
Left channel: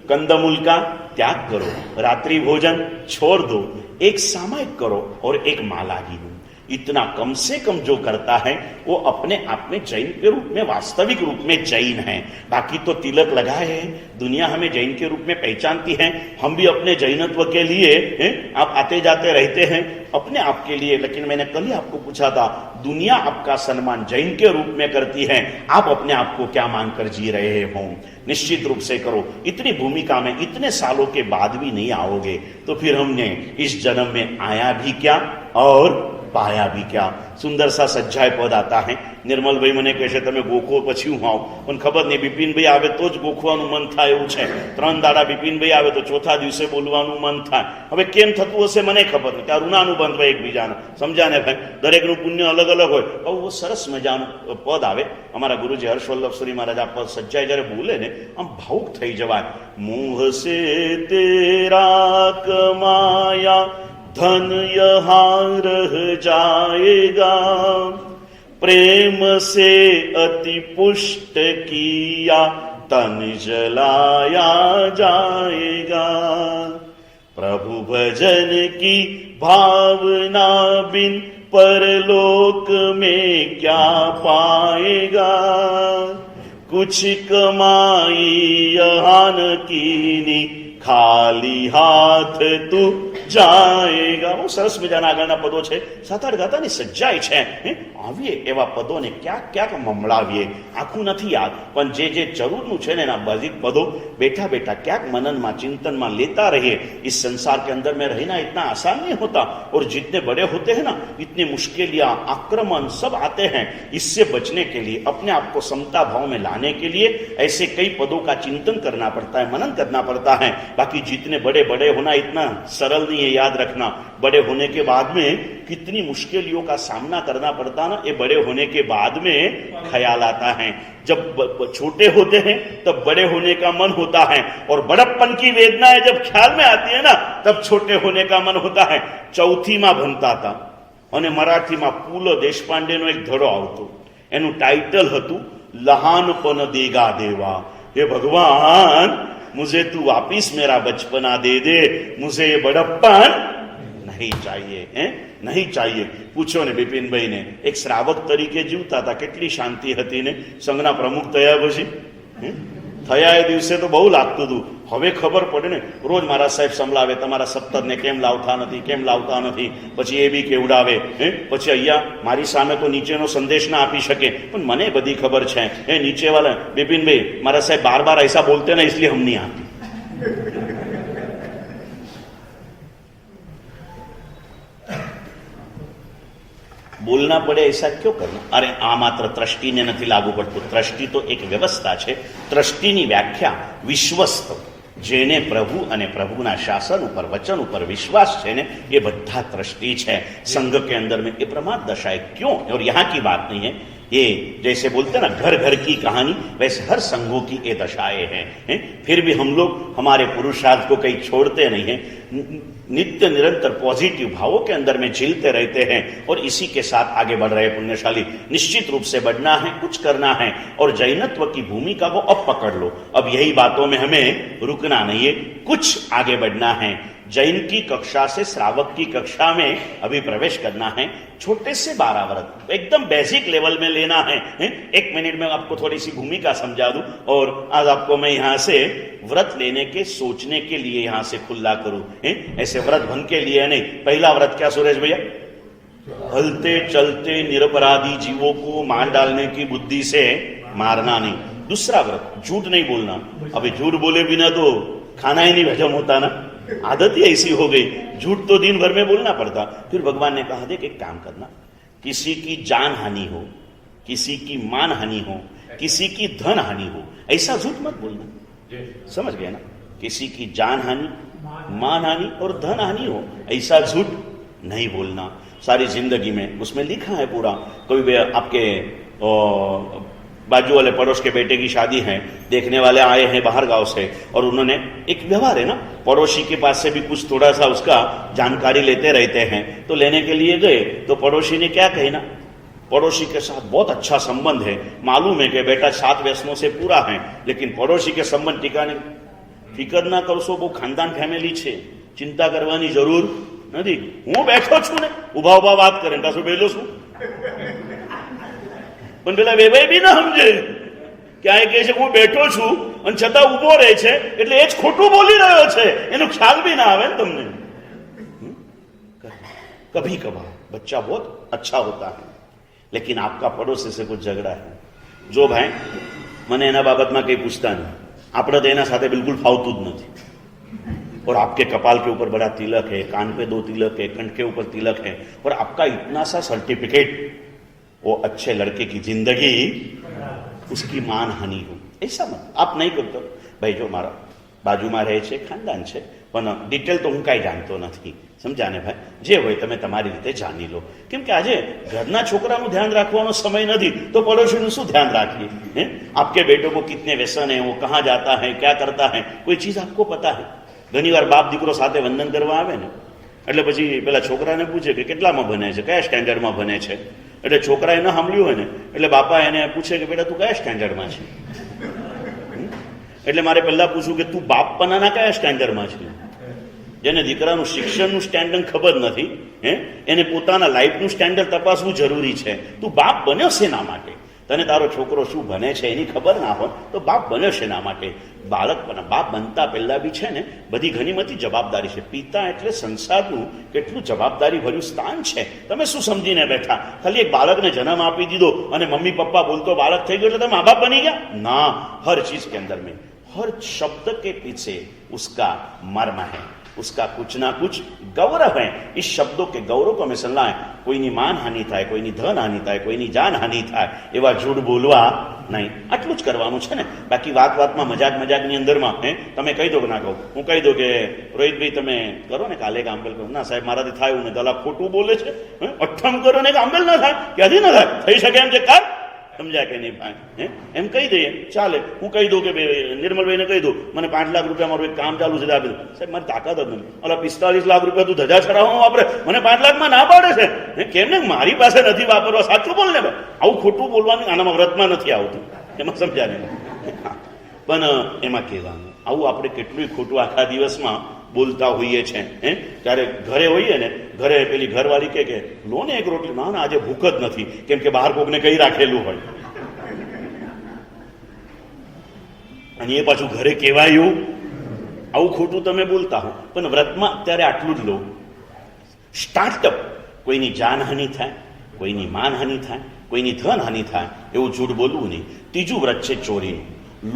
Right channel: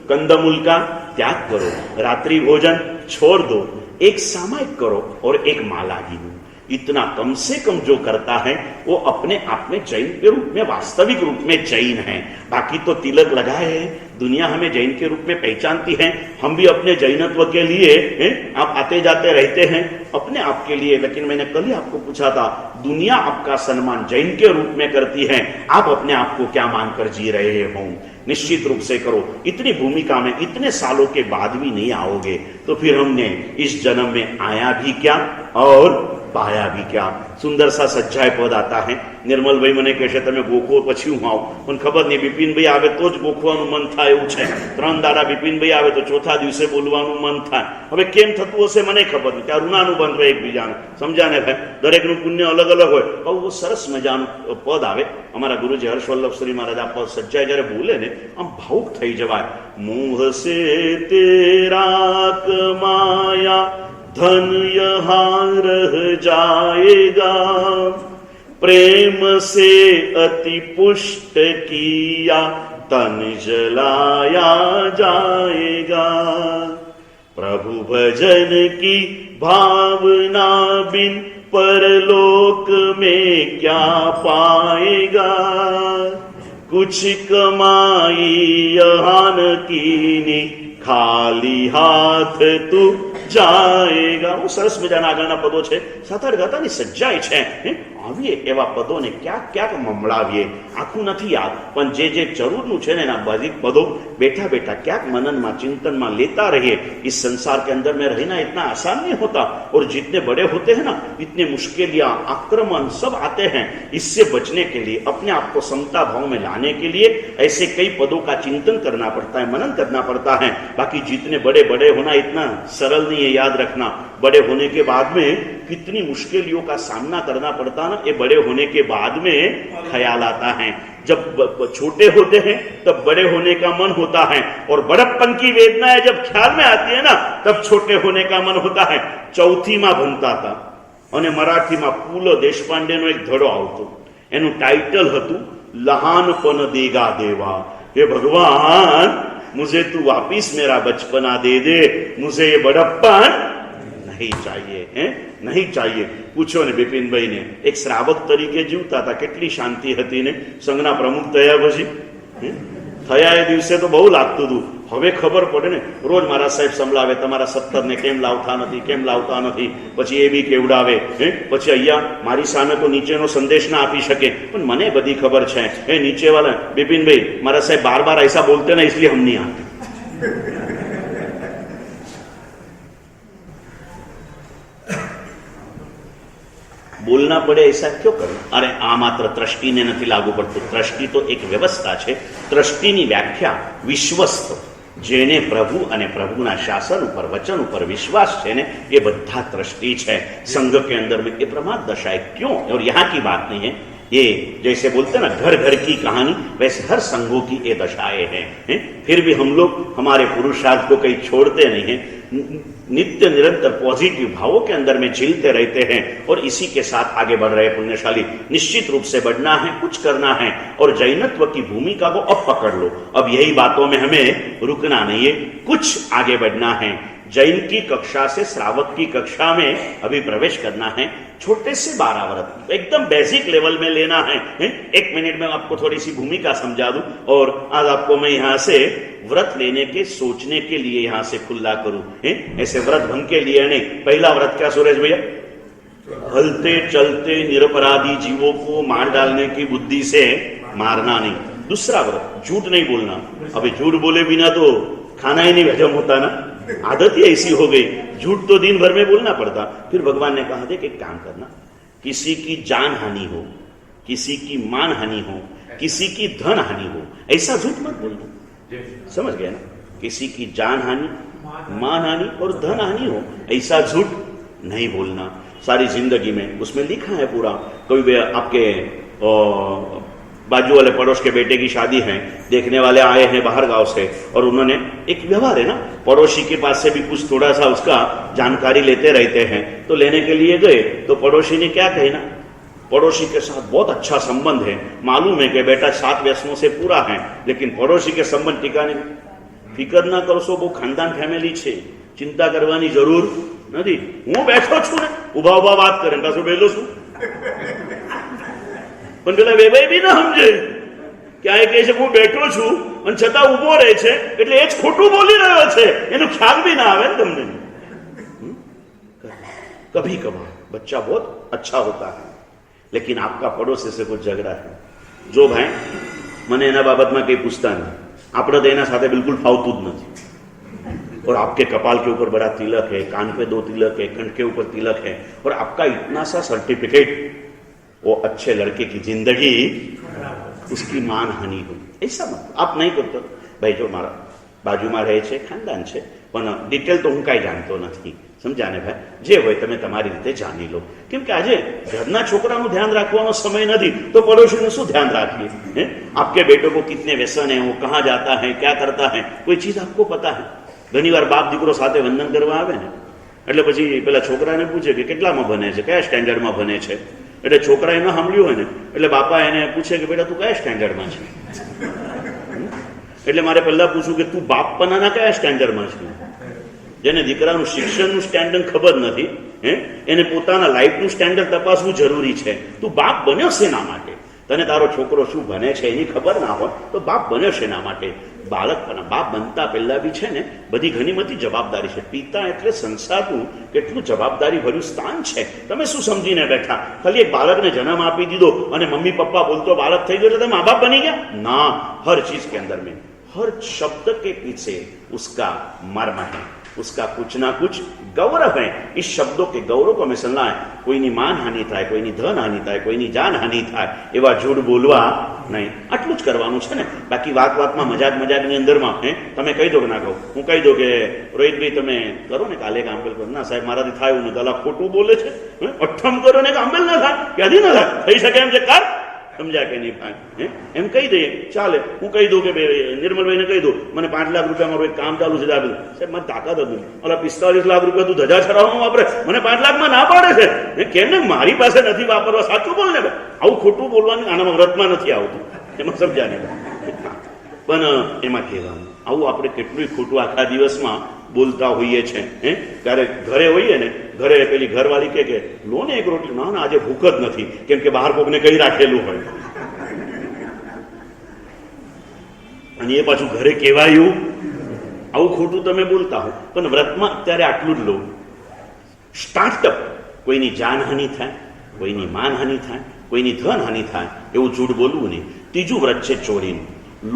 कंदमूल का त्याग करो, रात्रि भोजन छोड़ दो, एक सामायिक करो और एक माला गिनो. इतना कम से कम जो करता है वो अपने आप में जैन के रूप में वास्तविक रूप में जैन है. बाकी तो तिलक लगाए हैं, दुनिया हमें जैन के रूप में पहचानती है, हम भी अपने जैनत्व के लिए आप आते जाते रहते हैं अपने आप के लिए. लेकिन मैंने कल ही आपको पूछा था, दुनिया आपका सम्मान जैन के रूप में करती है, आप अपने आप को क्या मानकर जी रहे हो? निश्चित रूप से करो. इतनी भूमिका में इतने सालों के बाद भी नहीं आओगे तो फिर हमने इस जन्म में आया भी क्या और पाया भी क्या? सुंदर सा सज्जाय पद आता है. निर्मल भाई મને કહે છે તમે ગોખો પછી હું આવું, પણ ખબર નહીં બિપિનભાઈ આવે તો જ ગોખવાનું મન થાય એવું છે. 3 દાડા બિપિનભાઈ આવે તો ચોથા દિવસે બોલવાનું મન થાય. હવે કેમ થતું હશે મને ખબર નહીં. ત્યાં ઋણાનુબંધ હોય એકબીજાનું, સમજાને ભાઈ? દરેકનું પુણ્ય અલગ અલગ હોય. બહુ સરસ મજાનું પદ આવે. અમારા ગુરુજી હર્ષવલ્લભ શ્રી મહારાજ આ પદ સજ્જાય જ્યારે બોલે ને આમ ભાવુક થઈ જવાય. મુહ સે તેરા કમાયા धन यहाँ रह जाएगा, प्रेम से अति पुष्ट किया तन जलाया जाएगा. प्रभु भजन की भावना बिन परलोक में क्या पाएगा. कुछ कमाई यहाँ न कीनी ખાલી હાથ તું જાએગા. બહુ સરસ મજાના આગળના પદો છે. સાતાર ગાતાની સજ્જાઈ છે. આવીએ એવા પદોને ક્યાંક ક્યાંક મમળાવીએ. આખું નથી યાદ, પણ જે જે જરૂરનું છે ને એના બધી પદો बैठा बैठा क्या मनन में चिंतन में लेता रहिए. इस संसार के अंदर में रहना इतना आसान नहीं होता, और जितने बड़े होते हैं ना इतनी मुश्किलियां आक्रमण सब आते हैं. इससे बचने के लिए अपने आप को समता भाव में लाने के लिए ऐसे कई पदों का चिंतन करना पड़ता है, मनन करना पड़ता है. बाकी जितने बड़े बड़े होना इतना सरल नहीं है, याद रखना. बड़े होने के बाद में कितनी मुश्किलों का सामना करना पड़ता है ना, ये बड़े होने के बाद में ख्याल आता है. जब छोटे होते हैं तब बड़े होने का मन होता है, और बड़प्पन की वेदनाएं जब ख्याल में आती है ना तब छोटे होने का मन होता है. चौथी में भणता था અને મરાઠીમાં પૂલો દેશપાંડેનો એક ધડો આવતો, એનું ટાઇટલ હતું લહાનપન દેગા દેવા. हे भगवान मुझे तू वापिस मेरा बचपना दे दे, मुझे ये बड़प्पन नहीं चाहिए, नहीं चाहिए. પૂછો ને બિપિનભાઈ ને, એક શ્રાવક તરીકે જીવતા હતા, કેટલી શાંતિ હતી ને. સંઘના પ્રમુખ થયા પછી થયા એ દિવસે તો બહુ લાગતું હતું, હવે ખબર પડે ને, રોજ મારા સાહેબ સંભળાવે તમારા 17 કેમ લાવતા નથી, પછી એ બી કેવડાવે, પછી અહીંયા મારી સામે તો નીચેનો સંદેશ ના આપી શકે, પણ મને બધી ખબર છે, નીચે વાળા બિપિનભાઈ મારા સાહેબ બાર ऐसा बोलते ना इसलिए हम नहीं आते। बोलना पड़े ऐसा क्यों करना? अरे आ मात्र ट्रस्टीने નથી લાગુ પડતું। ટ્રસ્ટી તો એક વ્યવસ્થા છે। ટ્રસ્ટીની વ્યાખ્યા વિશ્વસ્ત, જેને પ્રભુ અને પ્રભુના શાસન ઉપર વચન ઉપર विश्वास है ने, ये બધા ट्रस्टी है। संघ के अंदर में ये प्रमाद दशा है। क्यों? और यहाँ की बात नहीं है, ये जैसे बोलते हैं ना घर घर की कहानी, वैसे हर संघों की ये दशाएं हैं। फिर भी हम लोग हमारे पुरुषार्थ को कहीं छोड़ते नहीं हैं, नित्य निरंतर पॉजिटिव भावों के अंदर में झीलते रहते हैं और इसी के साथ आगे बढ़ रहे पुण्यशाली। निश्चित रूप से बढ़ना है, कुछ करना है और जैनत्व की भूमिका को अब पकड़ लो। अब यही बातों में हमें रुकना नहीं है, कुछ आगे बढ़ना है। जैन की कक्षा से श्रावक की कक्षा में अभी प्रवेश करना है। छोटे से 12 व्रत एकदम बेसिक लेवल में लेना है। 1 मिनट में आपको थोड़ी सी भूमिका समझा दूं और आज आपको मैं यहाँ से व्रत लेने के सोचने के लिए यहाँ से खुला करूं। ऐसे व्रत भंग के लिए नहीं। पहला व्रत क्या सुरेश भैया? हलते चलते निरपराधी जीवों को मार डालने की बुद्धि से मारना नहीं। दूसरा व्रत झूठ नहीं बोलना। अभी झूठ बोले बिना तो खाना ही नहीं हजम होता ना, आदत ही ऐसी हो गई, झूठ तो दिन भर में बोलना पड़ता। फिर भगवान ने कहा देख एक काम करना, किसी की जान हानि हो, किसी की मान हानि हो, किसी की धन हानि हो, ऐसा झूठ मत बोलना। समझ गए ना? किसी की जान हानि, मान हानि और धन हानि हो, ऐसा झूठ नहीं बोलना सारी जिंदगी में। उसमें लिखा है पूरा। कभी आपके बाजू वाले पड़ोस के बेटे की शादी है, देखने वाले आए हैं बाहर गांव से और उन्होंने एक व्यवहार है ना, पड़ोसी के पास से भी कुछ थोड़ा सा उसका जानकारी लेते रहते हैं, तो लेने के लिए गए तो पड़ोसी ने क्या कही ना, पड़ोसी के साथ बहुत अच्छा संबंध है, मालूम है कि बेटा 7 व्यसनों से पूरा है, लेकिन पड़ोसी के संबंध टिकाने फिकर ना करशो, वो खानदान फैमिली है, चिंता करवानी जरूर नहीं। हूँ बैठो छू ने उभा उभा बात करे पाछो बेलो छू, પણ પેલા વેવાઈ બી ના સમજે કે આ કહે છે હું બેઠો છું અને છતાં ઊભો રહે છે એટલે એ જ ખોટું બોલી રહ્યો છે, એનો ખ્યાલ બી ના આવે ને તમને। कभी कभार बच्चा बहुत अच्छा होता है, लेकिन आपका पड़ोसी से कुछ झगड़ा है, जो भाई મને એના બાબતમાં કંઈ પૂછતા નહીં, આપણે તો એના સાથે બિલકુલ ફાવતું જ નથી। और आपके कपाल के ऊपर बड़ा तिलक है, कान पे 2 तिलक है, कंठ के ऊपर तिलक है और आपका इतना सा सर्टिफिकेट, वो अच्छे लड़के की जिंदगी उसकी मान हानि हो, ऐसा मत। आप नहीं करते भाई, जो मारा बाजू में रहे छे खानदान छे, पण डिटेल तो हूँ कई जानतो नहीं, समझा ने भाई? जे होय तमे तमारी रीते जानी लो, केम के आजे घरना छोकरानुं ध्यान राखवानो समय नहीं तो पड़ोशीनुं शुं ध्यान राखीए? आपके बेटों को कितने व्यसन है, वो कहाँ जाता है, क्या करता है, कोई चीज आपको पता है? घनी वार बाप दीकरो साथे वंदन करवा आवे ने એટલે પછી પેલા છોકરાને પૂછે કે કેટલામાં ભણે છે, કયા સ્ટેન્ડર્ડમાં ભણે છે, એટલે છોકરાએ ન સાંભળ્યું હોય ને એટલે બાપા એને પૂછે કે બેટા તું કયા સ્ટેન્ડર્ડમાં છે? એટલે મારે પહેલા પૂછવું કે તું બાપપણાના કયા સ્ટેન્ડર્ડમાં છે? જેને દીકરાનું શિક્ષણનું સ્ટેન્ડર્ડ ખબર નથી, એને પોતાના લાઈફનું સ્ટેન્ડર્ડ તપાસવું જરૂરી છે। તું બાપ બન્યો શેના માટે? તને તારો છોકરો શું ભણે છે એની ખબર ના હોય તો બાપ બન્યો શેના માટે? બાળકપણા બાપ બનતા પહેલા બી છે ને બધી ઘણી બધી જવાબદારી છે। પિતા એટલે સંસારનું કેટલું જવાબદારી ભર્યું સ્થાન છે। તમે શું સમજીને બેઠા? ખાલી એક બાળકને જન્મ આપી દીધો અને મમ્મી પપ્પા બોલતો બાળક થઈ ગયો એટલે તમે મા બાપ बनी गया ना। हर चीज के अंदर में, हर शब्द के पीछे उसका मर्म है, उसका कुछ ना कुछ गौरव है। इस शब्दों के गौरव को हमें समझना है। कोईनी मान हानि थाय, कोईनी धन हानि थाय, कोईनी जान हानि थाय, एवा झूठ बोलवा नहीं। आटलू ज करवानुं छे ने। बाकी वात वातमां मजाक मजाकनी अंदरमां तमे कही दो के ना कहूं, हूँ कही दो के रोहितभाई तमे करो ने काले आंबेल करो, ना साहेब माराथी थाय एवुं नथी, खोटું बोले छे, अठ्ठम करो ने आंबेल ना थाय, क्यांथी न थाय, थई शके एम छे कर, समझा के नहीं भाई? एम कही दे चाले। हूँ कही दो कि निर्मल भाई ने कही दो मैंने 5 लाख रुपया मारू एक काम चालू है, साहब मारी ताकत हती, ओला 45 लाख रुपया तू धजा छड़ाववा वापरे, मैंने 5 लाख में ना पाड़े छे, केम ने मारी पासे नथी वापरवा, साचुं बोल ने भाई। आवुं खोटुं बोलवानुं आनामां व्रतमां नथी आवतुं, एमां समझा ने। पण एमां कहेवानुं आवुं आपणे केटલું खोटું आखा दिवसमां बोलता होईए छे। त्यारे घरे होईए ने, घरे पेली घरवाળી के लो ने एक रोटली, ना ना आजे भूख ज नथी, केम के बहार कोकने कही राखेलुं होय અને એ પાછું ઘરે કહેવાયું આવું ખોટું તમે બોલતા હો, પણ વ્રતમાં અત્યારે આટલું જ લો. સ્ટાર્ટઅપ, કોઈની જાનહાનિ થાય, કોઈની માનહાનિ થાય, કોઈની ધનહાનિ થાય એવું જૂઠ બોલવું નહીં. ત્રીજું વ્રત છે ચોરીનું.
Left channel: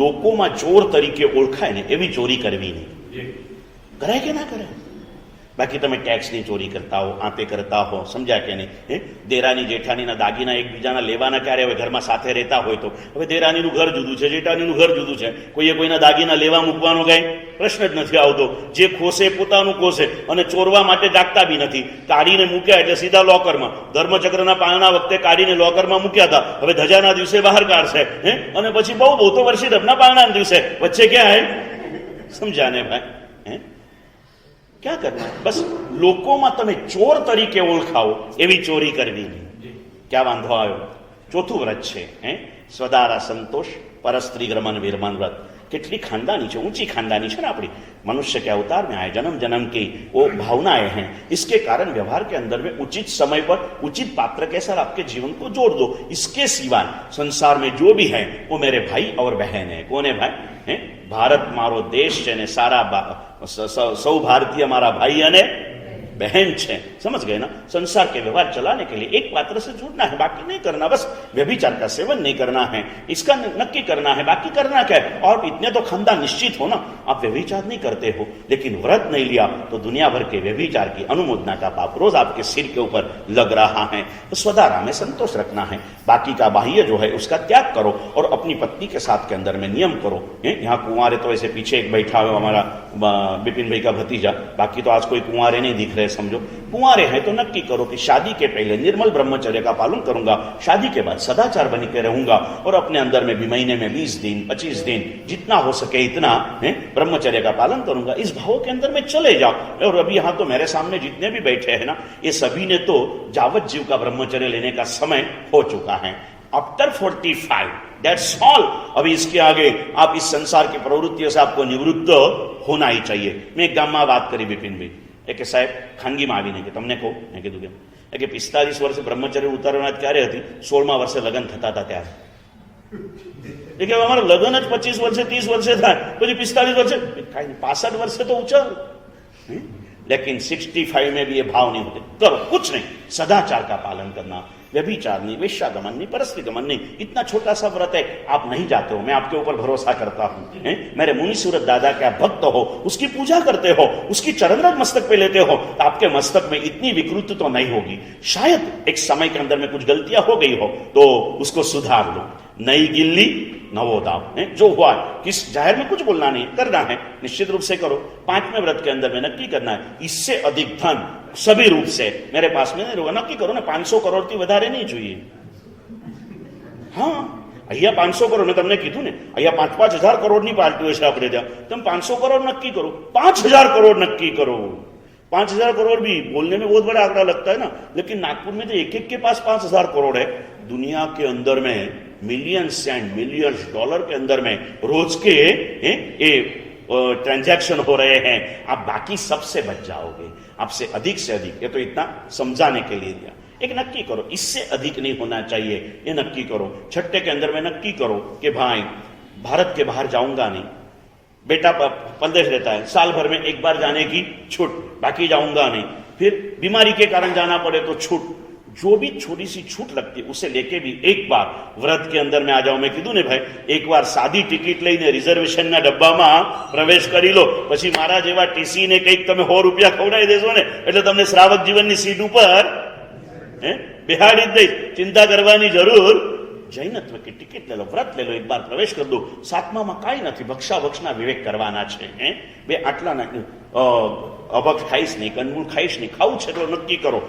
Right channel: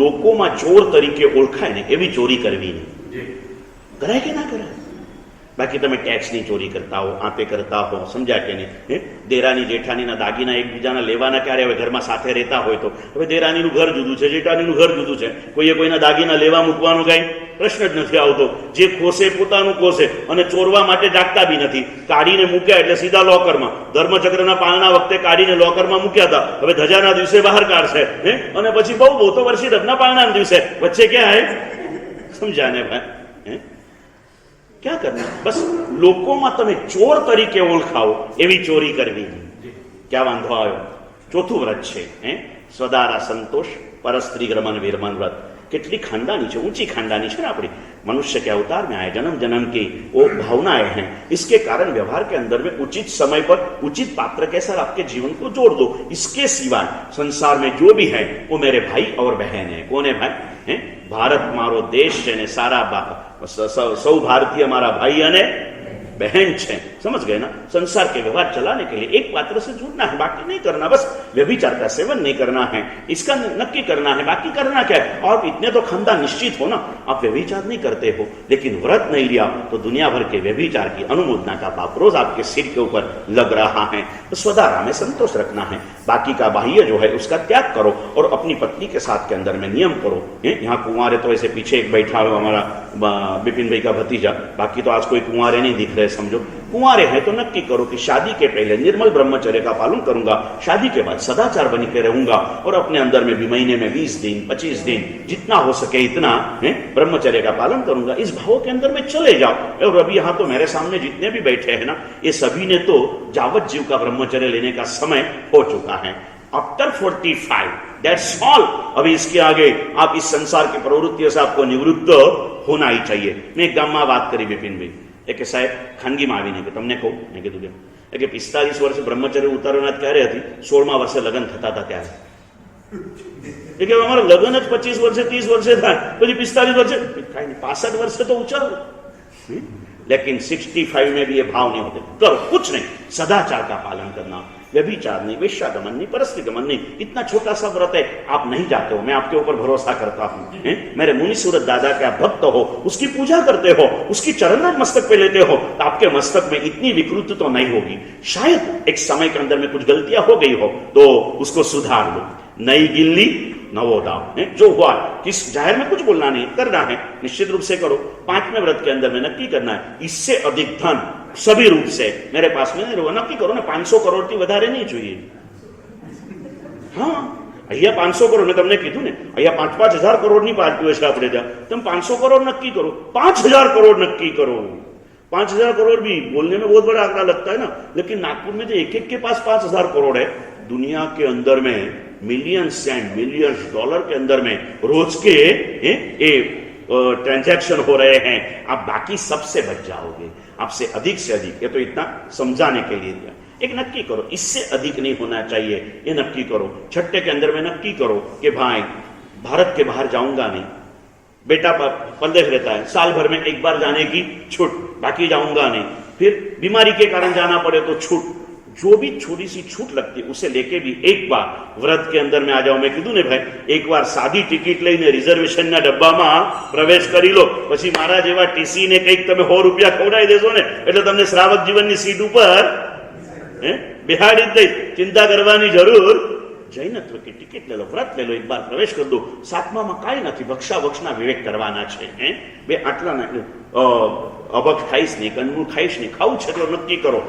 લોકોમાં ચોર તરીકે ઓળખાય ને એવી ચોરી કરવી નહીં. કરાય કે ના કરાય? બાકી તમે ટેક્સની ચોરી કરતા હો, આતે કરતા હો, સમજ્યા કે નહીં? દેરાની જેઠાણીના દાગીના એકબીજાના લેવાના ક્યારે? હવે ઘરમાં સાથે રહેતા હોય તો હવે દેરાણીનું ઘર જુદું છે, જેઠાણીનું ઘર જુદું છે, કોઈએ કોઈના દાગીના લેવા મૂકવાનો કઈ પ્રશ્ન જ નથી આવતો. જે ખોસે પોતાનું ખોસે અને ચોરવા માટે જાગતા બી નથી. કાઢીને મૂક્યા એટલે સીધા લોકરમાં. ધર્મચક્રના પાલના વખતે કાઢીને લોકરમાં મૂક્યા હતા, હવે ધજાના દિવસે બહાર કાઢશે અને પછી બહુ બહુ તો વર્ષી ધબના પાલના દિવસે વચ્ચે ક્યાં હે? સમજ્યા ને ભાઈ? ક્યાં કરના? બસ લોકોમાં તમે ચોર તરીકે ઓળખાવો એવી ચોરી કરવી. ક્યાં વાંધો આવ્યો? ચોથું વ્રત છે સ્વદારા संतोष परस्त्री ग्रमण विरमण व्रत. कितनी खानदानी है, ऊंची खानदानी है ना अपनी. मनुष्य के अवतार में आए, जन्म जन्म की वो भावनाएं हैं, इसके कारण व्यवहार के अंदर में उचित समय पर उचित पात्र के साथ आपके जीवन को जोड़ दो. इसके सिवाय संसार में जो भी है वो मेरे भाई और बहन है. कौन है भाई? भारत मारो देश है ने सारा सौ भारतीय हमारा भाई अने बहन छे. समझ गए ना? संसार के व्यवहार चलाने के लिए एक पात्र से जुड़ना है, बाकी नहीं करना. बस व्यभिचार का सेवन नहीं करना है, इसका नक्की करना है, बाकी करना क्या है? और इतने तो खानदान निश्चित हो ना. आप व्यभिचार नहीं करते हो लेकिन व्रत नहीं लिया तो दुनिया भर के व्यभिचार की अनुमोदना का पाप रोज आपके सिर के ऊपर लग रहा है. तो स्वदारा में संतोष रखना है, बाकी का बाह्य जो है उसका त्याग करो और अपनी पत्नी के साथ के अंदर में नियम करो. यहाँ कुंवारे तो ऐसे पीछे एक बैठा हुआ हमारा बिपिन भाई का भतीजा, बाकी तो आज कोई कुंवारे नहीं दिख रहे. समझो कुंवारे हैं तो नक्की करो कि शादी के पहले निर्मल ब्रह्मचर्य का पालन करूंगा, शादी के बाद सदाचार बन के रहूंगा और अपने अंदर में भी महीने में 20 दिन 25 दिन जितना हो सके इतना ब्रह्मचर्य का पालन करूंगा. इस भाव के अंदर में चले जाओ. और अभी यहाँ तो मेरे सामने जितने भी बैठे हैं ना, ये सभी ने तो जावत जीव का ब्रह्मचर्य लेने का समय हो चुका है. After 45 that's all. अभी इसके आगे आप इस संसार की प्रवृत्तियों से आपको निवृत्त होना ही चाहिए. मैं एक गाम में बात करी बिपिन भाई કે સાહેબ ખાનગીમાં આવીને કે તમને કહું, મેં કીધું કે 45 વર્ષે બ્રહ્મચર્ય ઉતારવાના ક્યારે હતી? 16મા વર્ષે લગ્ન થતા હતા ત્યારે. કે અમારા લગ્ન જ 25 વર્ષે 30 વર્ષે થાય, પછી 45 વર્ષે કાંઈ નહીં, 65 વર્ષે તો ऊंचा. लेकिन 65 में भी ये भाव नहीं होते. करो कुछ नहीं, सदाचार का पालन करना, व्यभिचार नहीं, वेश्यागमन नहीं, परस्त्री गमन नहीं. इतना छोटा सा व्रत है, आप नहीं जाते हो, मैं आपके ऊपर भरोसा करता हूं. मेरे मुनि सूरत दादा के आप भक्त हो, उसकी पूजा करते हो, उसकी चरणरज मस्तक पे लेते हो, तो आपके मस्तक में इतनी विकृति तो नहीं होगी. शायद एक समय के अंदर में कुछ गलतियां हो गई हो तो उसको सुधार लो. नई गिल्ली नवो दाव. जो हुआ किस जाहिर में कुछ बोलना नहीं, करना है निश्चित रूप से करो. 5वें व्रत के अंदर में नक्की करना है इससे अधिक धन सभी रूप से मेरे पास में नहीं रहेगा. नक्की करो ना, 500 करोड़ થી વધારે નહીં જોઈએ. હા, અહીંયા 500 કરોડ મેં તમને કીધું ને, અહીંયા 5-5 હજાર કરોડની પાર્ટીઓ છે આપણે ત્યાં. તમે 500 करोड़ नक्की करो, 5000 करोड़ नक्की करो. 5000 करोड़ भी बोलने में बहुत बड़ा आंकड़ा लगता है ना, लेकिन नागपुर में तो एक के पास 5000 करोड़ है. दुनिया के अंदर में मिलियंस एंड मिलियंस डॉलर के अंदर में रोज के ट्रांजैक्शन हो रहे हैं. आप बाकी सबसे बच जाओगे, आपसे अधिक से अधिक. ये तो इतना समझाने के लिए दिया. एक नक्की करो, इससे अधिक नहीं होना चाहिए, ये नक्की करो. छठे के अंदर में नक्की करो कि भाई भारत के बाहर जाऊंगा नहीं. बेटा परदेश रहता है, साल भर में एक बार जाने की छूट, बाकी जाऊंगा नहीं. फिर बीमारी के कारण जाना पड़े तो छूट. जो भी छोटी सी छूट लगती है उसे लेके भी एक बार व्रत के अंदर में आ जाओ. मैं कीधुं ने भाई, एक बार सादी टिकિટ લઈને રિઝર્વેશન ના ડબ્બામાં પ્રવેશ કરી લો, પછી મારા જેવા ટીસી ને કંઈક તમે 100 રૂપિયા ખવડાવી દેશો ને એટલે તમને શ્રાવક જીવનની સીટ ઉપર બેહાડી જ દઈશ. चिंता करवानी जरूर. जैनत्व की टिकિટ ले लो, व्रत ले लो, एक बार प्रवेश कर दो. 7મામાં કાંઈ નથી, ભક્ષા વક્ષના વિવેક કરવાના છે. બે આટલા ના અભક્ષ ખાઈશ નહીં, કંદમૂળ ખાઈશ નહીં. ખાવું છે તો નક્કી કરો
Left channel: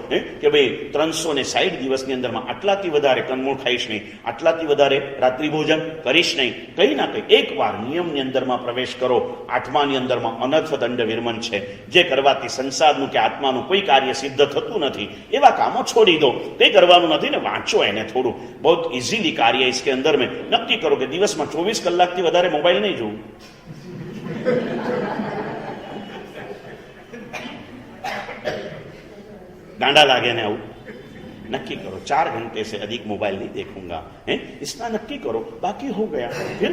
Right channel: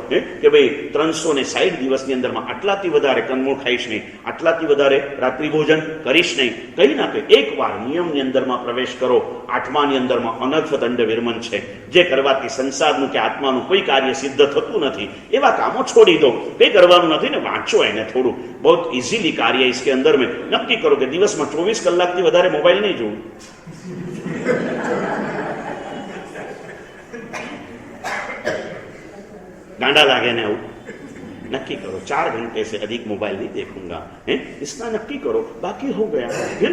કે ભાઈ 360 દિવસની અંદરમાં આટલાથી વધારે કંદમૂળ ખાઈશ નહીં, આટલાથી વધારે રાત્રિ ભોજન કરીશ નહીં. કંઈ ના કંઈ એકવાર નિયમની અંદરમાં પ્રવેશ કરો. 8માની અંદરમાં અનર્થ દંડ વિરમન છે, જે કરવાથી સંસારનું કે આત્માનું કોઈ કાર્ય સિદ્ધ થતું નથી. એવા કામો છોડી દો, કંઈ કરવાનું નથી ને વાંચો એને થોડું. બહુ ઇઝીલી કાર્ય इसके अंदर में नक्की करो कि दिवस में 24 કલાકથી વધારે मोबाइल नहीं જોવું. गांडा लागे ना, नक्की करो 4 घंटे से अधिक मोबाइल नहीं देखूंगा. इतना नक्की करो, बाकी हो गया. फिर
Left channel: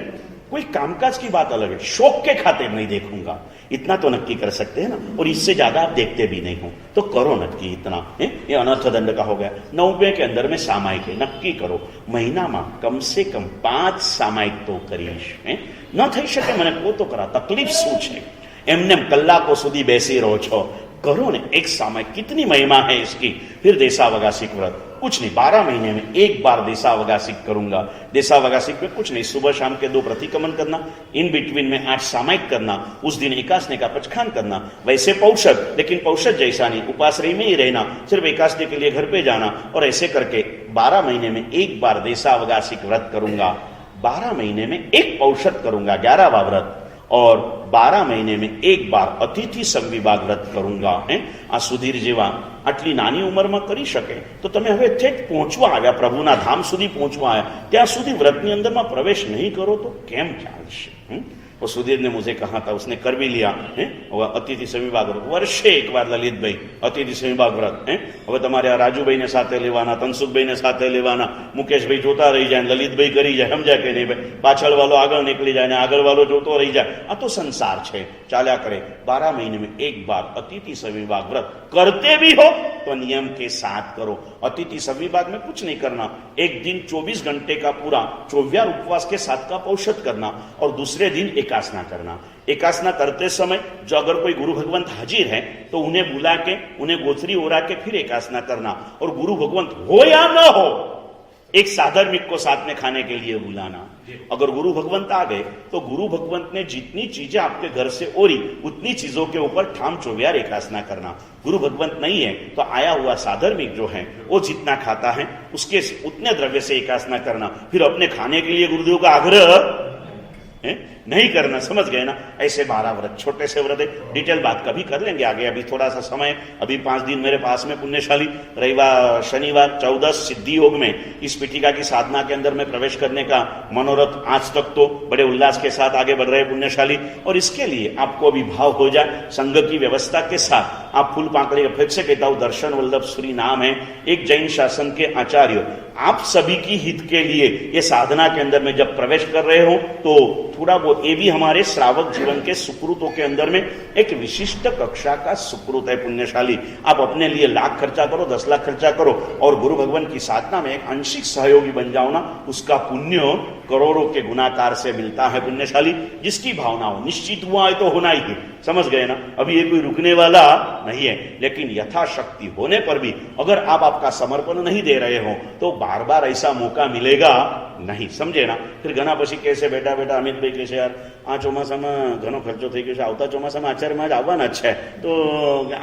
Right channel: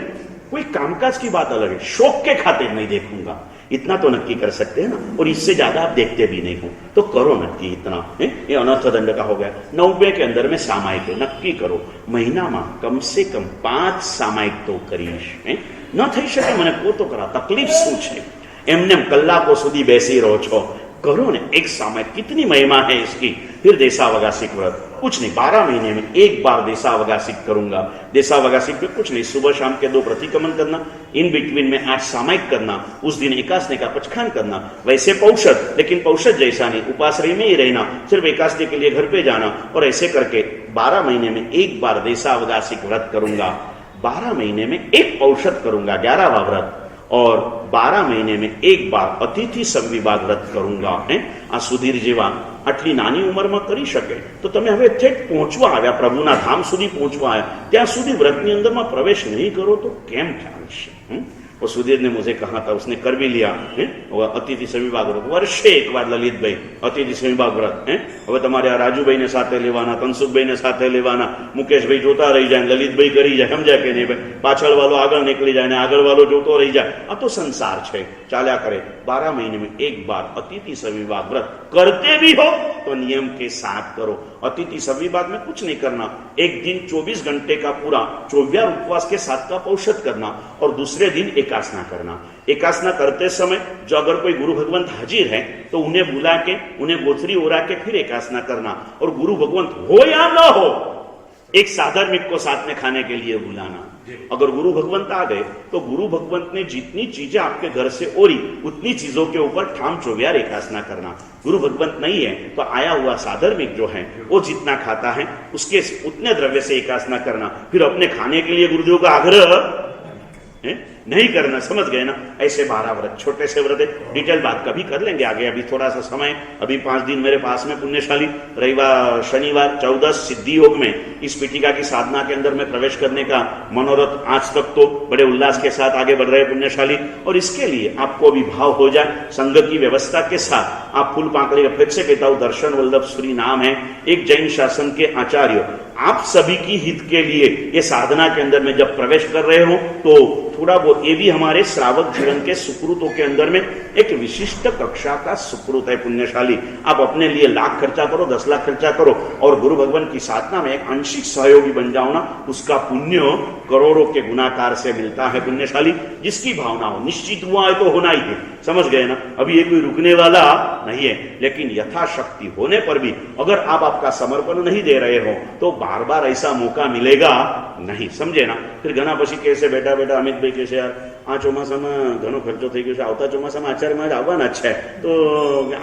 कोई कामकाज की बात अलग है, शौक के खातिर नहीं देखूंगा, इतना तो नक्की कर सकते हैं ना, और इससे ज्यादा आप देखते भी नहीं हो तो करो नक्की इतना है। ये अनर्थ दंड का हो गया। 90 के अंदर में सामायिक है, नक्की करो महीना में कम से कम 5 सामायिक तो करीश है। न થઈ શકે મને કહો તો કરા, તકલીફ શું છે? એમને કલાકો સુધી બેસી રહો છો, करो ने एक सामायिक, कितनी महिमा है इसकी। फिर देशावगासिक व्रत, कुछ नहीं, 12 महीने में एक बार देशावगासिक करूंगा। देशावगासिक में कुछ नहीं, सुबह शाम के 2 प्रतिक्रमण करना, इन बिटवीन में 8 सामायिक करना, उस दिन एकादशी का पचखान करना, वैसे पौषध, लेकिन पौषध जैसा नहीं, उपाश्रय में ही रहना, सिर्फ एकादशी के लिए घर पे जाना, और ऐसे करके 12 महीने में एक बार देशावगासिक व्रत करूंगा, 12 महीने में एक पौषध करूंगा 11वां व्रत, और 12 महीने में एक बार अतिथि संविभाग व्रत करूंगा। आ सुधीर जेवा આટલી નાની ઉંમરમાં કરી શકે તો તમે હવે ઠેઠ પહોંચવા આવ્યા, પ્રભુના ધામ સુધી પહોંચવા આવ્યા, ત્યાં સુધી વ્રતની અંદરમાં પ્રવેશ નહીં કરો તો કેમ ચાલશે? और सुधीर ने मुझे कहा था, उसने कर भी लिया है, अतिथि संविभाग व्रत वर्षे एक बार ललित भाई अतिथि संविभाग व्रत है। હવે તમારે આ રાજુભાઈ ને સાથે લેવાના, તનસુખભાઈ ને સાથે લેવાના, મુકેશભાઈ જોતા રહી જાય, લલિતભાઈ કરી જાય, સમજ્યા કે નહીં ભાઈ? પાછળ વાળો આગળ નીકળી જાય ને આગળ વાળો જોતો રહી જાય, આ તો સંસાર છે, ચાલ્યા करे। 12 महीने में एक बार अतिथि संविभाग व्रत करते भी हो तो नियम के साथ करो। अतिथि संविभाग में कुछ नहीं करना, एक दिन 24 घंटे का पूरा 24 उपवास के साथ का पौषध करना, और दूसरे दिन एकासना करना। एकासना करते समय जो अगर कोई गुरु भगवंत हाजिर है तो उन्हें बुला के, उन्हें गोचरी ओरा के फिर एकासना करना, और गुरु भगवंत हो या ना हो एक साधर्मिक को साथ में खाने के लिए बुलाना। अगर गुरु भगवंत आ गए तो गुरु भगवंत ने जितनी चीजें आपके घर से ओरी उतनी चीजों के ऊपर ठाम चौव्यार एकासना करना। गुरु भगवंत नहीं है तो आया हुआ साधर्मिक जो है वो जितना खाता है उसके उतने द्रव्य से एकासना करना। फिर अपने खाने के लिए गुरुदेव का आग्रह नहीं करना, समझ गए ना? ऐसे 12 व्रत, छोटे से व्रत है, डिटेल बात कभी कर लेंगे आगे, अभी थोड़ा सा समय, अभी 5 दिन मेरे पास में पुण्यशाली, रविवार शनिवार 14 सिद्धि योग में इस पीठिका की साधना के अंदर में प्रवेश करने का मनोरथ आज तक तो बड़े उल्लास के साथ आगे बढ़ रहे पुण्यशाली। और इसके लिए आपको अभी भाव हो जाए, संघ की व्यवस्था के साथ आप फूल पाकड़ी अपेक्षा कहता हूं, दर्शन वल्लभ श्री नाम है, एक जैन शासन के आचार्य, आप सभी की हित के लिए ये साधना के अंदर में जब प्रवेश कर रहे हो तो थोड़ा वो ये भी हमारे श्रावक जीवन के सुकृतों के अंदर में एक विशिष्ट कक्षा का सुकृत है पुण्यशाली। आप अपने लिए लाख खर्चा करो, 10 लाख खर्चा करो, और गुरु भगवान की साधना में एक आंशिक सहयोगी बन जाओ ना, उसका पुण्य करोड़ों के गुणाकार से मिलता है पुण्यशाली। जिसकी भावना हो, निश्चित हुआ है तो होना ही है, समझ गए ना? अभी ये कोई रुकने वाला नहीं है, लेकिन यथाशक्ति होने पर भी अगर आप आपका समर्पण नहीं दे रहे हो तो बार बार ऐसा मौका मिलेगा नहीं, समझे ना? फिर घना पछी कैसे बेटा बेटा अमित भाई कैसे यार आ ચોમાસામાં ઘણો ખર્ચો થઈ ગયો છે, આવતા ચોમાસામાં આચાર્ય મહારાજ આવવાના જ છે, તો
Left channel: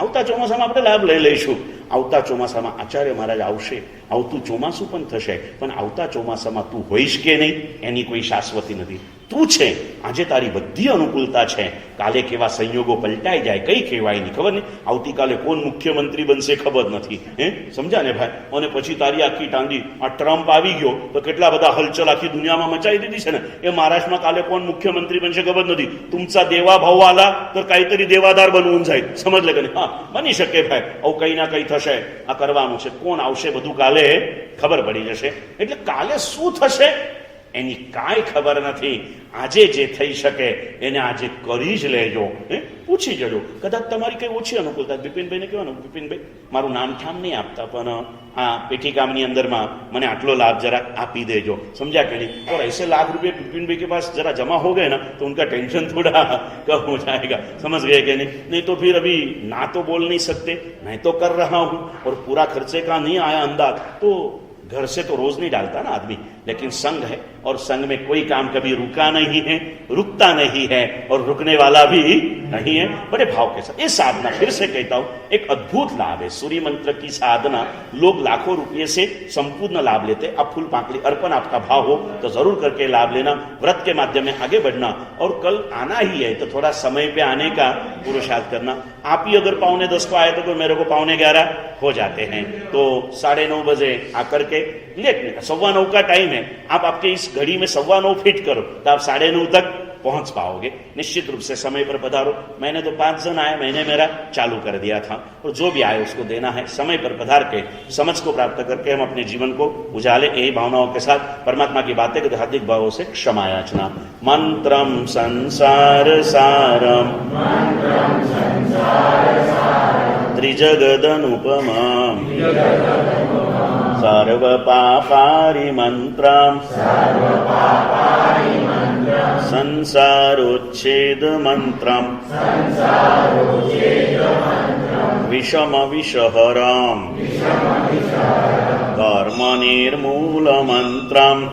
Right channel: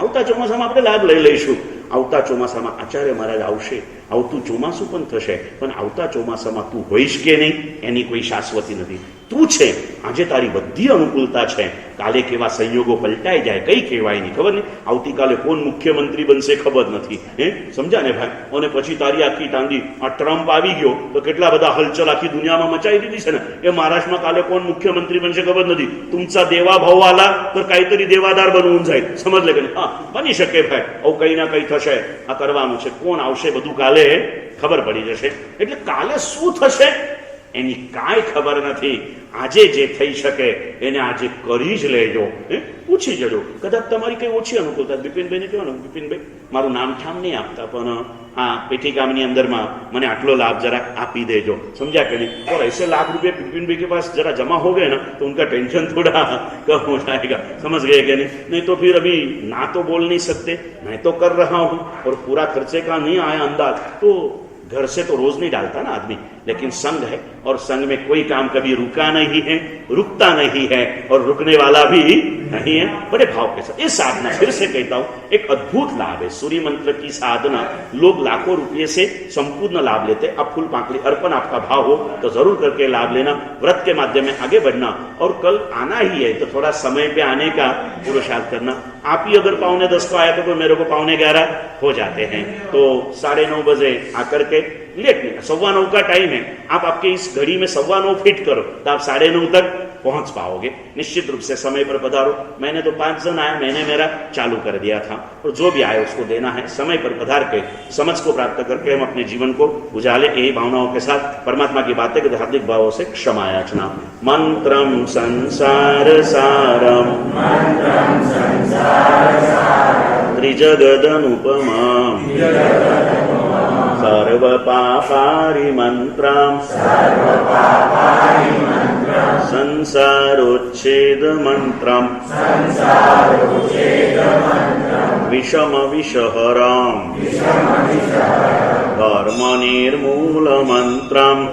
આવતા ચોમાસામાં આપણે લાભ લઈ લઈશું। આવતા ચોમાસામાં આચાર્ય મહારાજ આવશે, આવતું ચોમાસું પણ થશે, પણ આવતા ચોમાસામાં તું હોઈશ કે નહીં એની કોઈ શાશ્વતી નથી। તું છે, આજે તારી બધી અનુકૂળતા છે, કાલે કેવા સંયોગો પલટાઈ જાય કઈ કહેવાય નહીં, ખબર નહીં। આવતીકાલે કોણ મુખ્યમંત્રી બનશે ખબર નથી, હે સમજ્યા ને ભાઈ? અને પછી તારી આખી ટાંડી આ ટ્રમ્પ આવી ગયો તો કેટલા બધા હલચલ આખી દુનિયામાં મચાવી દીધી છે ને, એ મહારાષ્ટ્રમાં કાલે કોણ મુખ્યમંત્રી બનશે ખબર નથી। तुमचा देवा भाव आला तर काहीतरी देवादार बनवून जाईल, समजलं का नाही? हा, बनी શકે ભાઈ, આવું કઈ ના કઈ થશે, આ કરવાનું છે, કોણ આવશે બધું કાલે ખબર પડી જશે। એટલે કાલે શું થશે એની કાંઈ ખબર નથી। આજે જે થઈ શકે એને આજે કરી જ લેજો, પૂછી જજો। કદાચ તમારી કઈ ઓછી અનુકૂળતા, બિપિનભાઈને કહેવાનું, બિપિનભાઈ મારું નામ ઠામ નહીં આપતા પણ આ पेटिकामनी अंदर में मैंने आटलो लाभ जरा आप ही देजो, समझा कि नहीं? और ऐसे लाख रुपये बिपिन भाई के पास जरा जमा हो गए ना तो उनका टेंशन थोड़ा कम हो जाएगा, समझ गए कि नहीं? नहीं तो फिर अभी ना तो बोल नहीं सकते, मैं तो कर रहा हूँ और पूरा खर्चे का नहीं आया अंदाज, तो घर से तो रोज नहीं डालता ना आदमी, लेकिन संघ है और संघ में कोई काम कभी रुका नहीं है, रुकता नहीं है और रुकने वाला भी नहीं है। बड़े भाव के साथ ये साधना, फिर से कहता हूं, एक अद्भुत लाभ है। सूर्य मंत्र की साधना लोग लाखों रुपये से संपूर्ण लाभ लेते। अब फूल पाकड़ी अर्पण आपका भाव हो तो जरूर करके लाभ लेना, व्रत के माध्यम में आगे बढ़ना, और कल आना ही है तो थोड़ा समय पे आने का पुरुषार्थ करना। आप ही अगर 9:45 को आया तो मेरे को 9:15 हो जाते हैं, तो 9:30 बजे आकर के लेकिन 9:15 का टाइम है, आप आपके इस घड़ी में 9:15 फिट करो तो आप 9:30 तक पहुंच पाओगे। निश्चित रूप से समय पर पधारो। मैंने तो 5 जन आया, मैंने मेरा चालू कर दिया था, और जो भी आए उसको देना है। समय पर पधार के समझ को प्राप्त करके हम अपने जीवन को उजाले। यही भावनाओं के साथ परमात्मा की बातें के हार्दिक भावों से क्षमा याचना। मंत्रम संसार सारम त्रिजगदनुपमम् सर्वपापारिमन्त्रम् संसारोच्छेदमन्त्रम् विषमविषहरम् धर्मनिर्मूलमन्त्रम्